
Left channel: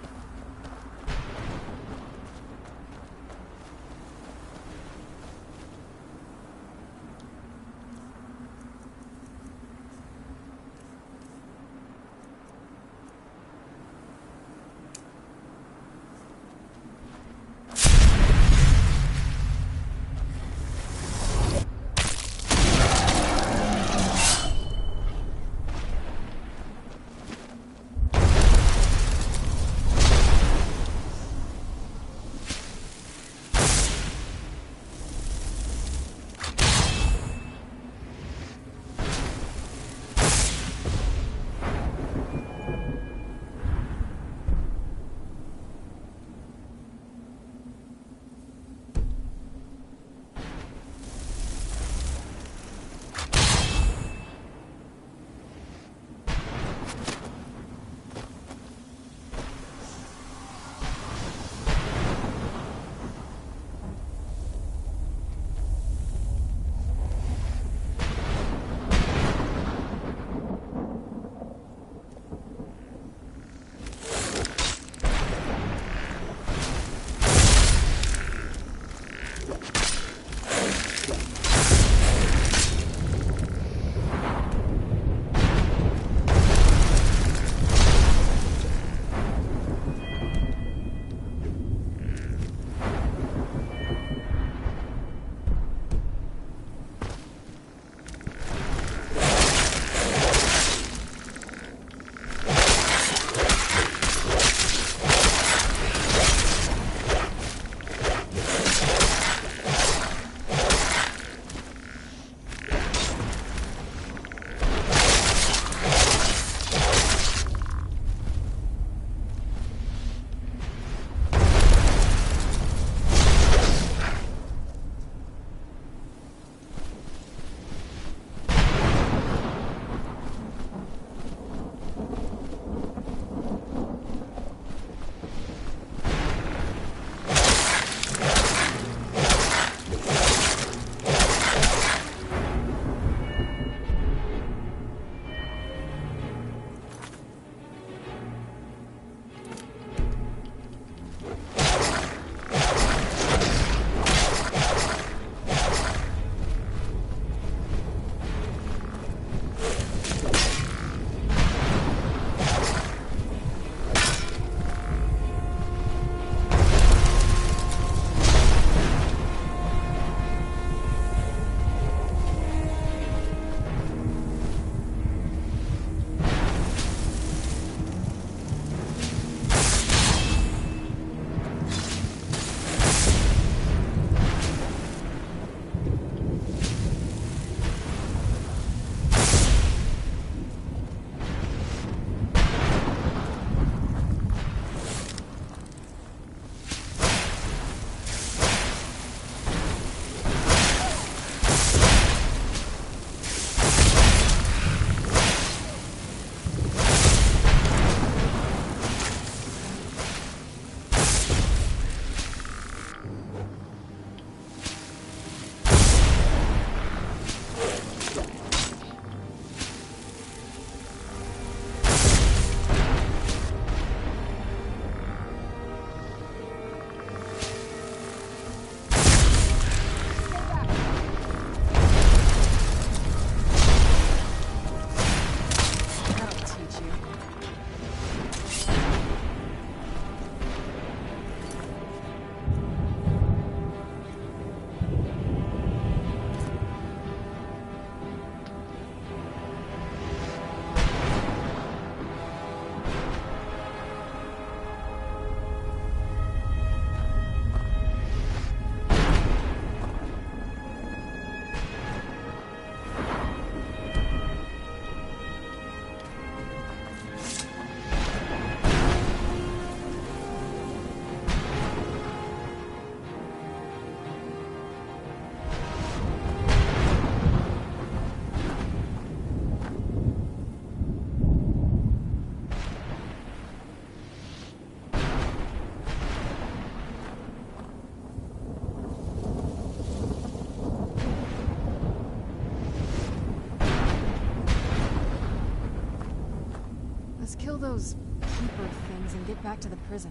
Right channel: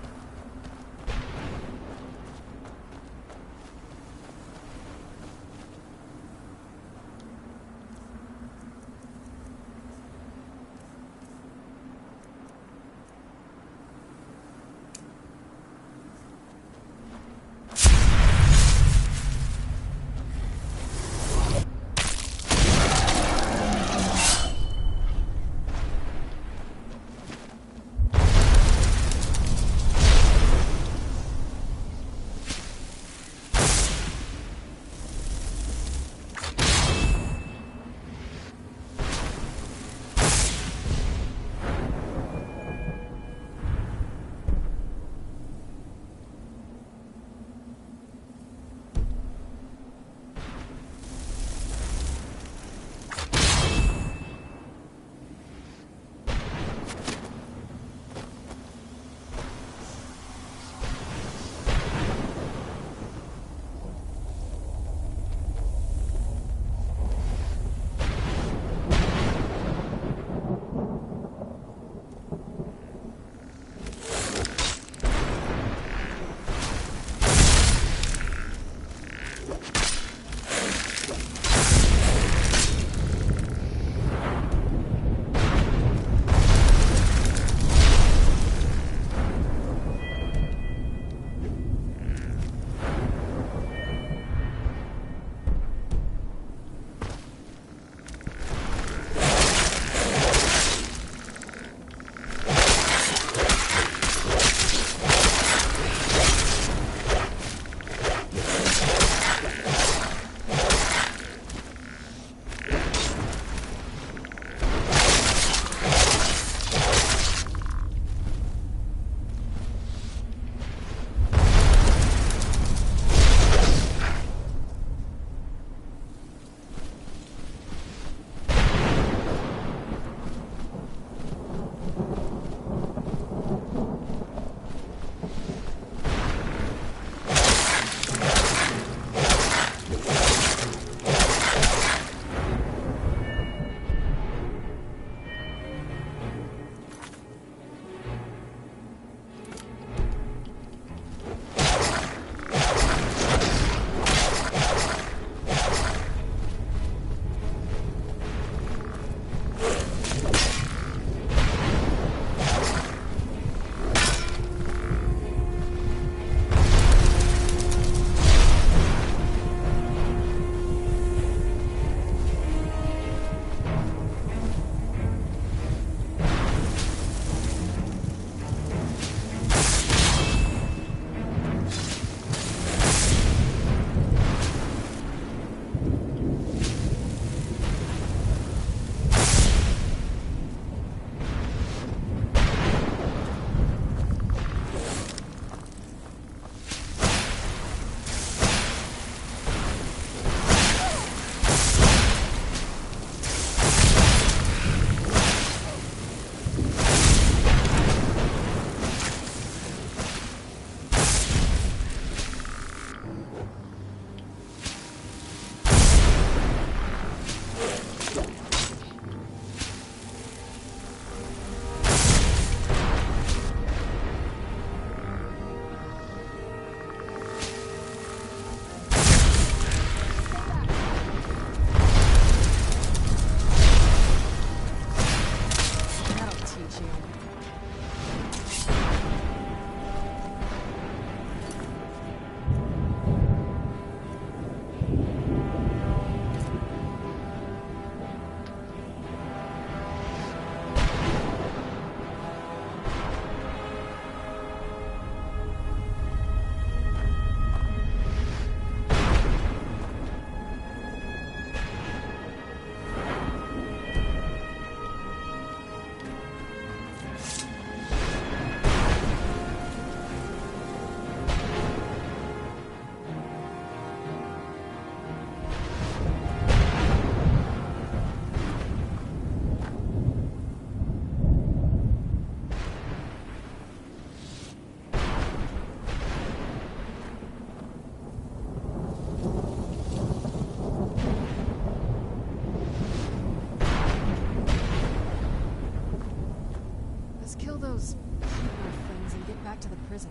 kill those keeper things and get back to the prison.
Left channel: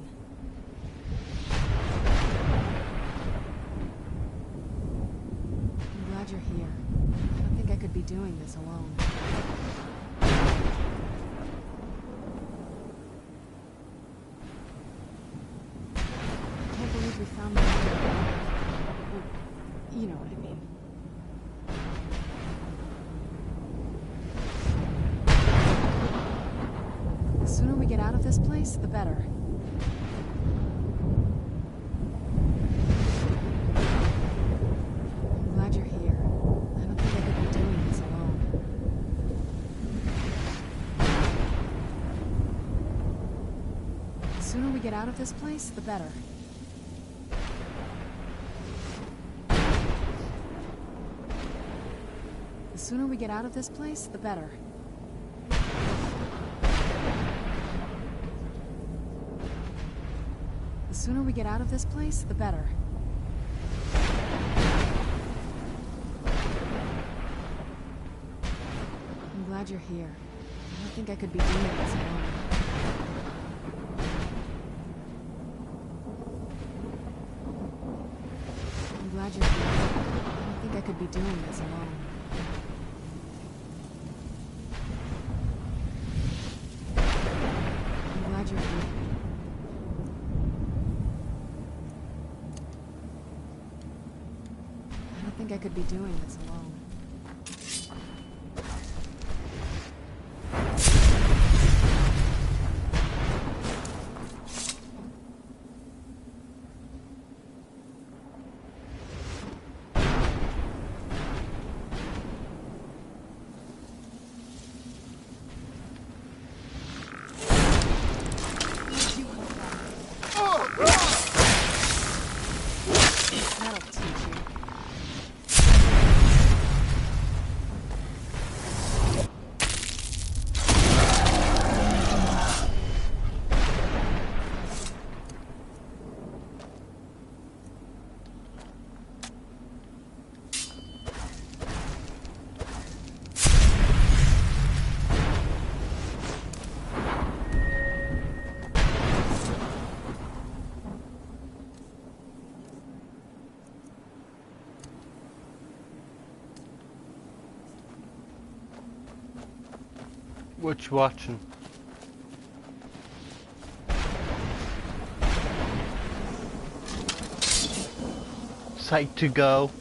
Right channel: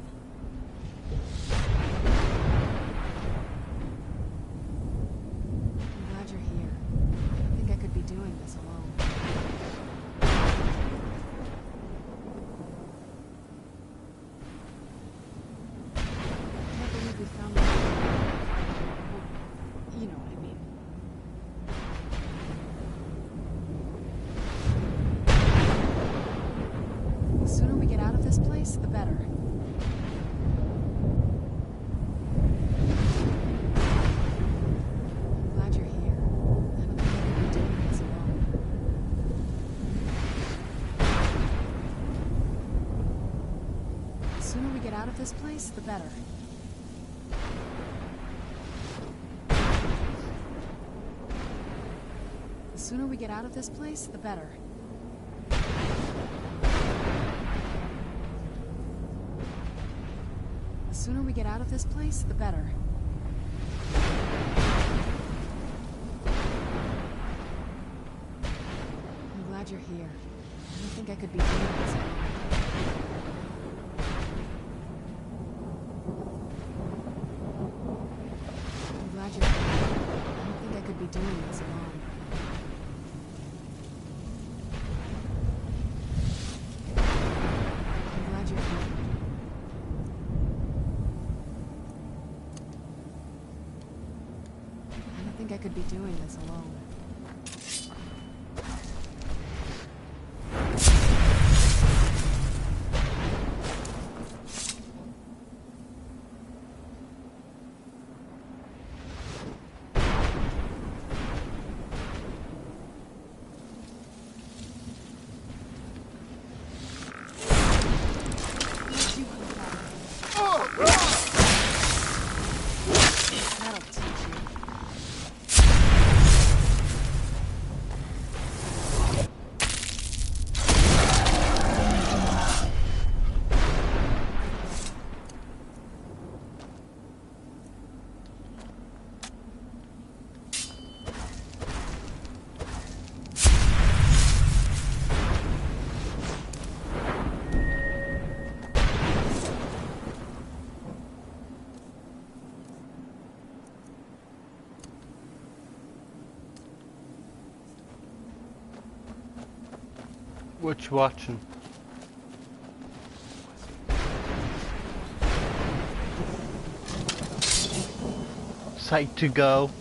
I'm glad you're here. I don't think I could be doing this alone. I can't believe we found the well, you know what I mean. The sooner we get out of this place, the better. I'm glad you're here. I don't think I could be doing this alone. The sooner we get out of this place, the better. The sooner we get out of this place, the better. The sooner we get out of this place, the better. I'm glad you're here. I don't think I could be doing this alone. I'm glad you're here. I don't think I could be doing this alone. I'm glad you're here. I don't think I could be doing this alone. That'll teach you. What you watching? Psyched to go.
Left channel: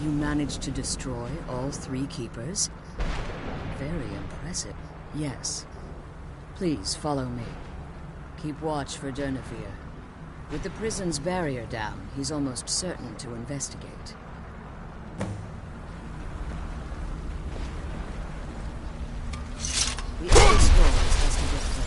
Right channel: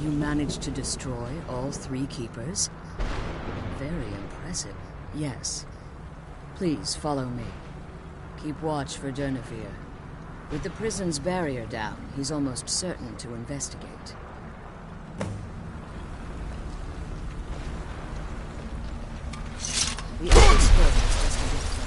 You managed to destroy all 3 keepers? Very impressive. Yes. Please follow me. Keep watch for Durnevere. With the prison's barrier down, he's almost certain to investigate. The Elder Scroll is just a bit further.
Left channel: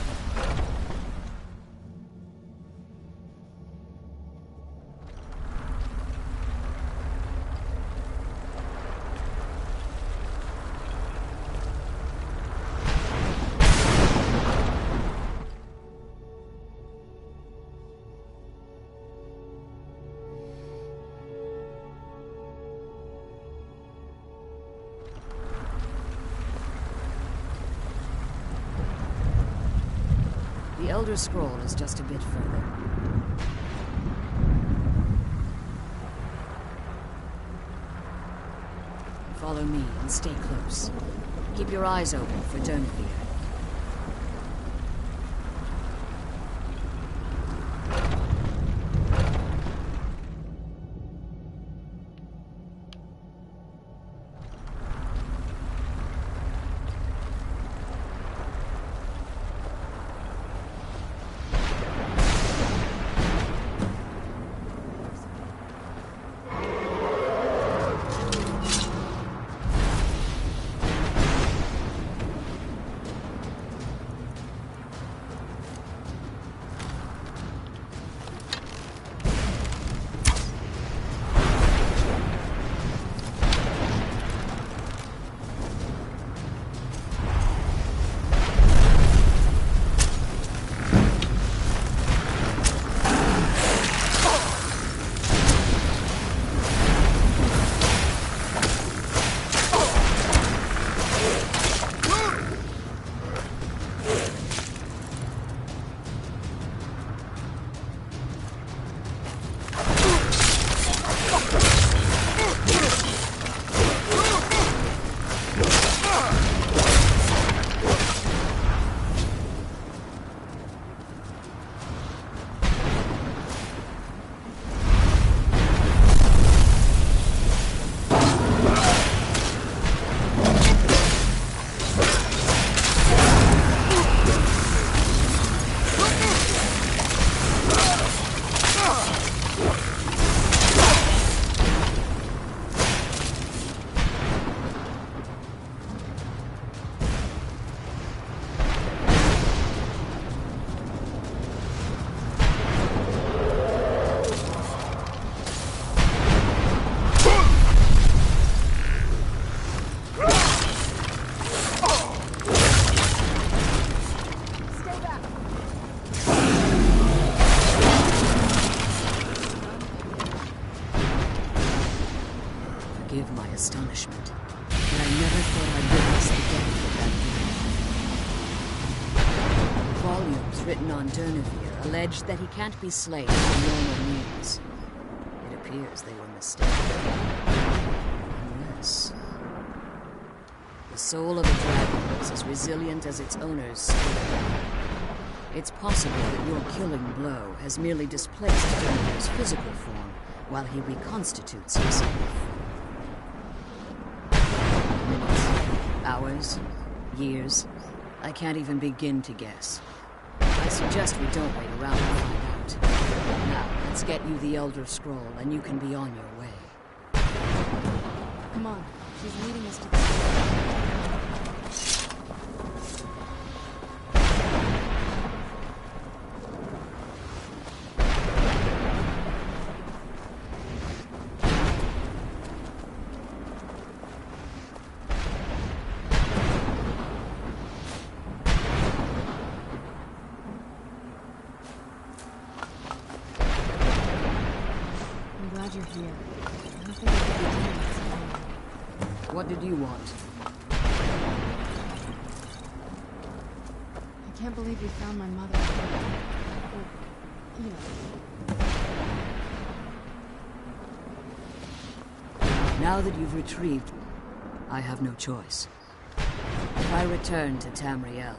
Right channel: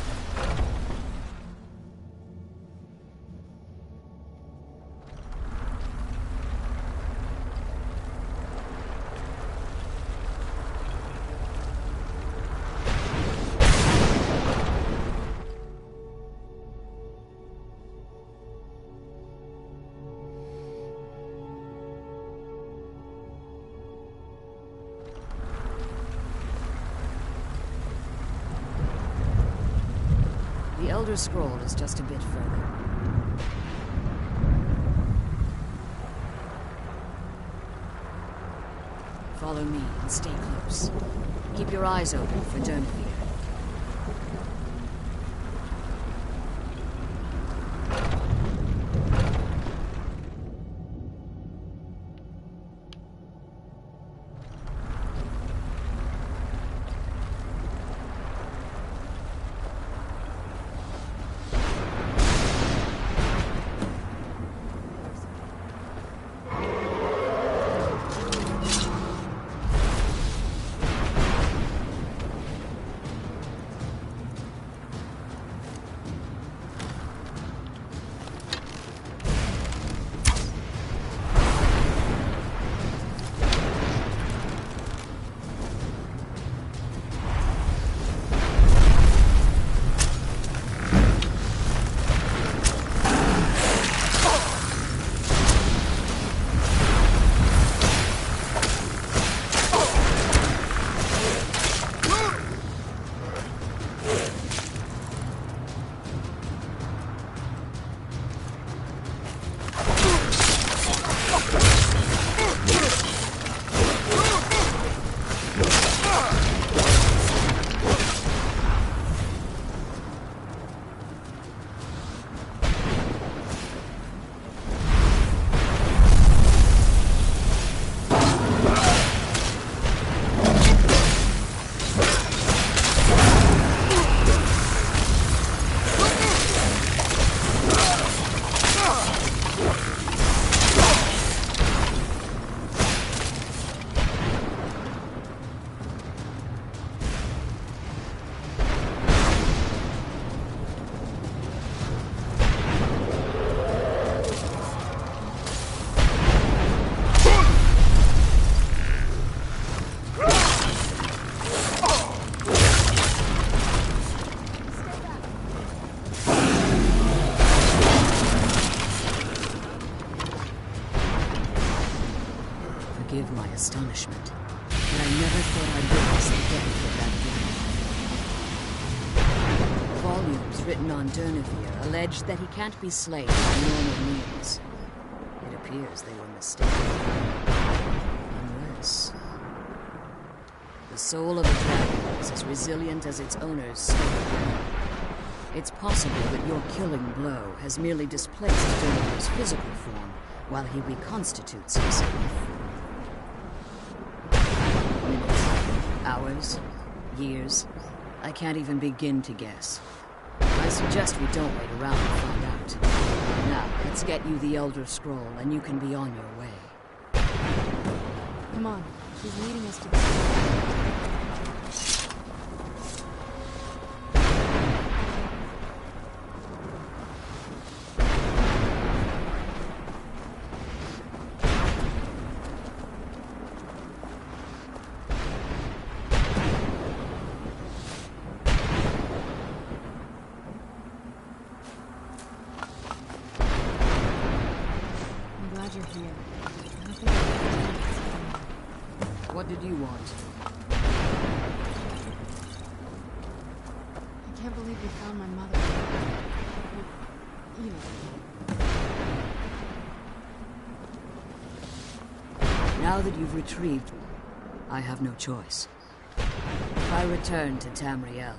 The Elder Scroll is just a bit further. Follow me and stay close. Keep your eyes open for Durnevere. Forgive my astonishment, but I never thought I'd witness the death of that man. Volumes written on Durnevere allege that he can't be slain by normal means. It appears they were mistaken. Unless... the soul of a dragon is as resilient as its owner's strength. It's possible that your killing blow has merely displaced Durnevere's physical form while he reconstitutes himself. Minutes, hours, years. I can't even begin to guess. I suggest we don't wait around to find out. Now, let's get you the Elder Scroll, and you can be on your way. Come on, she's leading us to the scroll. I'm glad you're here. I don't think I could be doing this alone. What did you want? I can't believe we found my mother. Well, you know. Now that you've retrieved, I have no choice. If I return to Tamriel,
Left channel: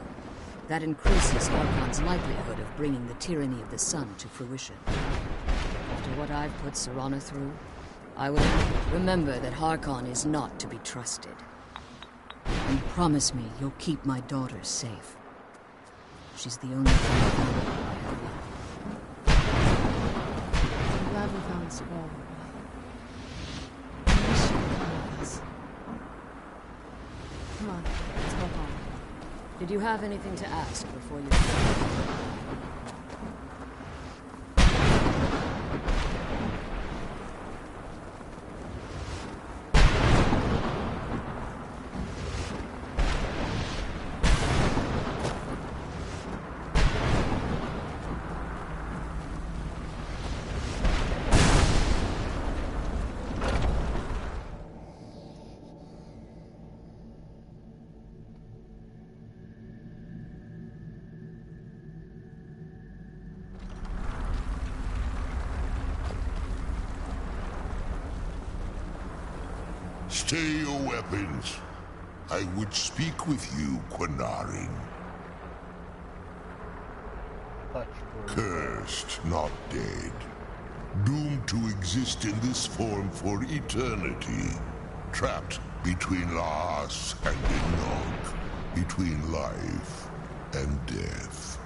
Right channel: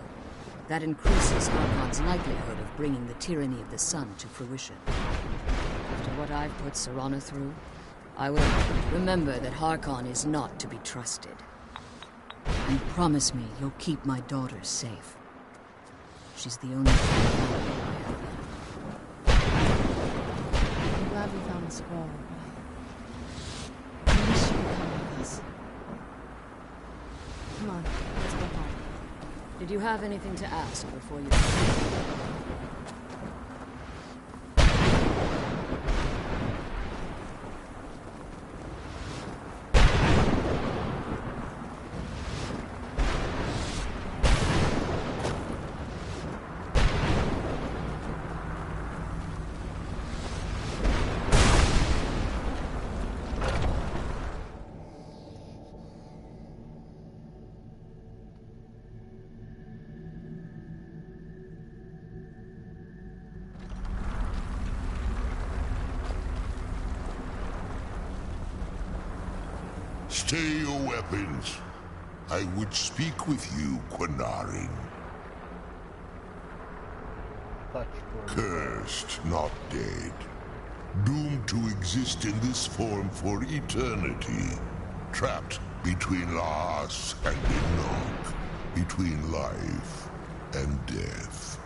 that increases Harkon's likelihood of bringing the tyranny of the sun to fruition. After what I've put Serana through, I will remember that Harkon is not to be trusted. And promise me you'll keep my daughter safe. She's the only family I have left. I'm glad we found the scroll, but I wish you could come with us. Come on, let's go home. Did you have anything to ask before you... Stay your weapons. I would speak with you, Quinarin. Cursed, not dead. Doomed to exist in this form for eternity. Trapped between Laas and Enoch. Between life and death.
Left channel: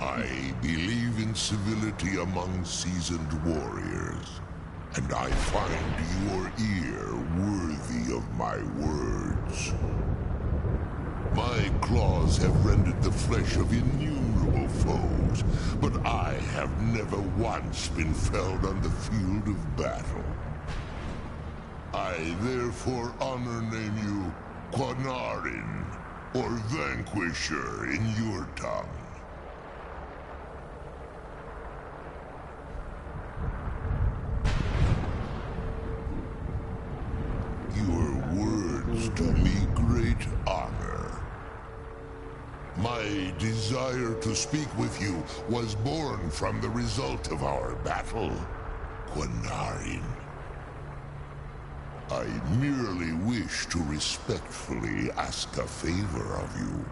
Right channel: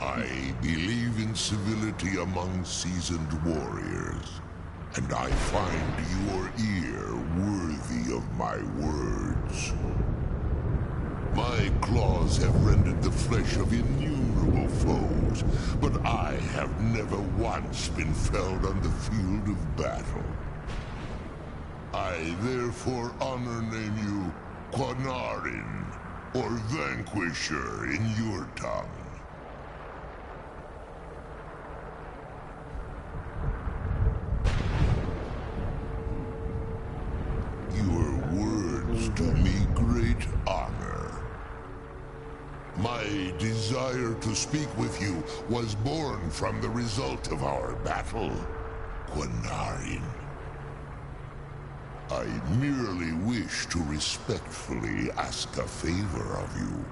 I believe in civility among seasoned warriors, and I find your ear worthy of my words. My claws have rendered the flesh of innumerable foes, but I have never once been felled on the field of battle. I therefore honor name you Quinarin, or Vanquisher in your tongue. Your words do me great honor. My desire to speak with you was born from the result of our battle, Quinarin. I merely wish to respectfully ask a favor of you.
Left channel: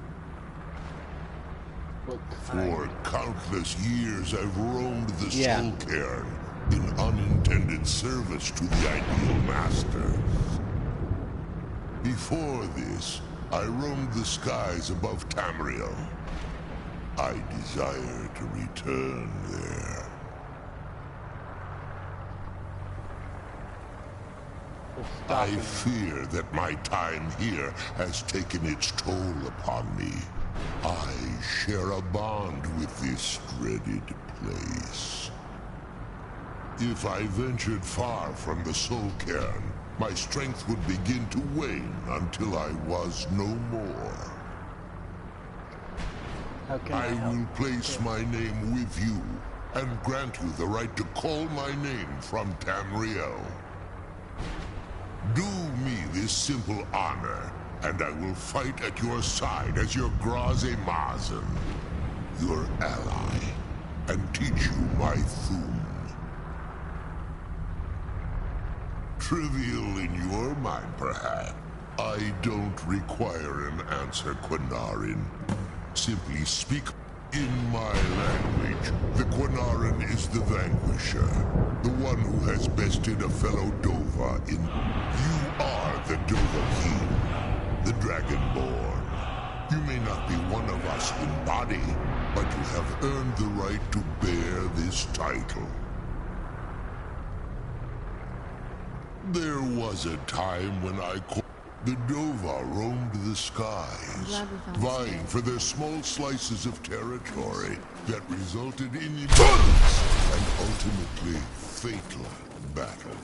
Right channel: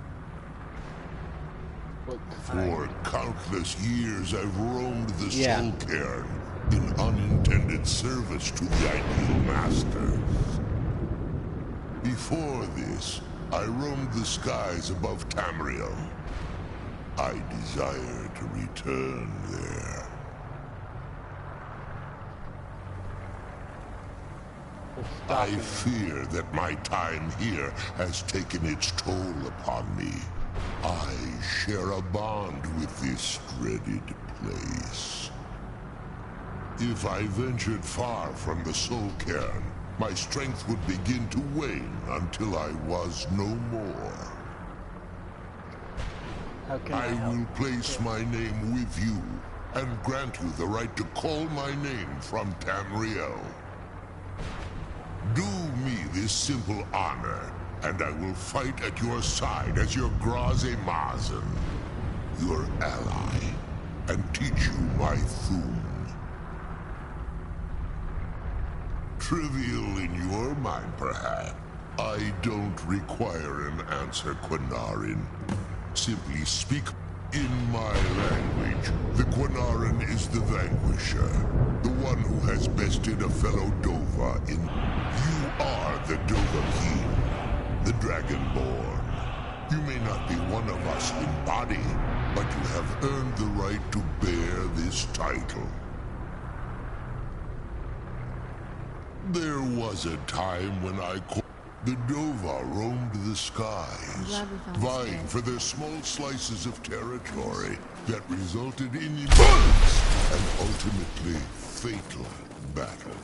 For countless years I've roamed the Soul Cairn in unintended service to the ideal masters. Before this, I roamed the skies above Tamriel. I desire to return there. I fear that my time here has taken its toll upon me. I share a bond with this dreaded place. If I ventured far from the Soul Cairn, my strength would begin to wane until I was no more. I will place my name with you and grant you the right to call my name from Tamriel. Do me this simple honor, and I will fight at your side as your Graze Mazen, your ally, and teach you my Thum. Trivial in your mind, perhaps. I don't require an answer, Quinarin. Simply speak in my language. The Quinarin is the Vanquisher, the one who has bested a fellow Dova in... You are the Dova King, the Dragonborn. You may not be one of us in body, but you have earned the right to bear this title. There was a time when the Dova roamed the skies, vying for their small slices of territory that resulted in immense and ultimately fatal battles.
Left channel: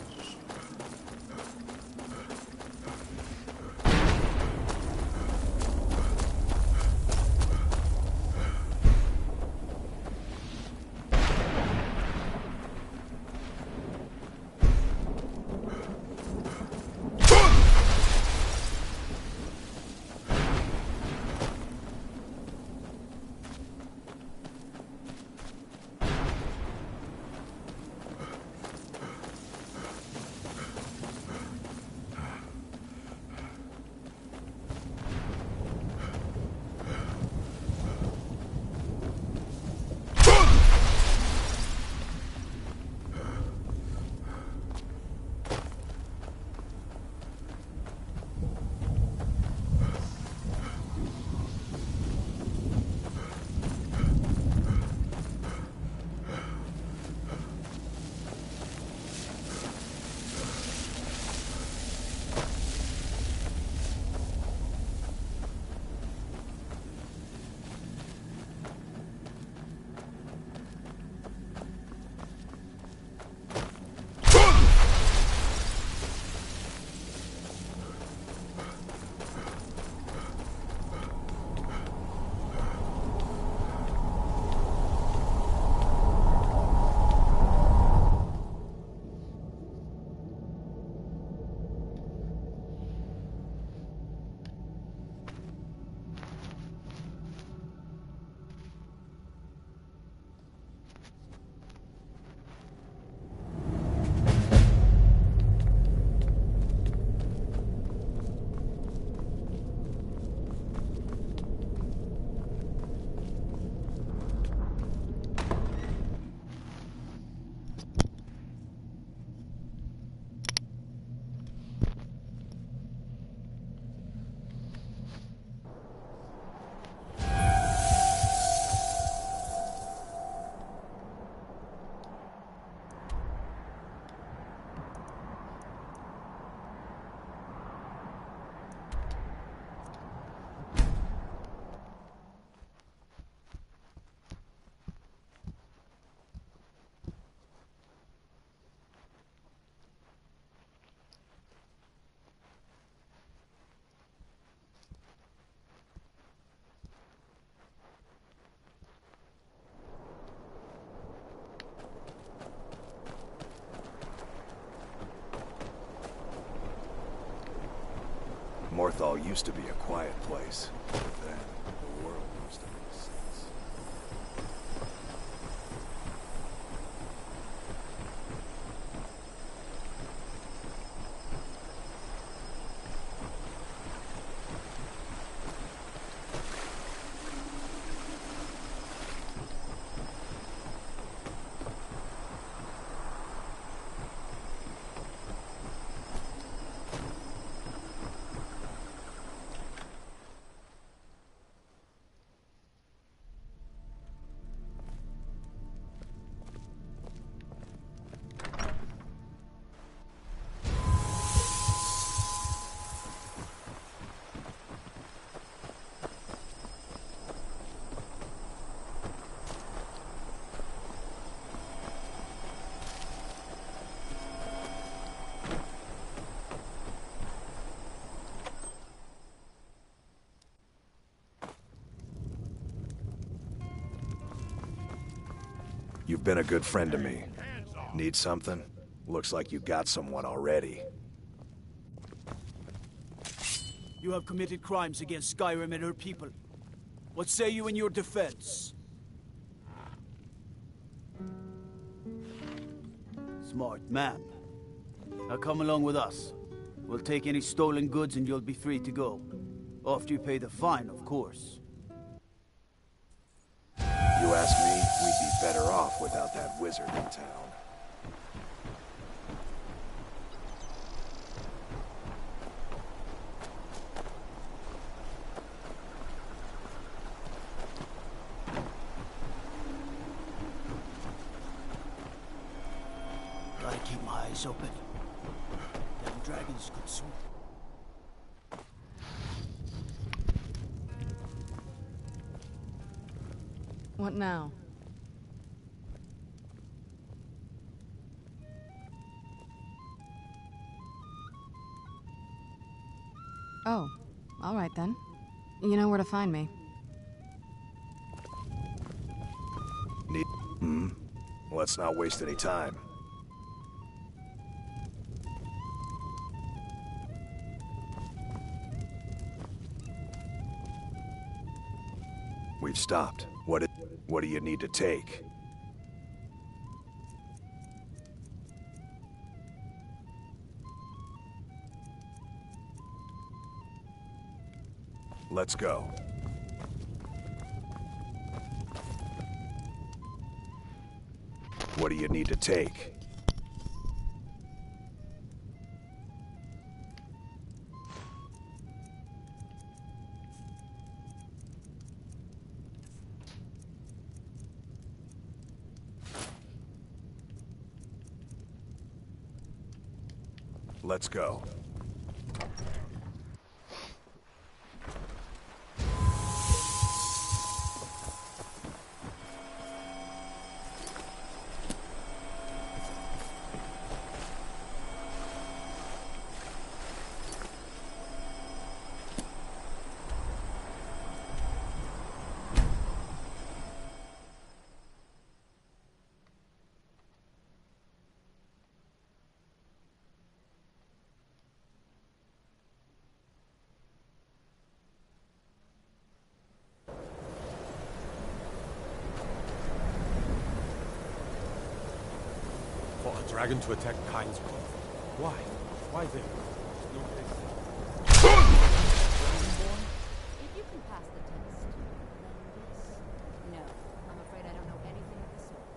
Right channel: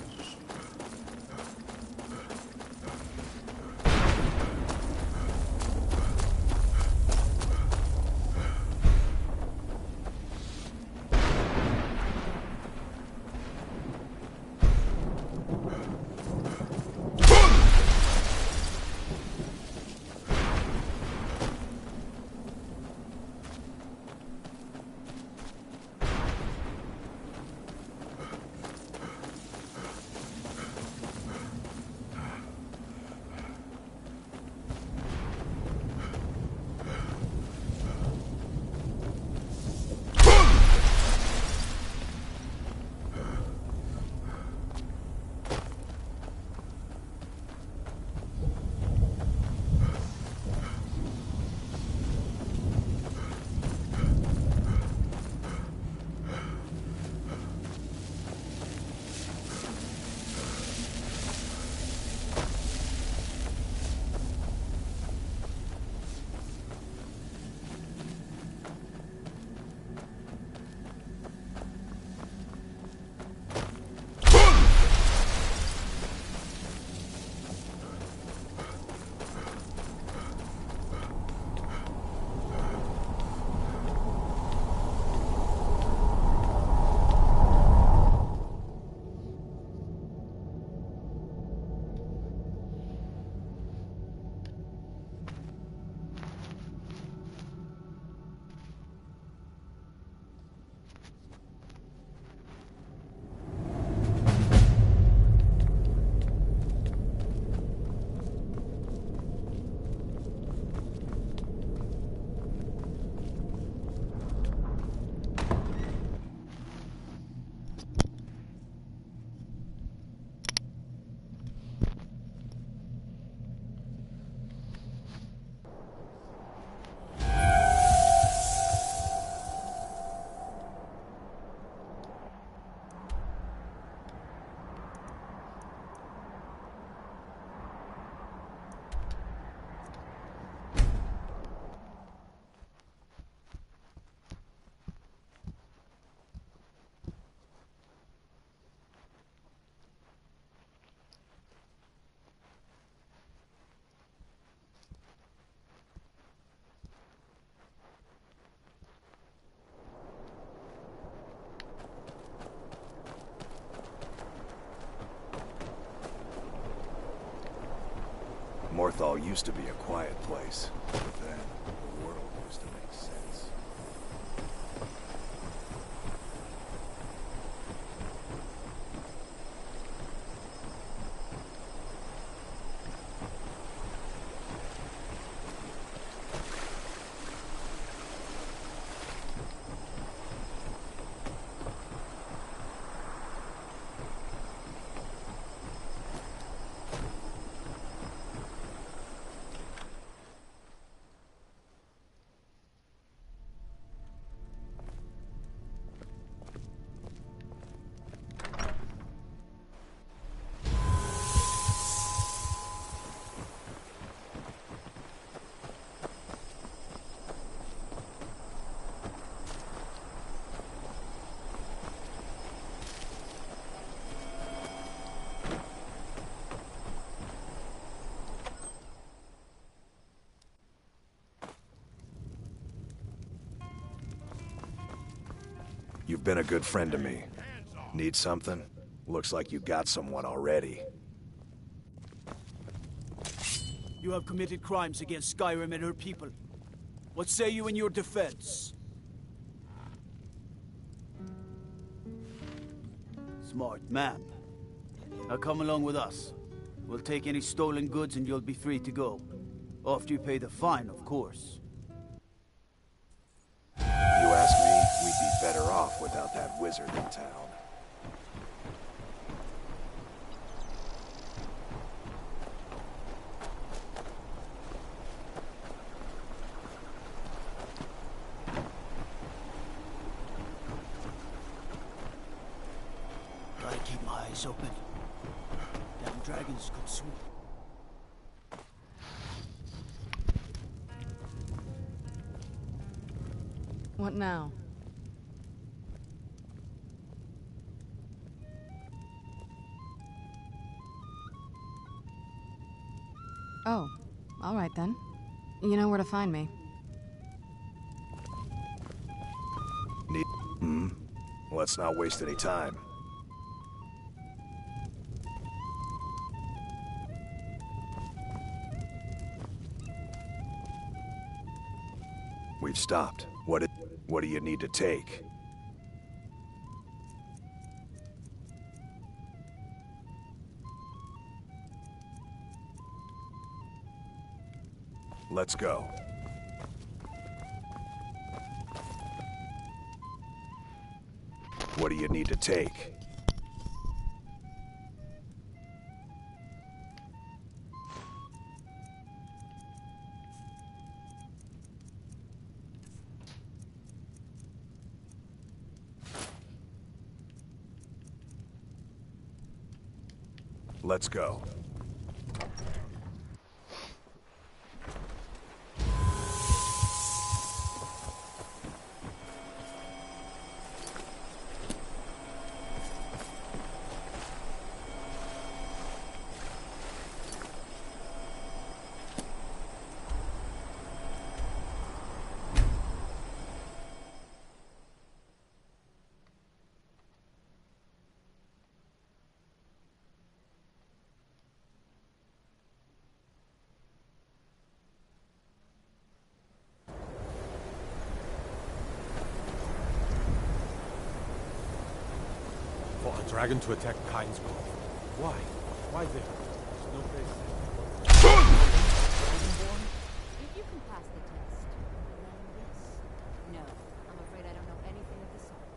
Northall used to be a quiet place, but then the world used to make sense. You've been a good friend to me. Need something? Looks like you got someone already. You have committed crimes against Skyrim and her people. What say you in your defense? Smart man. Now come along with us. We'll take any stolen goods and you'll be free to go. After you pay the fine, of course. You ask me, we'd be better off without that wizard in town. Gotta keep my eyes open. Damn dragons could swoop. What now? Oh, all right then. You know where to find me. Let's not waste any time. We've stopped. What do you need to take? Let's go. What do you need to take? Let's go. For a dragon to attack Kynesgrove. Why? Why there? There's no place there. Dragonborn? If you can pass the test, then yes. No, I'm afraid I don't know anything of the sort.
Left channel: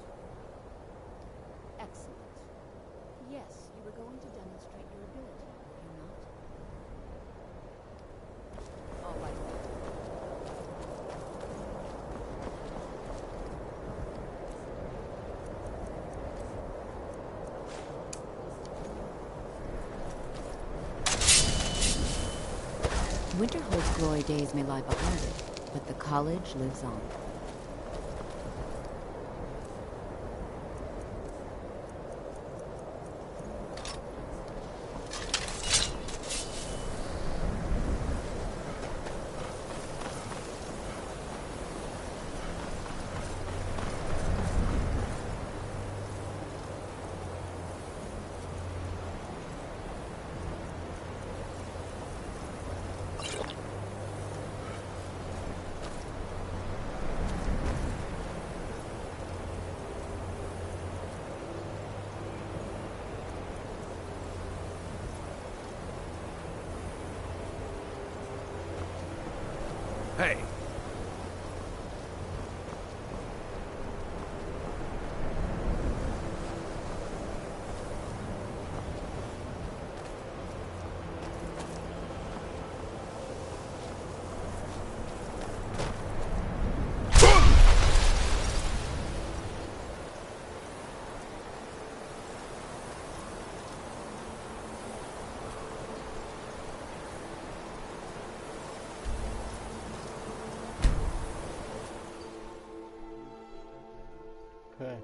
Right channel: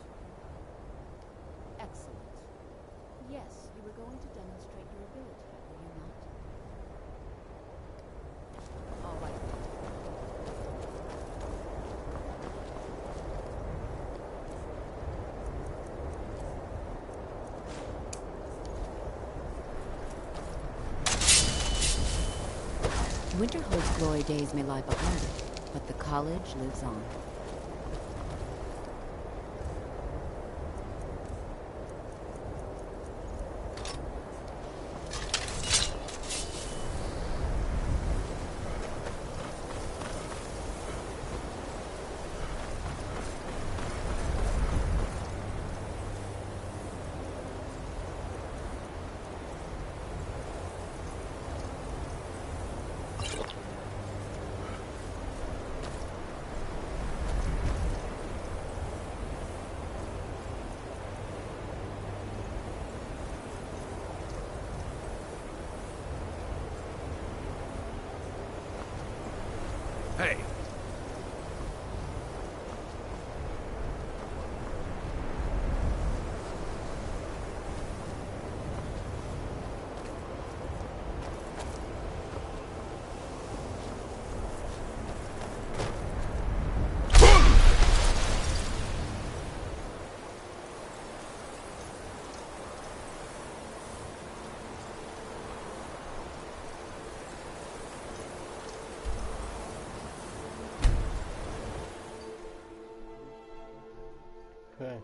Excellent. Yes, you were going to demonstrate your ability, were you not? All right then. Winterhold's glory days may lie behind it, but the college lives on. Hey! Okay.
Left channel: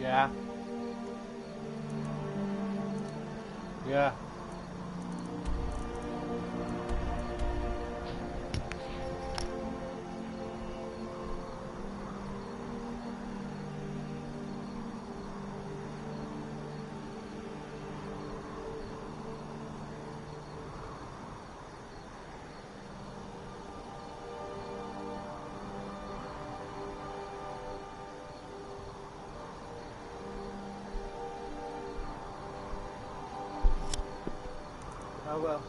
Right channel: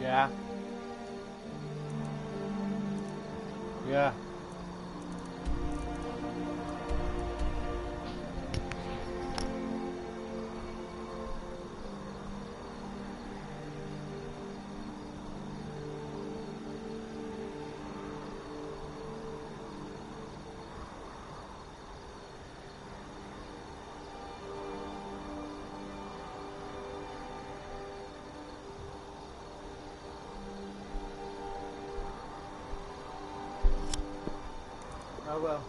Yeah. Yeah. Oh well.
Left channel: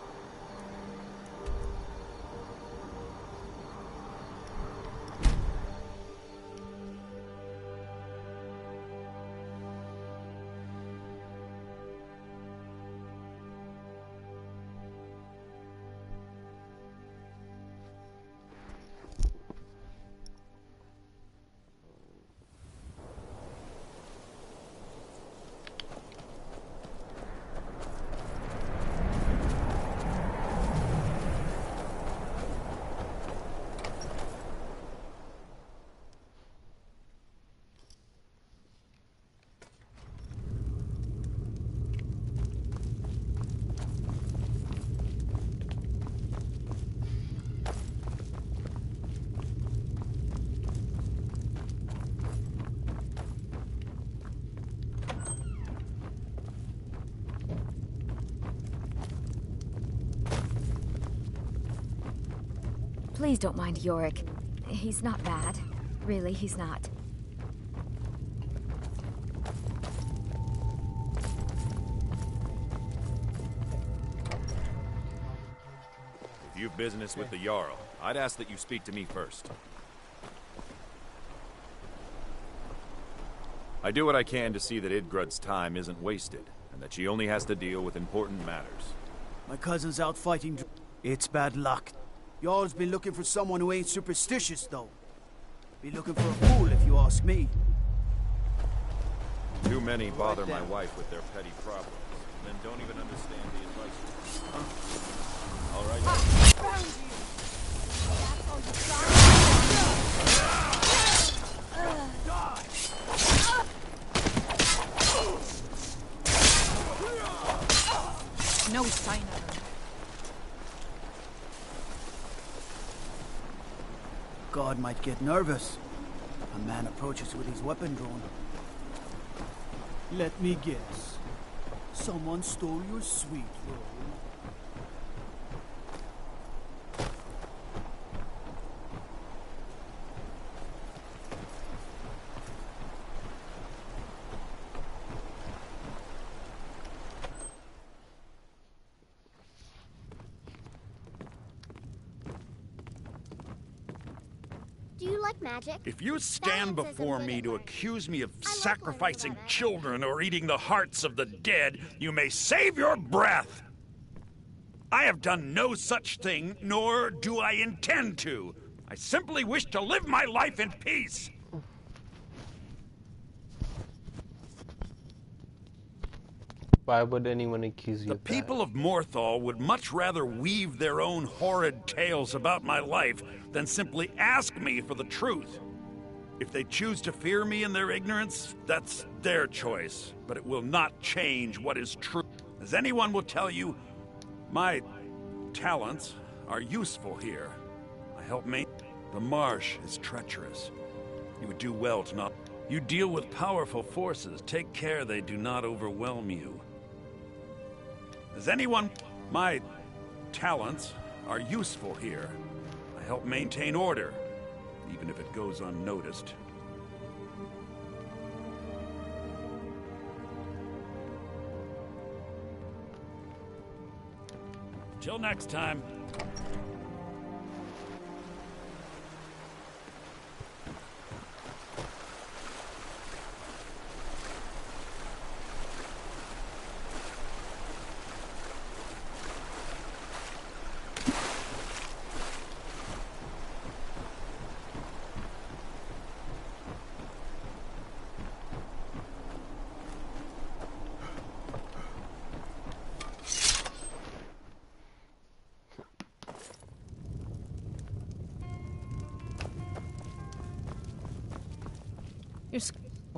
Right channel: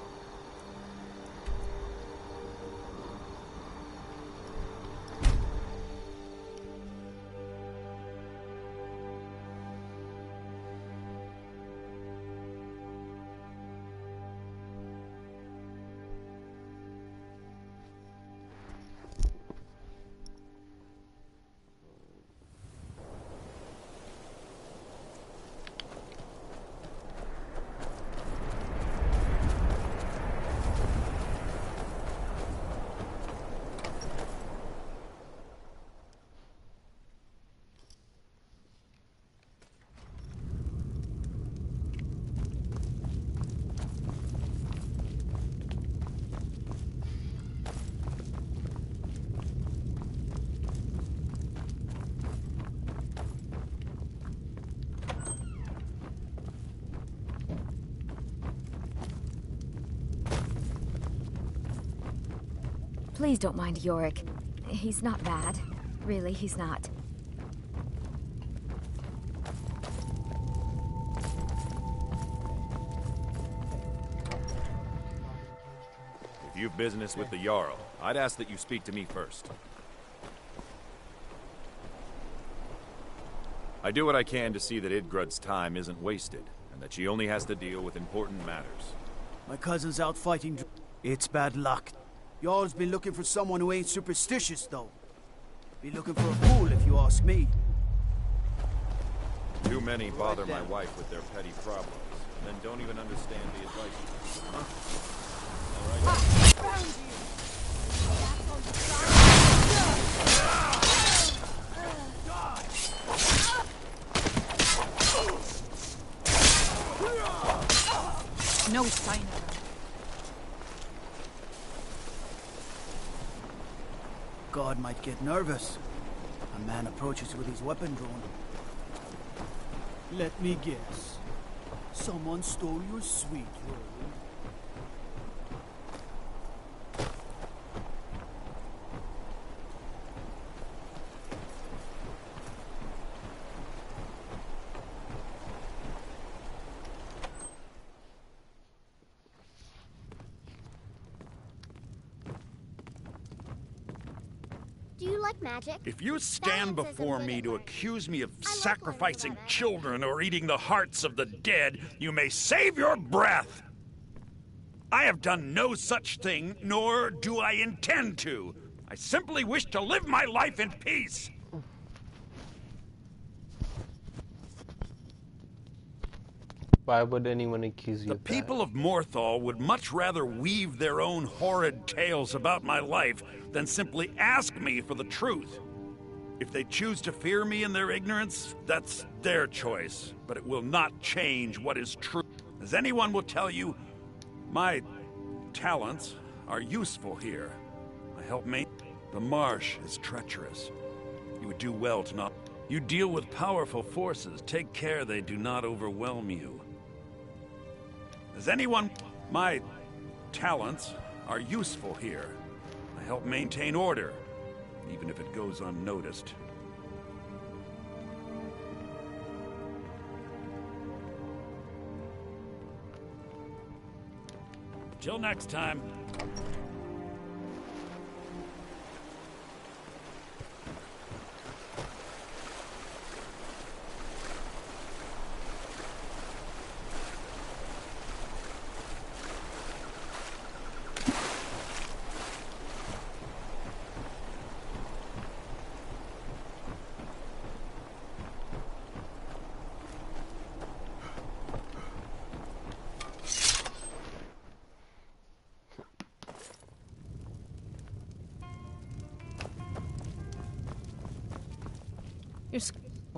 Please don't mind Yorick. He's not bad. Really, he's not. If you've business with the Jarl, I'd ask that you speak to me first. I do what I can to see that Idgrud's time isn't wasted, and that she only has to deal with important matters. My cousin's out fighting. It's bad luck. Jarl's been looking for someone who ain't superstitious, though. Be looking for a fool, if you ask me. Two many bother my wife with their petty problems, then don't even understand the advice. All right. Found you. That's all you got. No sign of her. God might get nervous. A man approaches with his weapon drawn. Let me guess. Someone stole your sweet roll. Do you like magic? If you stand before me to accuse me of sacrificing children or eating the hearts of the dead, you may save your breath. I have done no such thing, nor do I intend to. I simply wish to live my life in peace. Why would anyone accuse you The of that? people of Morthal would much rather weave their own horrid tales about my life than simply ask me for the truth. If they choose to fear me in their ignorance, that's their choice, but it will not change what is true. As anyone will tell you, my talents are useful here. I help me. The marsh is treacherous. You would do well to not... You deal with powerful forces. Take care they do not overwhelm you. As anyone... My talents are useful here. I help maintain order, even if it goes unnoticed. Till next time.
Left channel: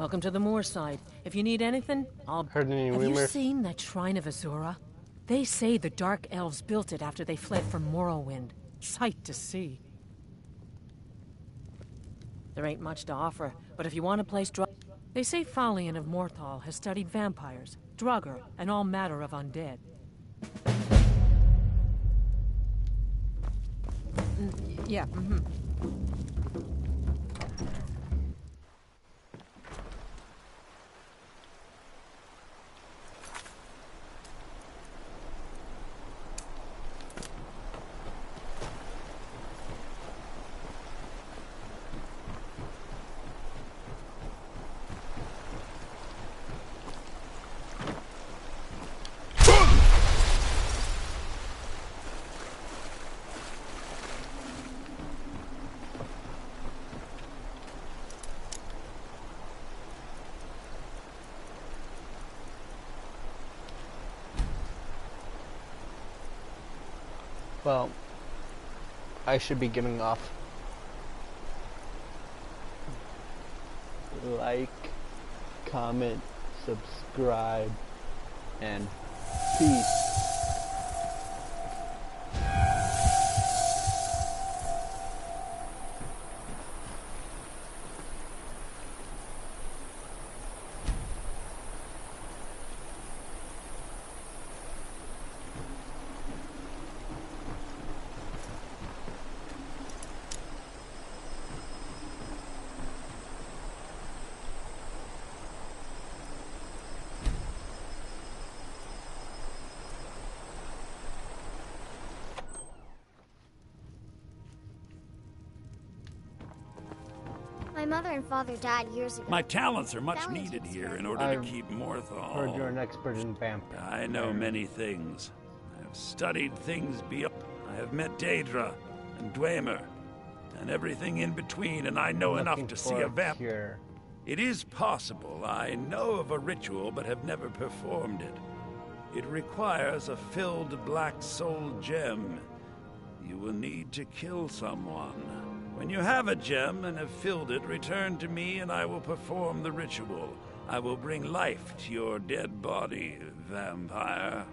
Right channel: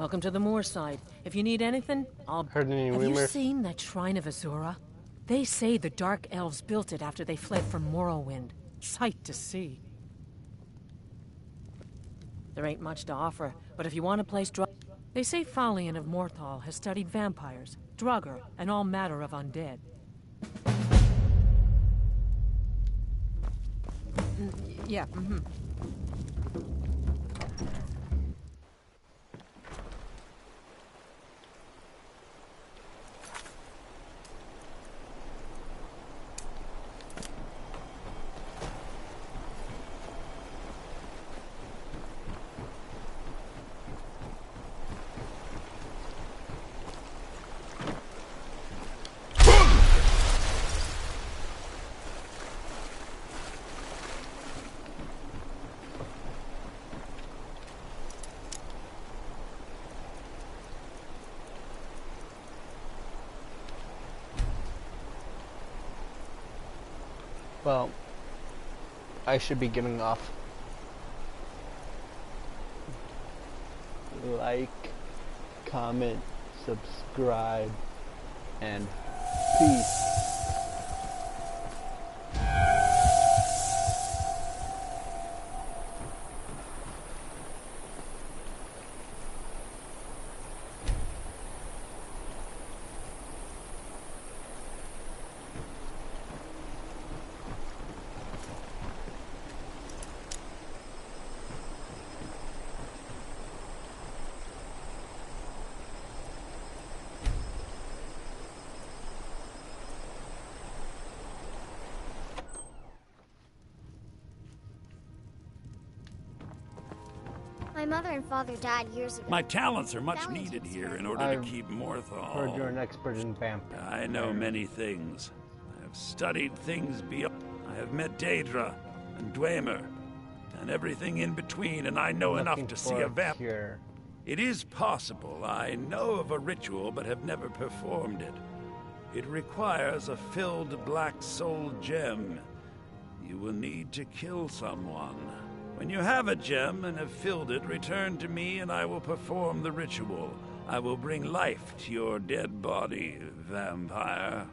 Welcome to the Moorside. If you need anything, I'll... Heard any Have you rumors? seen that Shrine of Azura? They say the Dark Elves built it after they fled from Morrowind. Sight to see. There ain't much to offer, but if you want a place They say Falion of Morthal has studied vampires, Draugr, and all matter of undead. Yeah, Well, I should be getting off. Like, comment, subscribe, and peace. My mother and father died years ago. My talents are much needed here in order to keep Morthal. Heard you're an expert in vampires. I know many things. I have studied things beyond. I have met Daedra and Dwemer and everything in between, and I know enough to see a vampire. It is possible. I know of a ritual, but have never performed it. It requires a filled black soul gem. You will need to kill someone. When you have a gem and have filled it, return to me and I will perform the ritual. I will bring life to your dead body, vampire.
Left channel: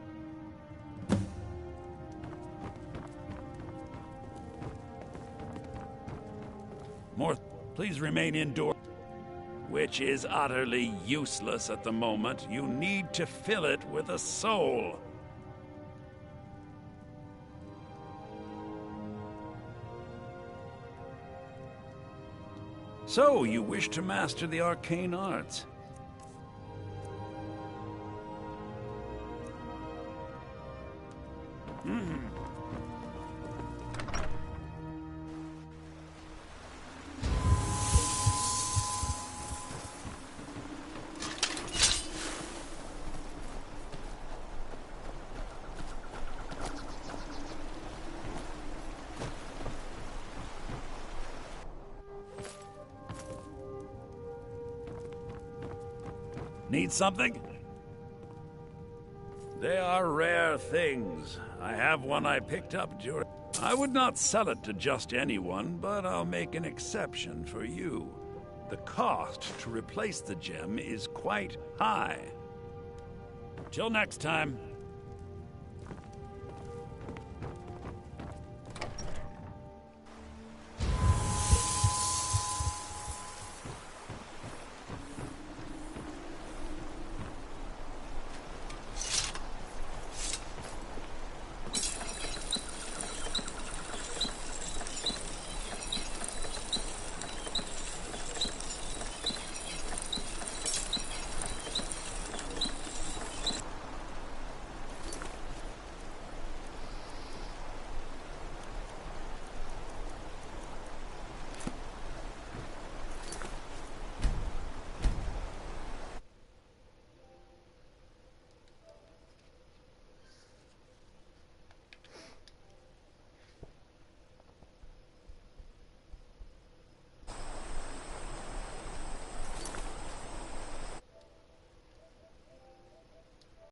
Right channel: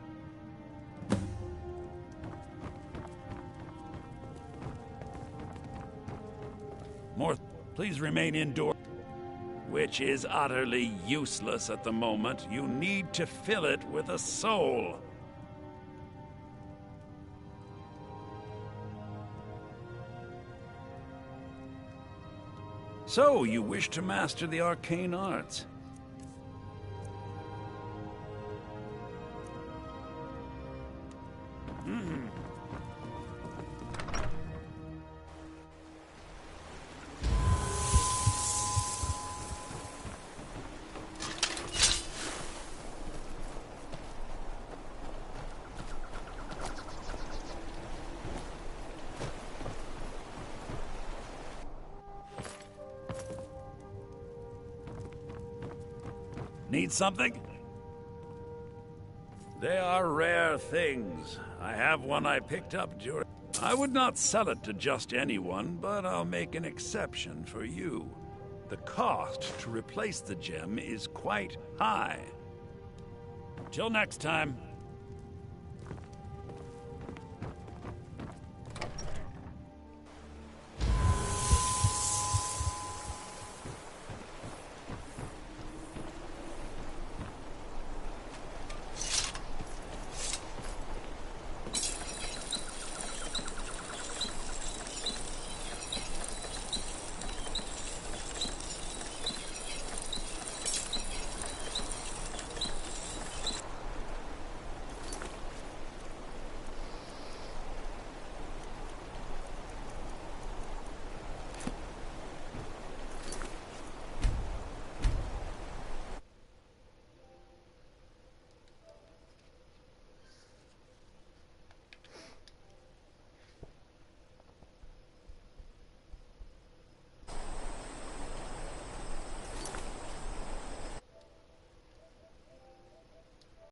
Please remain indoors. Which is utterly useless at the moment. You need to fill it with a soul. So, you wish to master the arcane arts? Need something? They are rare things. I have one I picked up during... I would not sell it to just anyone, but I'll make an exception for you. The cost to replace the gem is quite high. Till next time.